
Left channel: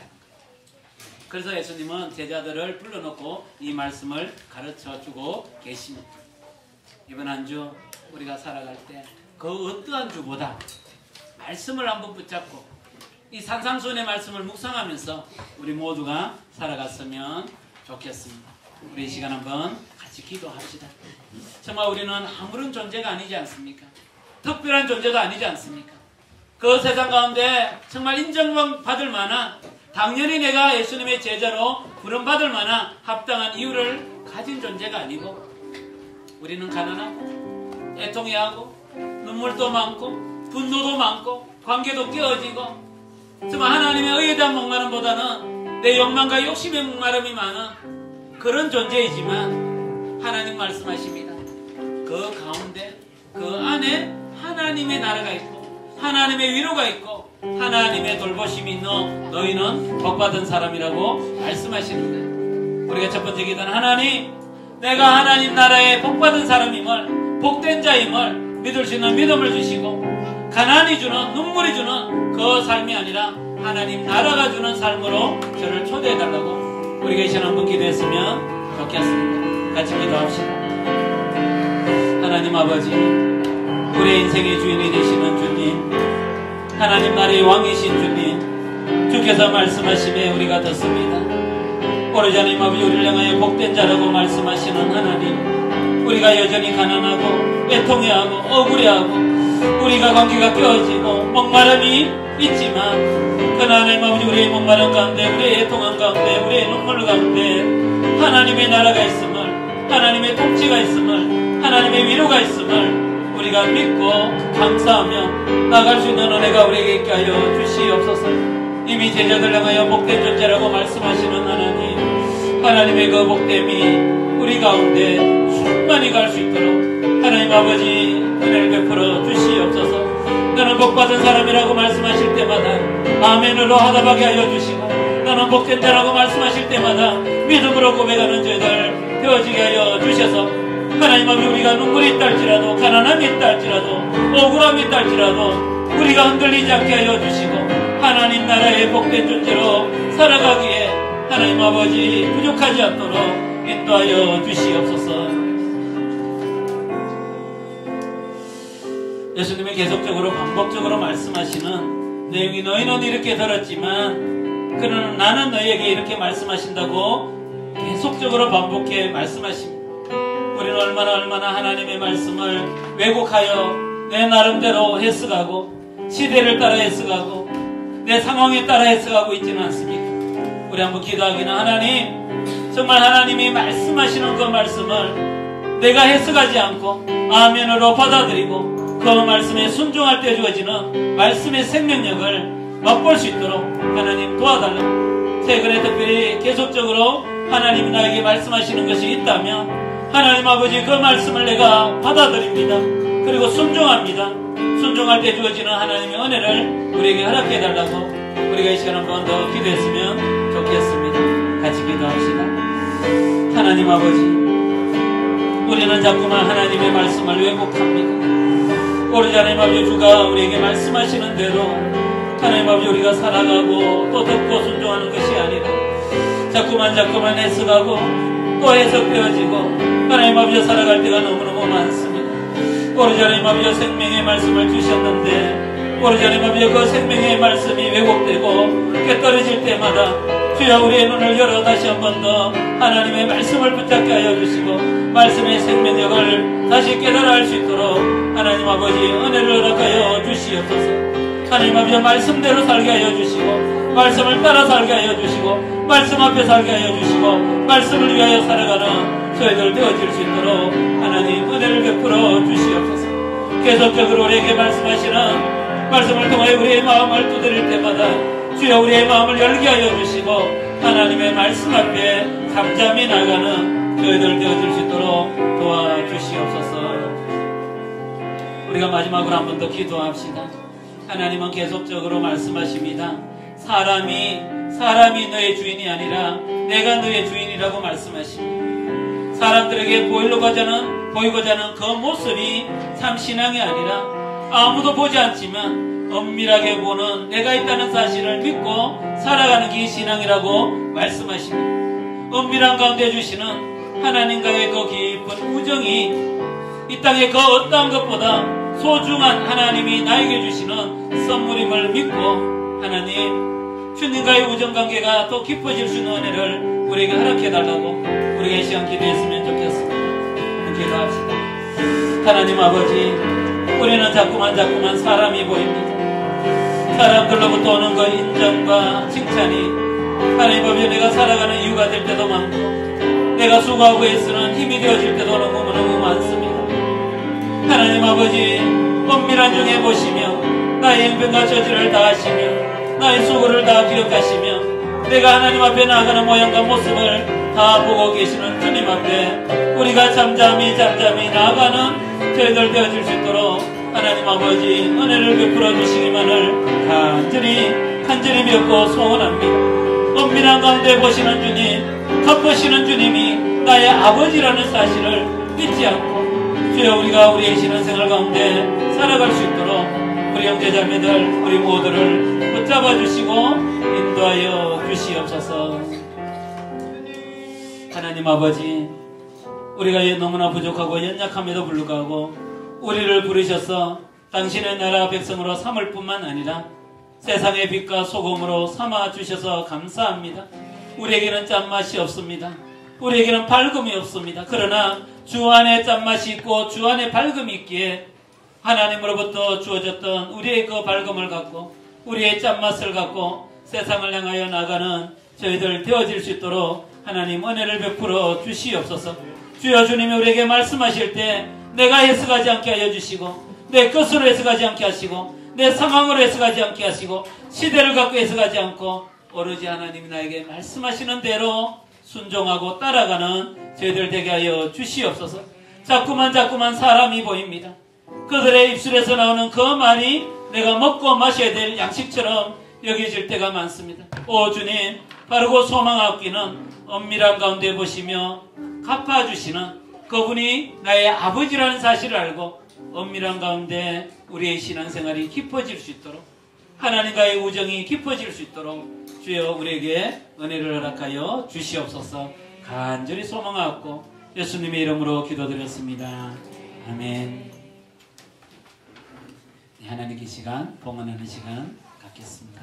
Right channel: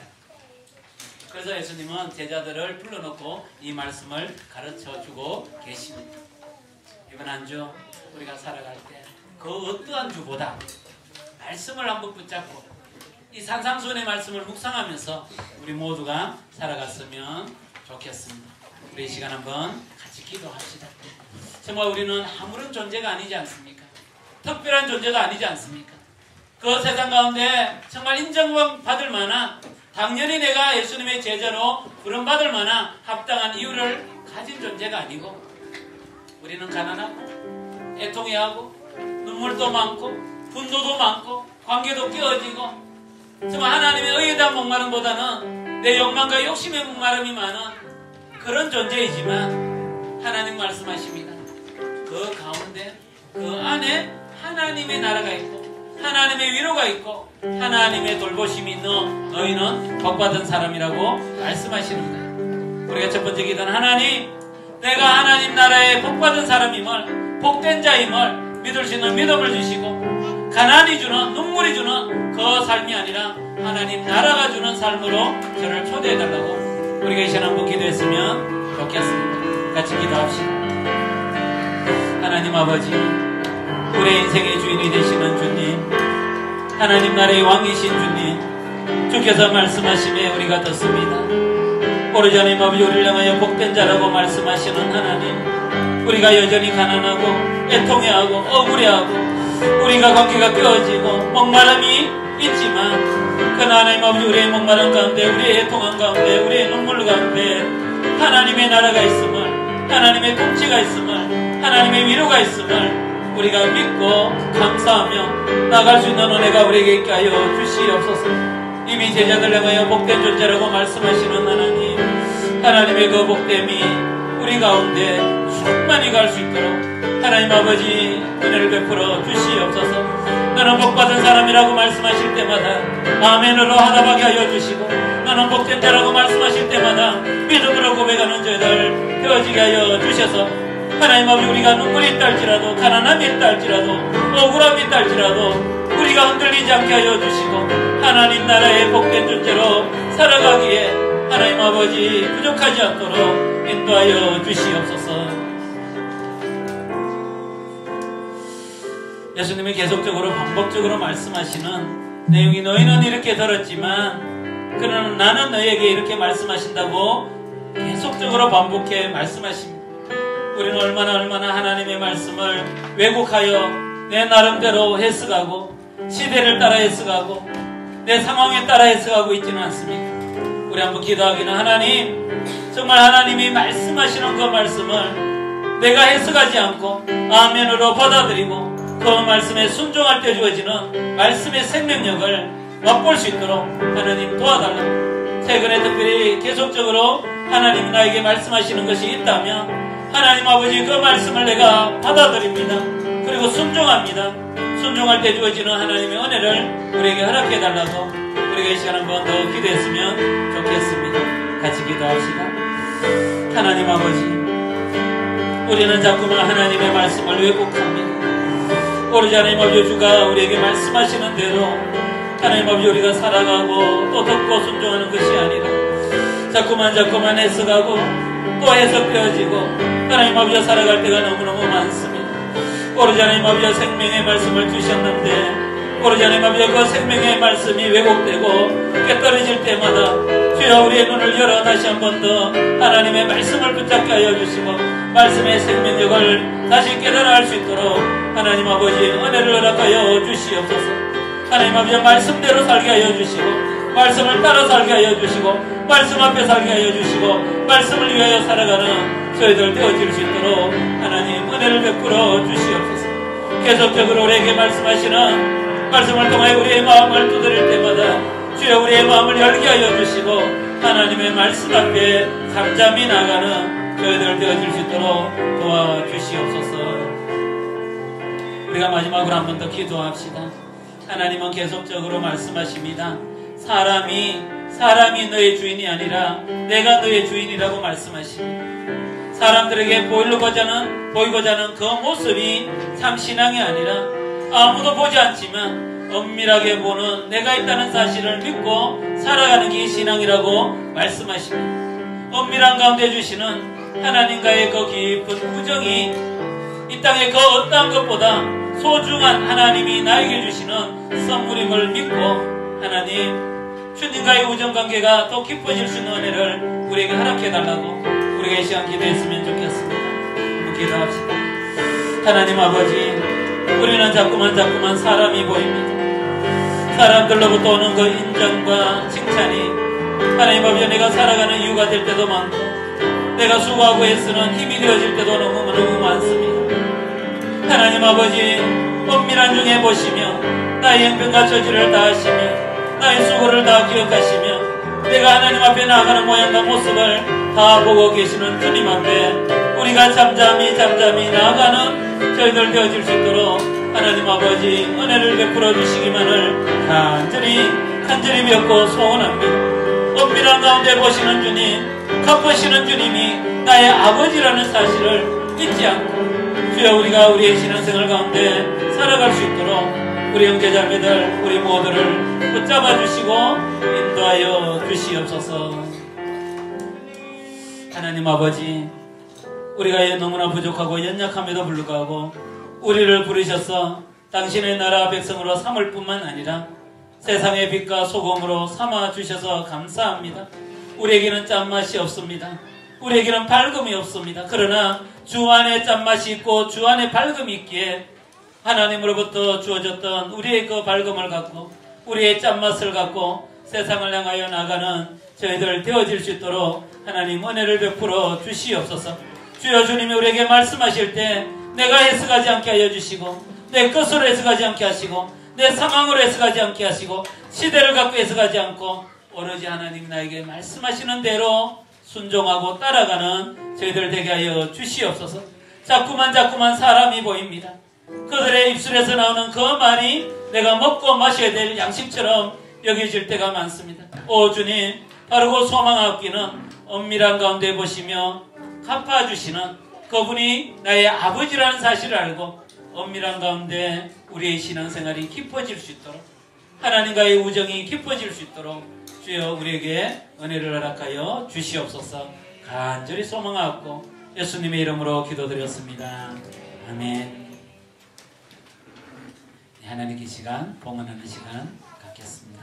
그래서 예수님은 제자들을 불러놓고 이 말씀을 가르쳐주고 계십니다. 이번 한 주 우리가 살아갈 때 그 어떠한 주보다 말씀을 한번 붙잡고 이 산상수훈의 말씀을 묵상하면서 우리 모두가 살아갔으면 좋겠습니다. 우리 이 시간 한번 같이 기도합시다. 정말 우리는 아무런 존재가 아니지 않습니까? 특별한 존재가 아니지 않습니까? 그 세상 가운데 정말 인정받을 만한, 당연히 내가 예수님의 제자로 부름받을 만한 합당한 이유를 가진 존재가 아니고, 우리는 가난하고 애통해하고 눈물도 많고 분노도 많고 관계도 끼어지고 정말 하나님의 의에 대한 목마름보다는 내 욕망과 욕심의 목마름이 많은 그런 존재이지만 하나님 말씀하십니다. 그 가운데 그 안에 하나님의 나라가 있고 하나님의 위로가 있고 하나님의 돌보심이 있는 너희는 복받은 사람이라고 말씀하십니다. 우리가 첫 번째 기도는 하나님, 내가 하나님 나라의 복받은 사람임을, 복된 자임을 믿을 수 있는 믿음을 주시고 가난이 주는, 눈물이 주는 그 삶이 아니라 하나님 나라가 주는 삶으로 저를 초대해달라고 우리가 이 시간 한번 기도했으면 좋겠습니다. 같이 기도합시다. 하나님 아버지, 우리의 인생의 주인이 되시는 주님, 하나님 나라의 왕이신 주님, 주께서 말씀하시며 우리가 듣습니다. 오래전에 아버지 우리를 향하여 복된 자라고 말씀하시는 하나님, 우리가 여전히 가난하고 애통해하고 억울해하고 우리가 관계가 깨어지고 목마름이 있지만 그러나 하나님 아버지 우리의 목마름 가운데, 우리의 애통함 가운데, 우리의 눈물 가운데 하나님의 나라가 있음을, 하나님의 통치가 있음을, 하나님의 위로가 있음을 우리가 믿고 감사하며 나갈 수 있는 은혜가 우리에게 있게 하여 주시옵소서. 이미 제자들 향하여 복된 존재라고 말씀하시는 하나님, 하나님의 그 복됨이 우리 가운데 충만히 갈 수 있도록 하나님 아버지 은혜를 베풀어 주시옵소서. 너는 복받은 사람이라고 말씀하실 때마다 아멘으로 하나밖에 하여 주시고, 너는 복된 자라고 말씀하실 때마다 믿음으로 고백하는 저희들 되어지게 하여 주셔서 하나님 아버지 우리가 눈물이 있다 할지라도, 가난함이 있다 할지라도, 억울함이 있다 할지라도 우리가 흔들리지 않게 하여 주시고 하나님 나라의 복된 존재로 살아가기에 하나님 아버지 부족하지 않도록 인도하여 주시옵소서. 예수님이 계속적으로 반복적으로 말씀하시는 내용이, 너희는 이렇게 들었지만 그러나 나는 너희에게 이렇게 말씀하신다고 계속적으로 반복해 말씀하십니다. 우리는 얼마나 하나님의 말씀을 왜곡하여 내 나름대로 해석하고 시대를 따라 해석하고 내 상황에 따라 해석하고 있지는 않습니다. 우리 한번 기도하기는, 하나님 정말 하나님이 말씀하시는 그 말씀을 내가 해석하지 않고 아멘으로 받아들이고 그 말씀에 순종할 때 주어지는 말씀의 생명력을 맛볼 수 있도록 하나님 도와달라고. 최근에 특별히 계속적으로 하나님이 나에게 말씀하시는 것이 있다면 하나님 아버지 그 말씀을 내가 받아들입니다. 그리고 순종합니다. 순종할 때 주어지는 하나님의 은혜를 우리에게 허락해달라고 우리가 이 시간 한 번 더 기도했으면 좋겠습니다. 같이 기도합시다. 하나님 아버지, 우리는 자꾸만 하나님의 말씀을 왜곡합니다. 오래전에 아버지 주가 우리에게 말씀하시는 대로 하나님 아버지 우리가 살아가고 또 듣고 순종하는 것이 아니라 자꾸만 해석하고 또 해석되어지고 하나님 아버지 살아갈 때가 너무너무 많습니다. 오래전에 아버지 생명의 말씀을 주셨는데 오래전에 아버지 그 생명의 말씀이 왜곡되고 깨떨어질 때마다 주여 우리의 눈을 열어 다시 한 번 더 하나님의 말씀을 붙잡게 하여 주시고 말씀의 생명력을 다시 깨달아 할 수 있도록 하나님 아버지 은혜를 허락하여 주시옵소서. 하나님 아버지 말씀대로 살게 하여 주시고 말씀을 따라 살게 하여 주시고 말씀 앞에 살게 하여 주시고 말씀을 위하여 살아가는 저희들 되어질 수 있도록 하나님 은혜를 베풀어 주시옵소서. 계속적으로 우리에게 말씀하시는 말씀을 통해 우리의 마음을 두드릴 때마다 주여 우리의 마음을 열게 하여 주시고 하나님의 말씀 앞에 잠잠히 나가는 저희들 되어질 수 있도록 도와주시옵소서. 우리가 마지막으로 한 번 더 기도합시다. 하나님은 계속적으로 말씀하십니다. 사람이 너의 주인이 아니라 내가 너의 주인이라고 말씀하십니다. 사람들에게 보이고자 하는 그 모습이 참 신앙이 아니라 아무도 보지 않지만 엄밀하게 보는 내가 있다는 사실을 믿고 살아가는 게 신앙이라고 말씀하십니다. 엄밀한 가운데 주시는 하나님과의 그 깊은 우정이 이 땅의 그 어떠한 것보다 소중한 하나님이 나에게 주시는 선물임을 믿고 하나님 주님과의 우정관계가 더 깊어질 수 있는 은혜를 우리에게 허락해달라고 우리가 이 시간 기도했으면 좋겠습니다. 기도합시다. 하나님 아버지, 우리는 자꾸만 사람이 보입니다. 사람들로부터 오는 그 인정과 칭찬이 하나님 아버지 내가 살아가는 이유가 될 때도 많고 내가 수고하고 애쓰는 힘이 되어질 때도 너무 많습니다. 하나님 아버지, 엄밀한 중에 보시며 나의 형편과 처지를 다 하시며 나의 수고를 다 기억하시며 내가 하나님 앞에 나아가는 모양과 모습을 다 보고 계시는 주님 앞에 우리가 잠잠히 나아가는 저희들 되어질 수 있도록 하나님 아버지 은혜를 베풀어 주시기만을 간절히 뵙고 소원합니다. 엄밀한 가운데 보시는 주님, 갚으시는 주님이 나의 아버지라는 사실을 잊지 않고 주여 우리가 우리의 신앙생활 가운데 살아갈 수 있도록 우리 형제자매들 우리 모두를 붙잡아 주시고 인도하여 주시옵소서. 하나님 아버지, 우리가 너무나 부족하고 연약함에도 불구하고 우리를 부르셔서 당신의 나라 백성으로 삼을 뿐만 아니라 세상의 빛과 소금으로 삼아 주셔서 감사합니다. 우리에게는 짠맛이 없습니다. 우리에게는 밝음이 없습니다. 그러나 주 안에 짠맛이 있고 주 안에 밝음이 있기에 하나님으로부터 주어졌던 우리의 그 밝음을 갖고 우리의 짠맛을 갖고 세상을 향하여 나가는 저희들 되어질 수 있도록 하나님 은혜를 베풀어 주시옵소서. 주여 주님이 우리에게 말씀하실 때 내가 해석하지 않게 하여 주시고 내 것으로 해석하지 않게 하시고 내 상황으로 해석하지 않게 하시고 시대를 갖고 해석하지 않고 오로지 하나님 나에게 말씀하시는 대로 순종하고 따라가는 저희들 되게 하여 주시옵소서. 자꾸만 사람이 보입니다. 그들의 입술에서 나오는 그 말이 내가 먹고 마셔야 될 양식처럼 여겨질 때가 많습니다. 오 주님, 바르고 소망 얻기는 엄밀한 가운데 보시며 갚아주시는 그분이 나의 아버지라는 사실을 알고 엄밀한 가운데 우리의 신앙생활이 깊어질 수 있도록 하나님과의 우정이 깊어질 수 있도록 주여 우리에게 은혜를 허락하여 주시옵소서. 간절히 소망하고 예수님의 이름으로 기도드렸습니다. 아멘. 하나님께 시간, 봉헌하는 시간 갖겠습니다.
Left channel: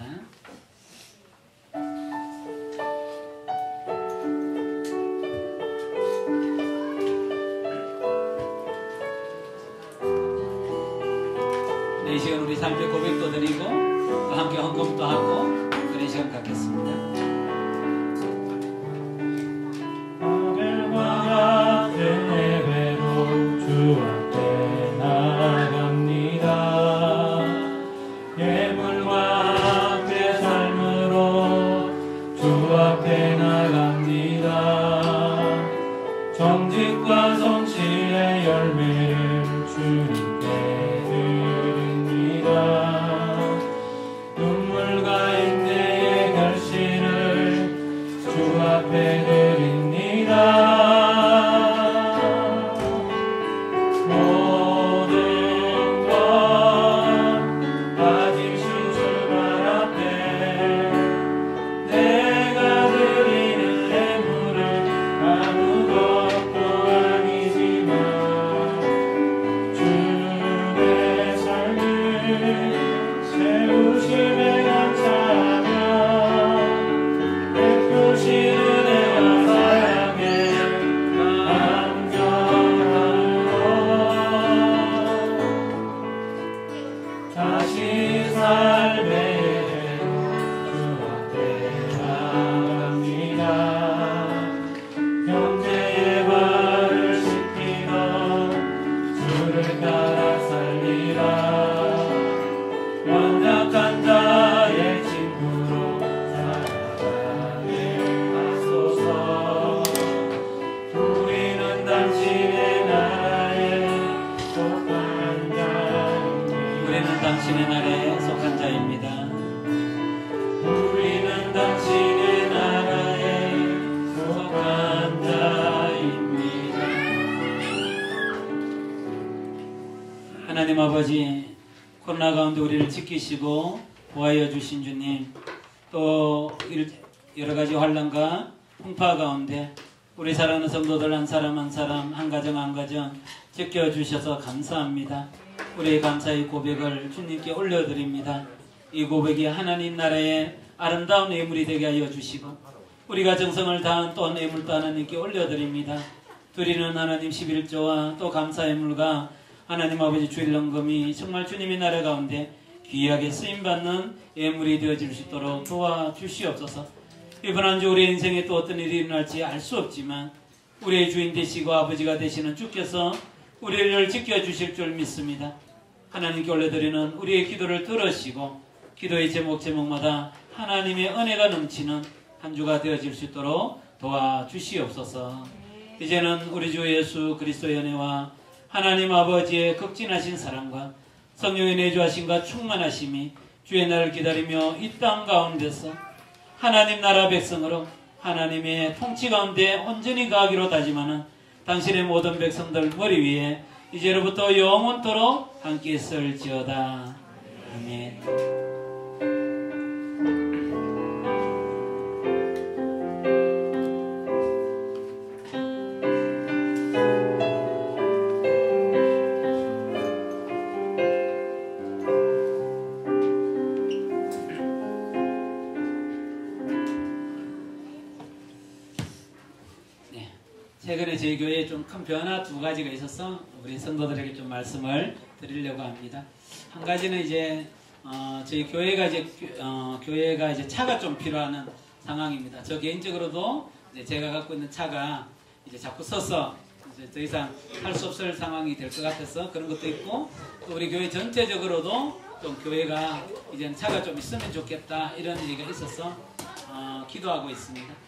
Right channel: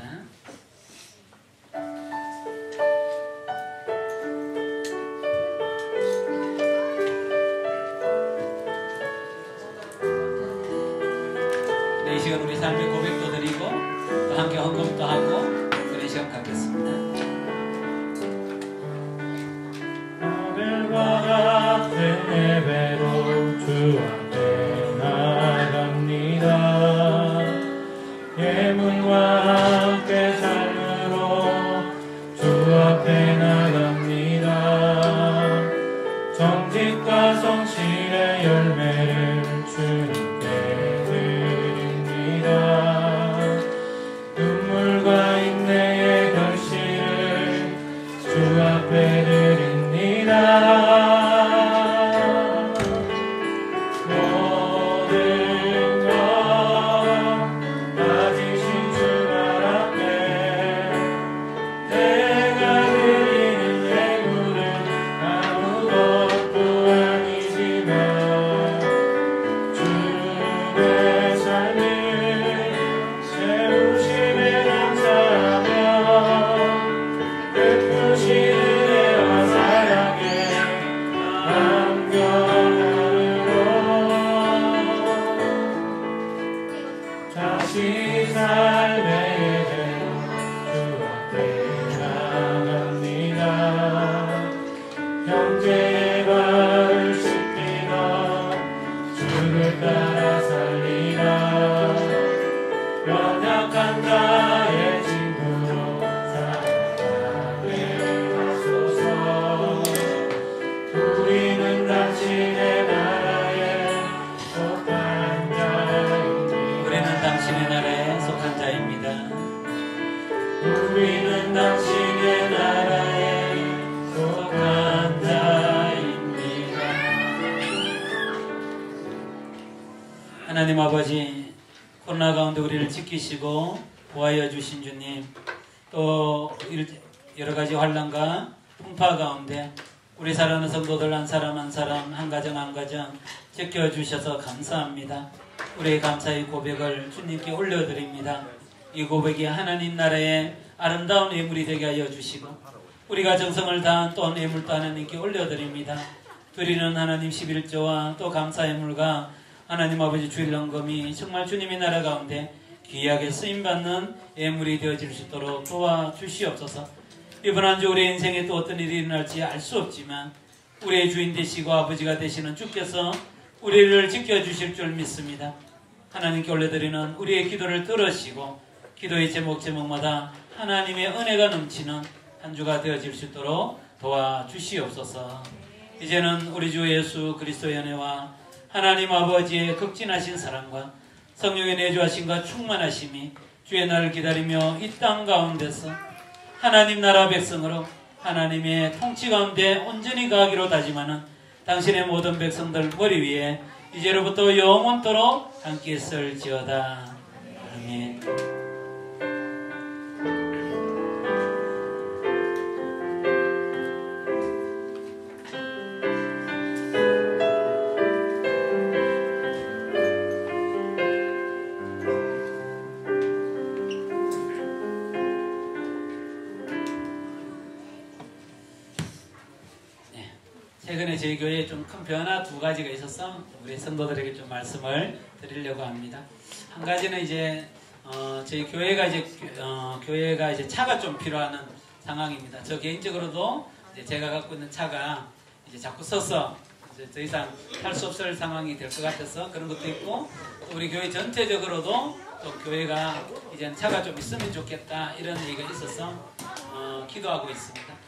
네, 이 시간 우리 삶의 고백도 드리고 또 함께 헌금도 하고 저희 시간 갖겠습니다. 정직과 성실의 열매를 주님께 드립니다. 우리는 당신의 나라에 속한 자입니다. 하나님 아버지, 코로나 가운데 우리를 지키시고 구하여 주신 주님, 또 여러 가지 환난과 풍파 가운데 우리 사랑하는 성도들 한 사람 한 사람, 한 가정 한 가정 지켜주셔서 감사합니다. 우리의 감사의 고백을 주님께 올려드립니다. 이 고백이 하나님 나라의 아름다운 예물이 되게 하여 주시고 우리가 정성을 다한 또한 예물도 하나님께 올려드립니다. 드리는 하나님 11조와 또 감사 예물과 하나님 아버지 주일 헌금이 정말 주님의 나라 가운데 귀하게 쓰임받는 예물이 되어질 수 있도록 도와주시옵소서. 이번 한 주 우리의 인생에 또 어떤 일이 일어날지 알 수 없지만 우리의 주인 되시고 아버지가 되시는 주께서 우리를 지켜주실 줄 믿습니다. 하나님께 올려드리는 우리의 기도를 들으시고 기도의 제목마다 하나님의 은혜가 넘치는 한 주가 되어질 수 있도록 도와주시옵소서. 이제는 우리 주 예수 그리스도의 은혜와 하나님 아버지의 극진하신 사랑과 성령의 내주하심과 충만하심이 주의 날을 기다리며 이 땅 가운데서 하나님 나라 백성으로 하나님의 통치 가운데 온전히 가기로 다짐하는 당신의 모든 백성들 머리 위에 이제로부터 영원토록 함께 있을지어다. 아멘. 최근에 저희 교회에 좀 큰 변화 두 가지가 있어서 우리 성도들에게 좀 말씀을 드리려고 합니다. 한 가지는 이제 저희 교회가 이제 차가 좀 필요한 상황입니다. 저 개인적으로도 이제 제가 갖고 있는 차가 이제 자꾸 써서 이제 더 이상 할 수 없을 상황이 될 것 같아서 그런 것도 있고, 또 우리 교회 전체적으로도 좀 교회가 이제 차가 좀 있으면 좋겠다 이런 얘기가 있어서 기도하고 있습니다.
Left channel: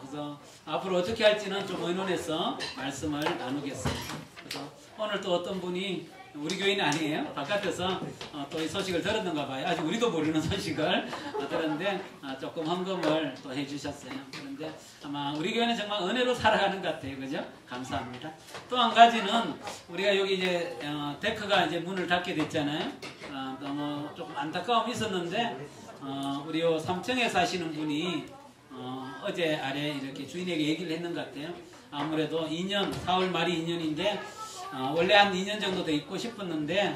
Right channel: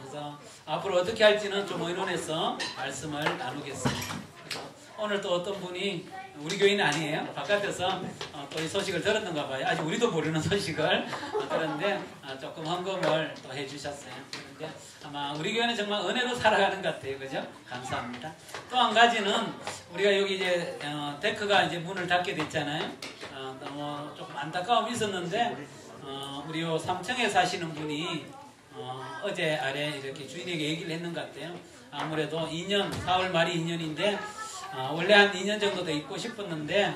그래서 앞으로 어떻게 할지는 좀 의논해서 말씀을 나누겠습니다. 그래서 오늘 또 어떤 분이 우리 교인은 아니에요. 바깥에서 또 이 소식을 들었는가 봐요. 아직 우리도 모르는 소식을 들었는데 조금 헌금을 또 해주셨어요. 그런데 아마 우리 교회는 정말 은혜로 살아가는 것 같아요. 그죠? 감사합니다. 또 한 가지는 우리가 여기 이제 데크가 이제 문을 닫게 됐잖아요. 너무 조금 안타까움이 있었는데 우리 요 3층에 사시는 분이 어제 아래 이렇게 주인에게 얘기를 했는 것 같아요. 아무래도 2년, 4월 말이 2년인데 원래 한 2년 정도 더 있고 싶었는데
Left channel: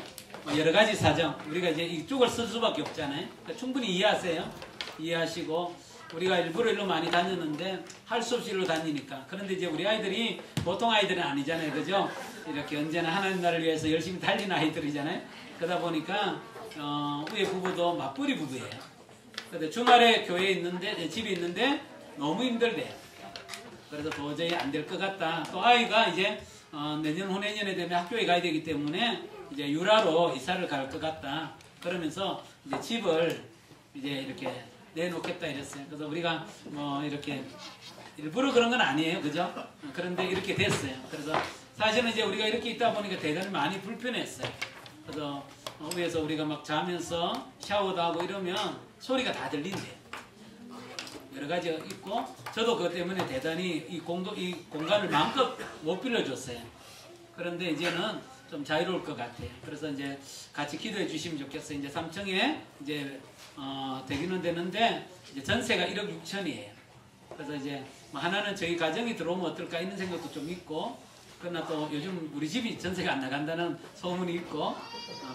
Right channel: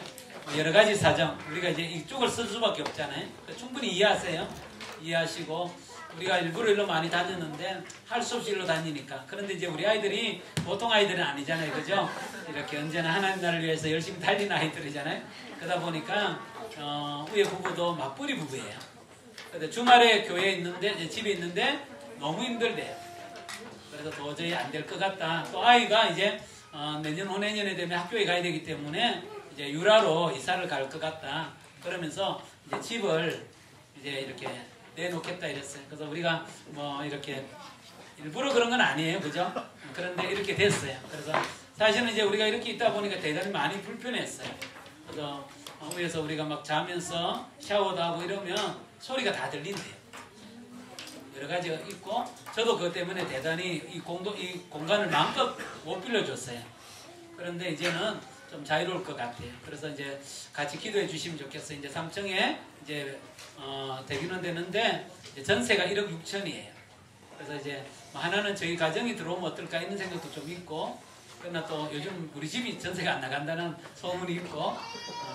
여러 가지 사정, 우리가 이제 이쪽을 쓸 수밖에 없잖아요. 그러니까 충분히 이해하세요. 이해하시고 우리가 일부러 일로 많이 다녔는데 할 수 없이 일로 다니니까. 그런데 이제 우리 아이들이 보통 아이들은 아니잖아요. 그죠? 이렇게 언제나 하나님 나라를 위해서 열심히 달리는 아이들이잖아요. 그러다 보니까 우리 부부도 맞벌이 부부예요. 근데 주말에 교회에 있는데, 집에 있는데 너무 힘들대. 그래서 도저히 안 될 것 같다. 또 아이가 이제 내년 후내년에 되면 학교에 가야 되기 때문에 이제 유라로 이사를 갈 것 같다. 그러면서 이제 집을 이제 이렇게 내놓겠다 이랬어요. 그래서 우리가 뭐 이렇게 일부러 그런 건 아니에요. 그죠? 그런데 이렇게 됐어요. 그래서 사실은 이제 우리가 이렇게 있다 보니까 대단히 많이 불편했어요. 그래서 우리가 막 자면서 샤워도 하고 이러면 소리가 다 들린대요. 여러 가지가 있고, 저도 그것 때문에 대단히 이 공간을 마음껏 못 빌려줬어요. 그런데 이제는 좀 자유로울 것 같아요. 그래서 이제 같이 기도해 주시면 좋겠어요. 이제 3층에 이제 대비는 되는데 이제 전세가 1억 6천이에요. 그래서 이제 하나는 저희 가정이 들어오면 어떨까 있는 생각도 좀 있고, 그러나 또 요즘 우리 집이 전세가 안 나간다는 소문이 있고,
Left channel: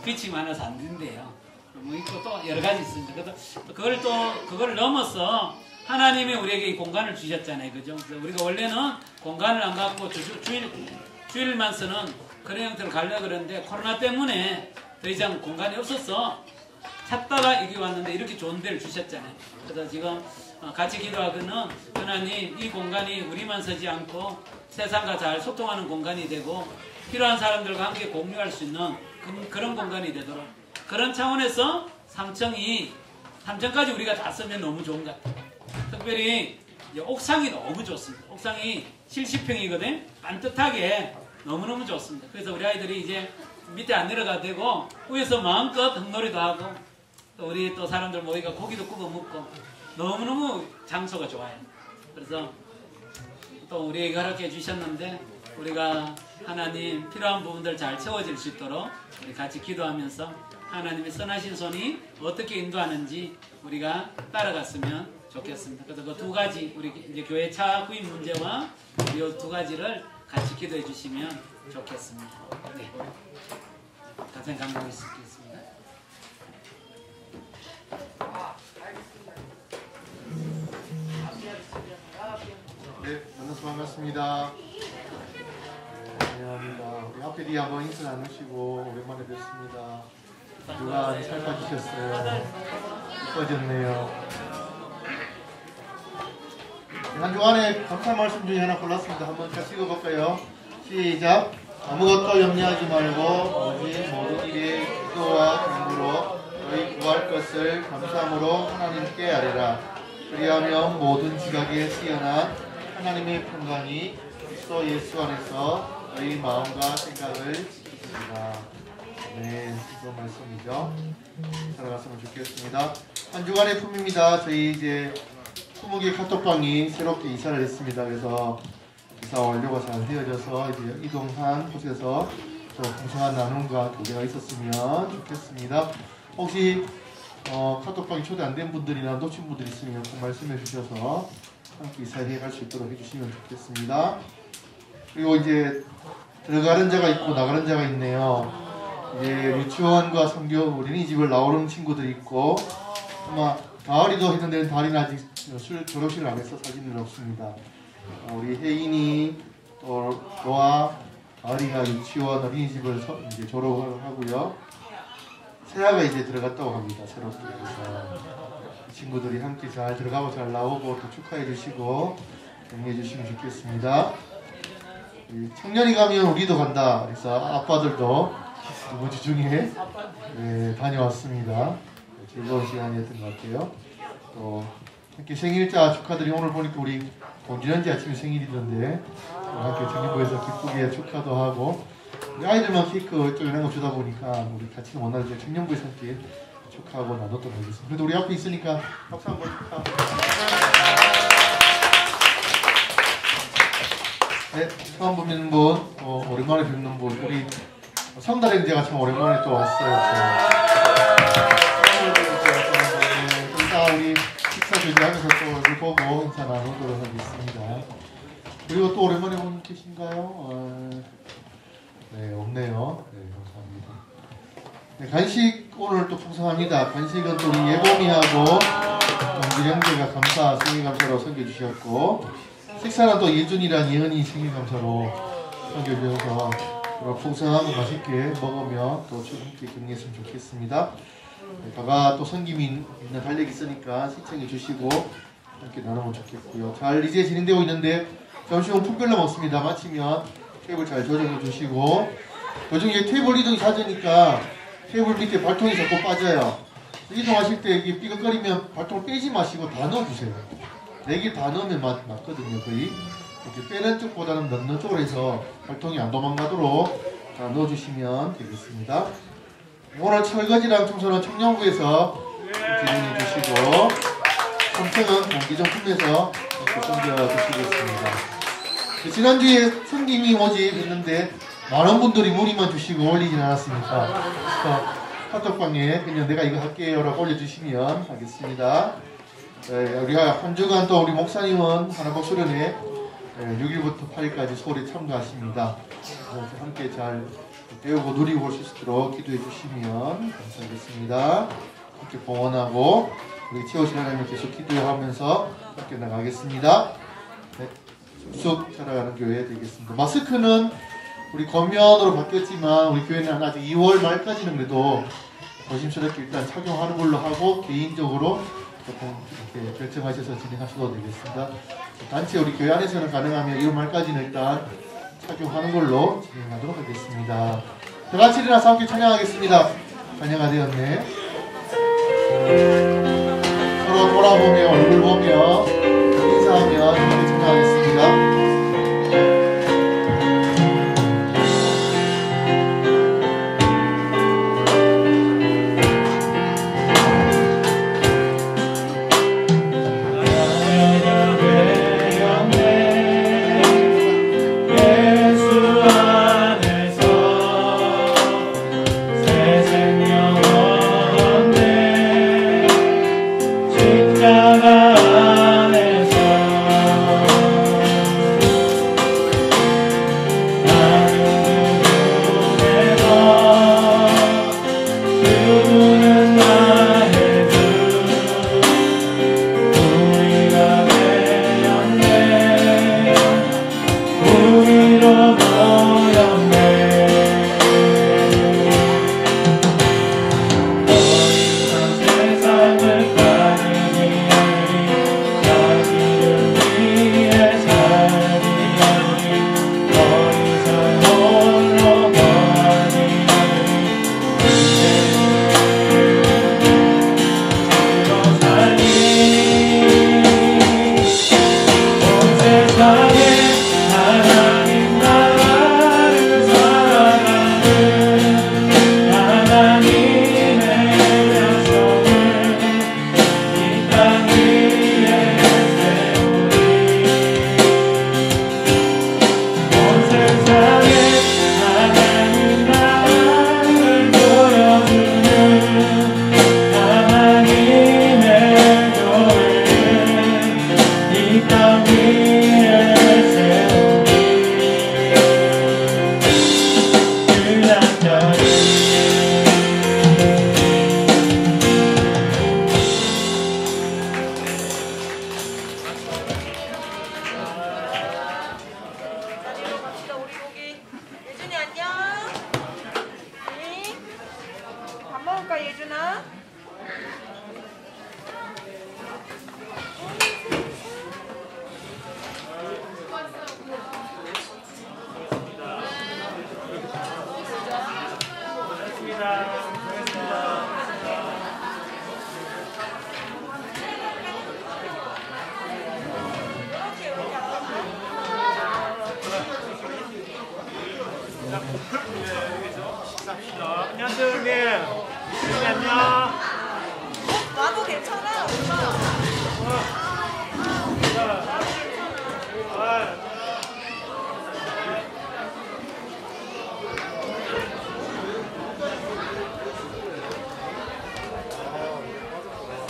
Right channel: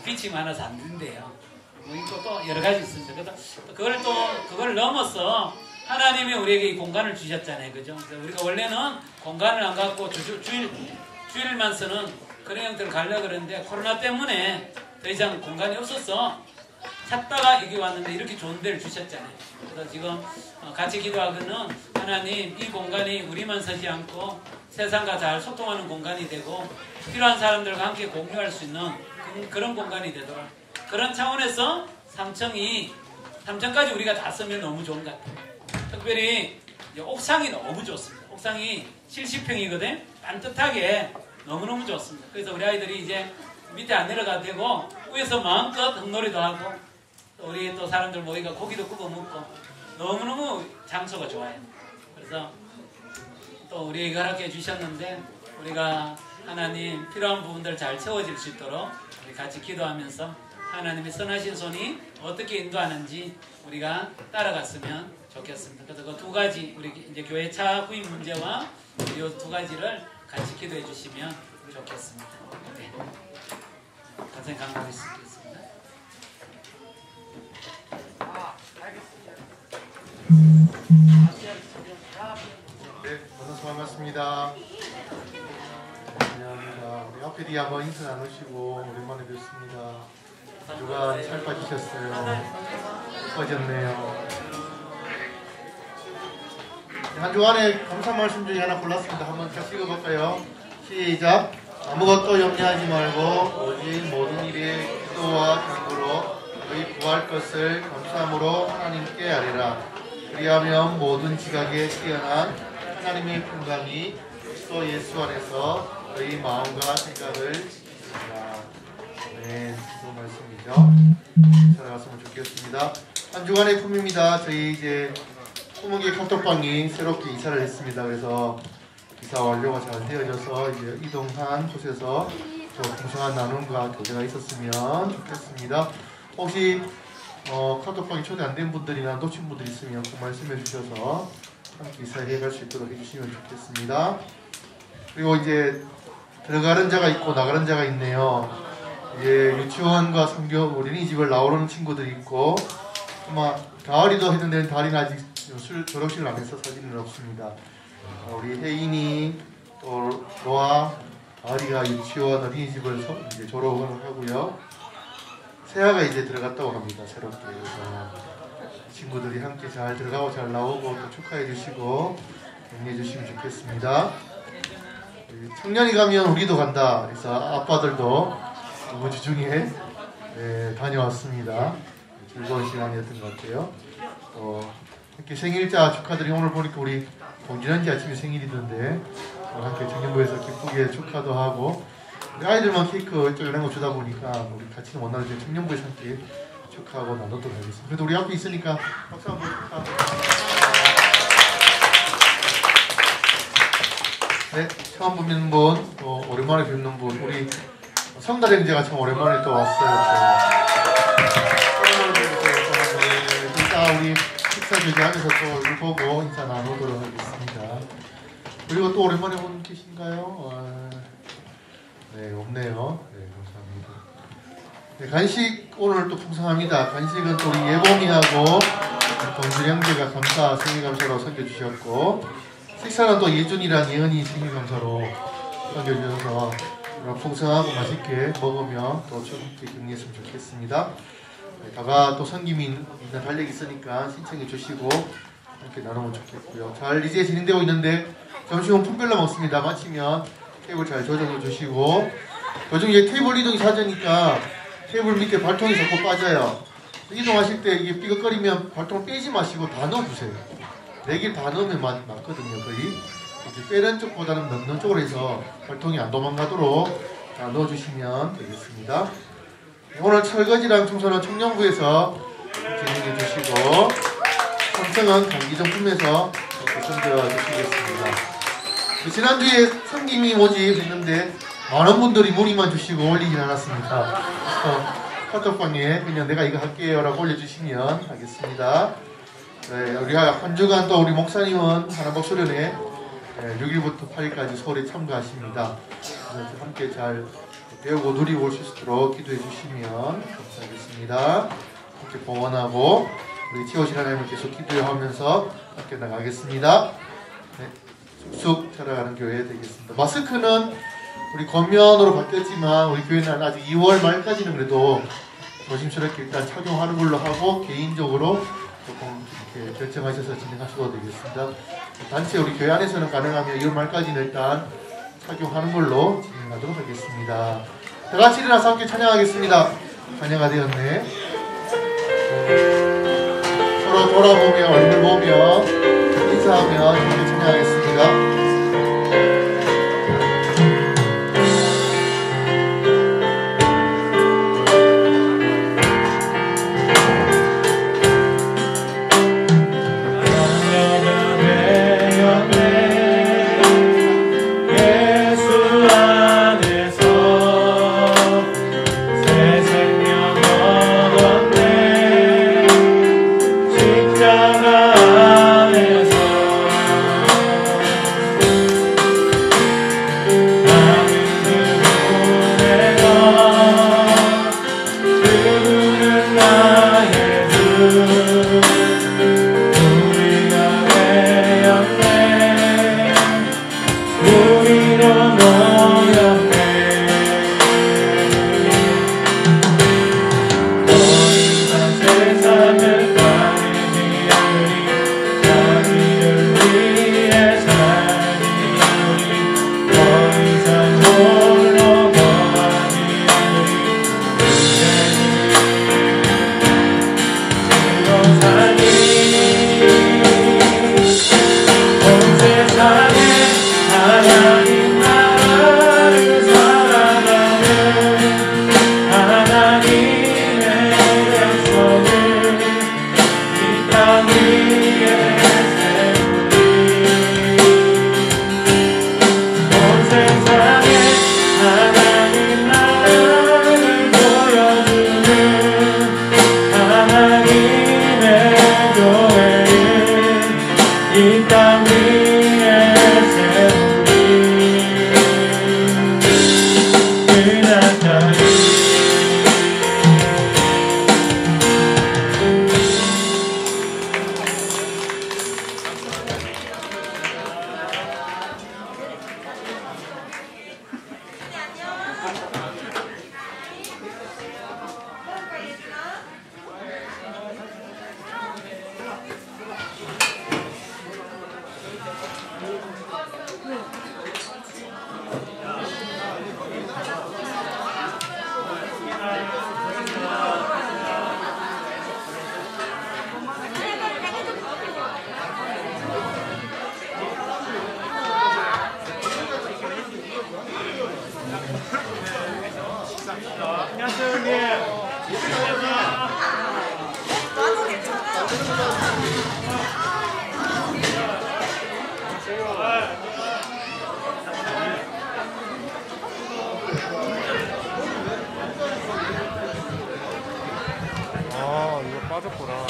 빛이 많아서 안 된대요. 뭐 있고 또 여러 가지 있습니다. 그래서 그걸 넘어서 하나님이 우리에게 이 공간을 주셨잖아요. 그죠? 우리가 원래는 공간을 안 갖고 주일만 쓰는 그런 형태로 가려고 그랬는데 코로나 때문에 더 이상 공간이 없어서 찾다가 여기 왔는데 이렇게 좋은 데를 주셨잖아요. 그래서 지금 같이 기도하고는 하나님 이 공간이 우리만 서지 않고 세상과 잘 소통하는 공간이 되고 필요한 사람들과 함께 공유할 수 있는 그런 공간이 되도록, 그런 차원에서 3층까지 우리가 다 쓰면 너무 좋은 것 같아요. 특별히 이제 옥상이 너무 좋습니다. 옥상이 70평이거든. 반듯하게 너무너무 좋습니다. 그래서 우리 아이들이 이제 밑에 안 내려가도 되고 위에서 마음껏 흙놀이도 하고, 또 우리 또 또 사람들 모이가 고기도 구워 먹고 너무너무 장소가 좋아요. 그래서 또 우리에게 허락해 주셨는데 우리가 하나님 필요한 부분들 잘 채워질 수 있도록 우리 같이 기도하면서 하나님의 선하신 손이 어떻게 인도하는지 우리가 따라갔으면 좋겠습니다. 그래서 그 두 가지 우리 이제 교회 차 구입 문제와 이 두 가지를 같이 기도해 주시면 좋겠습니다. 네. 간단히 강조하겠습니다. 네, 만나서 반갑습니다. 앞에 뒤에 한번 인사 나누시고 오랜만에 뵙습니다. 누가 살 빠지셨어요? 이뻐졌네요. 학교 안에 감사 말씀 중에 하나 골랐습니다. 한번 같이 읽어볼까요? 시작! 아무것도 염려하지 말고 오직 모든 일에 기도와 간구로 우리 구할 것을 감사함으로 하나님께 아뢰라. 그리하면 모든 지각에 뛰어난 하나님의 평강이 그리스도 예수 안에서 너희 마음과 생각을 지키시리라. 네, 그런 말씀이죠. 따라갔으면 좋겠습니다. 한 주간의 품입니다. 저희 이제 소목의 카톡방이 새롭게 이사를 했습니다. 그래서 이사 완료가 잘 되어져서 이제 이동한 곳에서 풍성한 나눔과 교제가 있었으면 좋겠습니다. 혹시 카톡방에 초대 안 된 분들이나 놓친 분들이 있으면 꼭 말씀해 주셔서 함께 이사에 갈 수 있도록 해주시면 좋겠습니다. 그리고 이제 들어가는 자가 있고 나가는 자가 있네요. 이제 유치원과 선교 어린이집을 나오는 친구들이 있고 아마 가을이도 했는데 가을이는 아직 졸업식을 안 해서 사진은 없습니다. 우리 혜인이 또 노아 가을이가 유치원 어린이집을 이제 졸업을 하고요. 세아가 이제 들어갔다고 합니다. 새롭게. 친구들이 함께 잘 들어가고 잘 나오고 축하해 주시고 응해 주시면 좋겠습니다. 청년이 가면 우리도 간다. 그래서 아빠들도 뭐 주중에 다녀왔습니다. 즐거운 시간이었던 것 같아요. 이렇게 생일자 축하드리 오늘 보니까 우리 공진원지 아침에 생일 있는데 함께 청년부에서 기쁘게 축하도 하고 아이들만 케이크 쫄래고 주다 보니까 우리 같이 오늘 이제 청년부에서 함께 축하하고 나눠도 되겠습니다. 그래도 우리 앞에 있으니까 박수 한번 축하합니다. 네, 처음 뵙는 분, 오랜만에 뵙는 분, 우리 성달행제가 참 오랜만에 또 왔어요. 우리 식사 주제하면서 또 얼굴 보고 인사 나누도록 하겠습니다. 그리고 또 오랜만에 분 계신가요? 네, 없네요. 네, 감사합니다. 네, 간식 오늘 또 풍성합니다. 간식은 또 우리 예봉이하고 유령제가 감사 생일감사로 섬겨주셨고 식사는 또 예준이랑 예은이 생일감사로 섬겨주셔서 풍성하고 맛있게 먹으며 또 함께 기능했으면 좋겠습니다. 다가 또 성김이 달력이 있으니까 신청해 주시고 함께 나누면 좋겠고요. 잘 이제 진행되고 있는데 점심은 품별로 먹습니다. 마치면 테이블 잘 조정해 주시고 요즘 테이블 이동이 잦으니까 테이블 밑에 발통이 자꾸 빠져요. 이동하실 때 이게 삐걱거리면 발통 빼지 마시고 다 넣어주세요. 4개 다 넣으면 맞거든요. 거의 빼는 쪽보다는 넣는 쪽으로 해서 발통이 안 도망가도록 다 넣어주시면 되겠습니다. 오늘 설거지랑 청소는 청년부에서 진행해 주시고 청소는 공기정품에서 챙겨주시겠습니다. 지난주에 성김이 모집 했는데 많은 분들이 문의만 주시고 올리진 않았습니다. 그래서 카톡방에 그냥 내가 이거 할게요 라고 올려주시면 하겠습니다. 네, 우리가 한 주간 또 우리 목사님은 하나복 수련회 6일부터 8일까지 서울에 참가하십니다. 함께 잘 배우고 누리고 올 수 있도록 기도해 주시면 감사하겠습니다. 함께 봉헌하고 우리 지어진 하나님을 계속 기도하면서 함께 나가겠습니다. 네, 쑥 자라가는 교회 되겠습니다. 마스크는 우리 겉면으로 바뀌었지만 우리 교회는 아직 2월 말까지는 그래도 조심스럽게 일단 착용하는 걸로 하고 개인적으로 조금 결정하셔서 진행하셔도 되겠습니다. 단체 우리 교회 안에서는 가능하면 2월 말까지는 일단 착용하는 걸로 진행하도록 하겠습니다. 다 같이 일어나서 함께 찬양하겠습니다. 찬양가 되었네. 서로 돌아보며 얼굴 보며 인사하며 함께 찬양하겠습니다. 안녕하세요, 형님. 아, 이거 빠졌구나.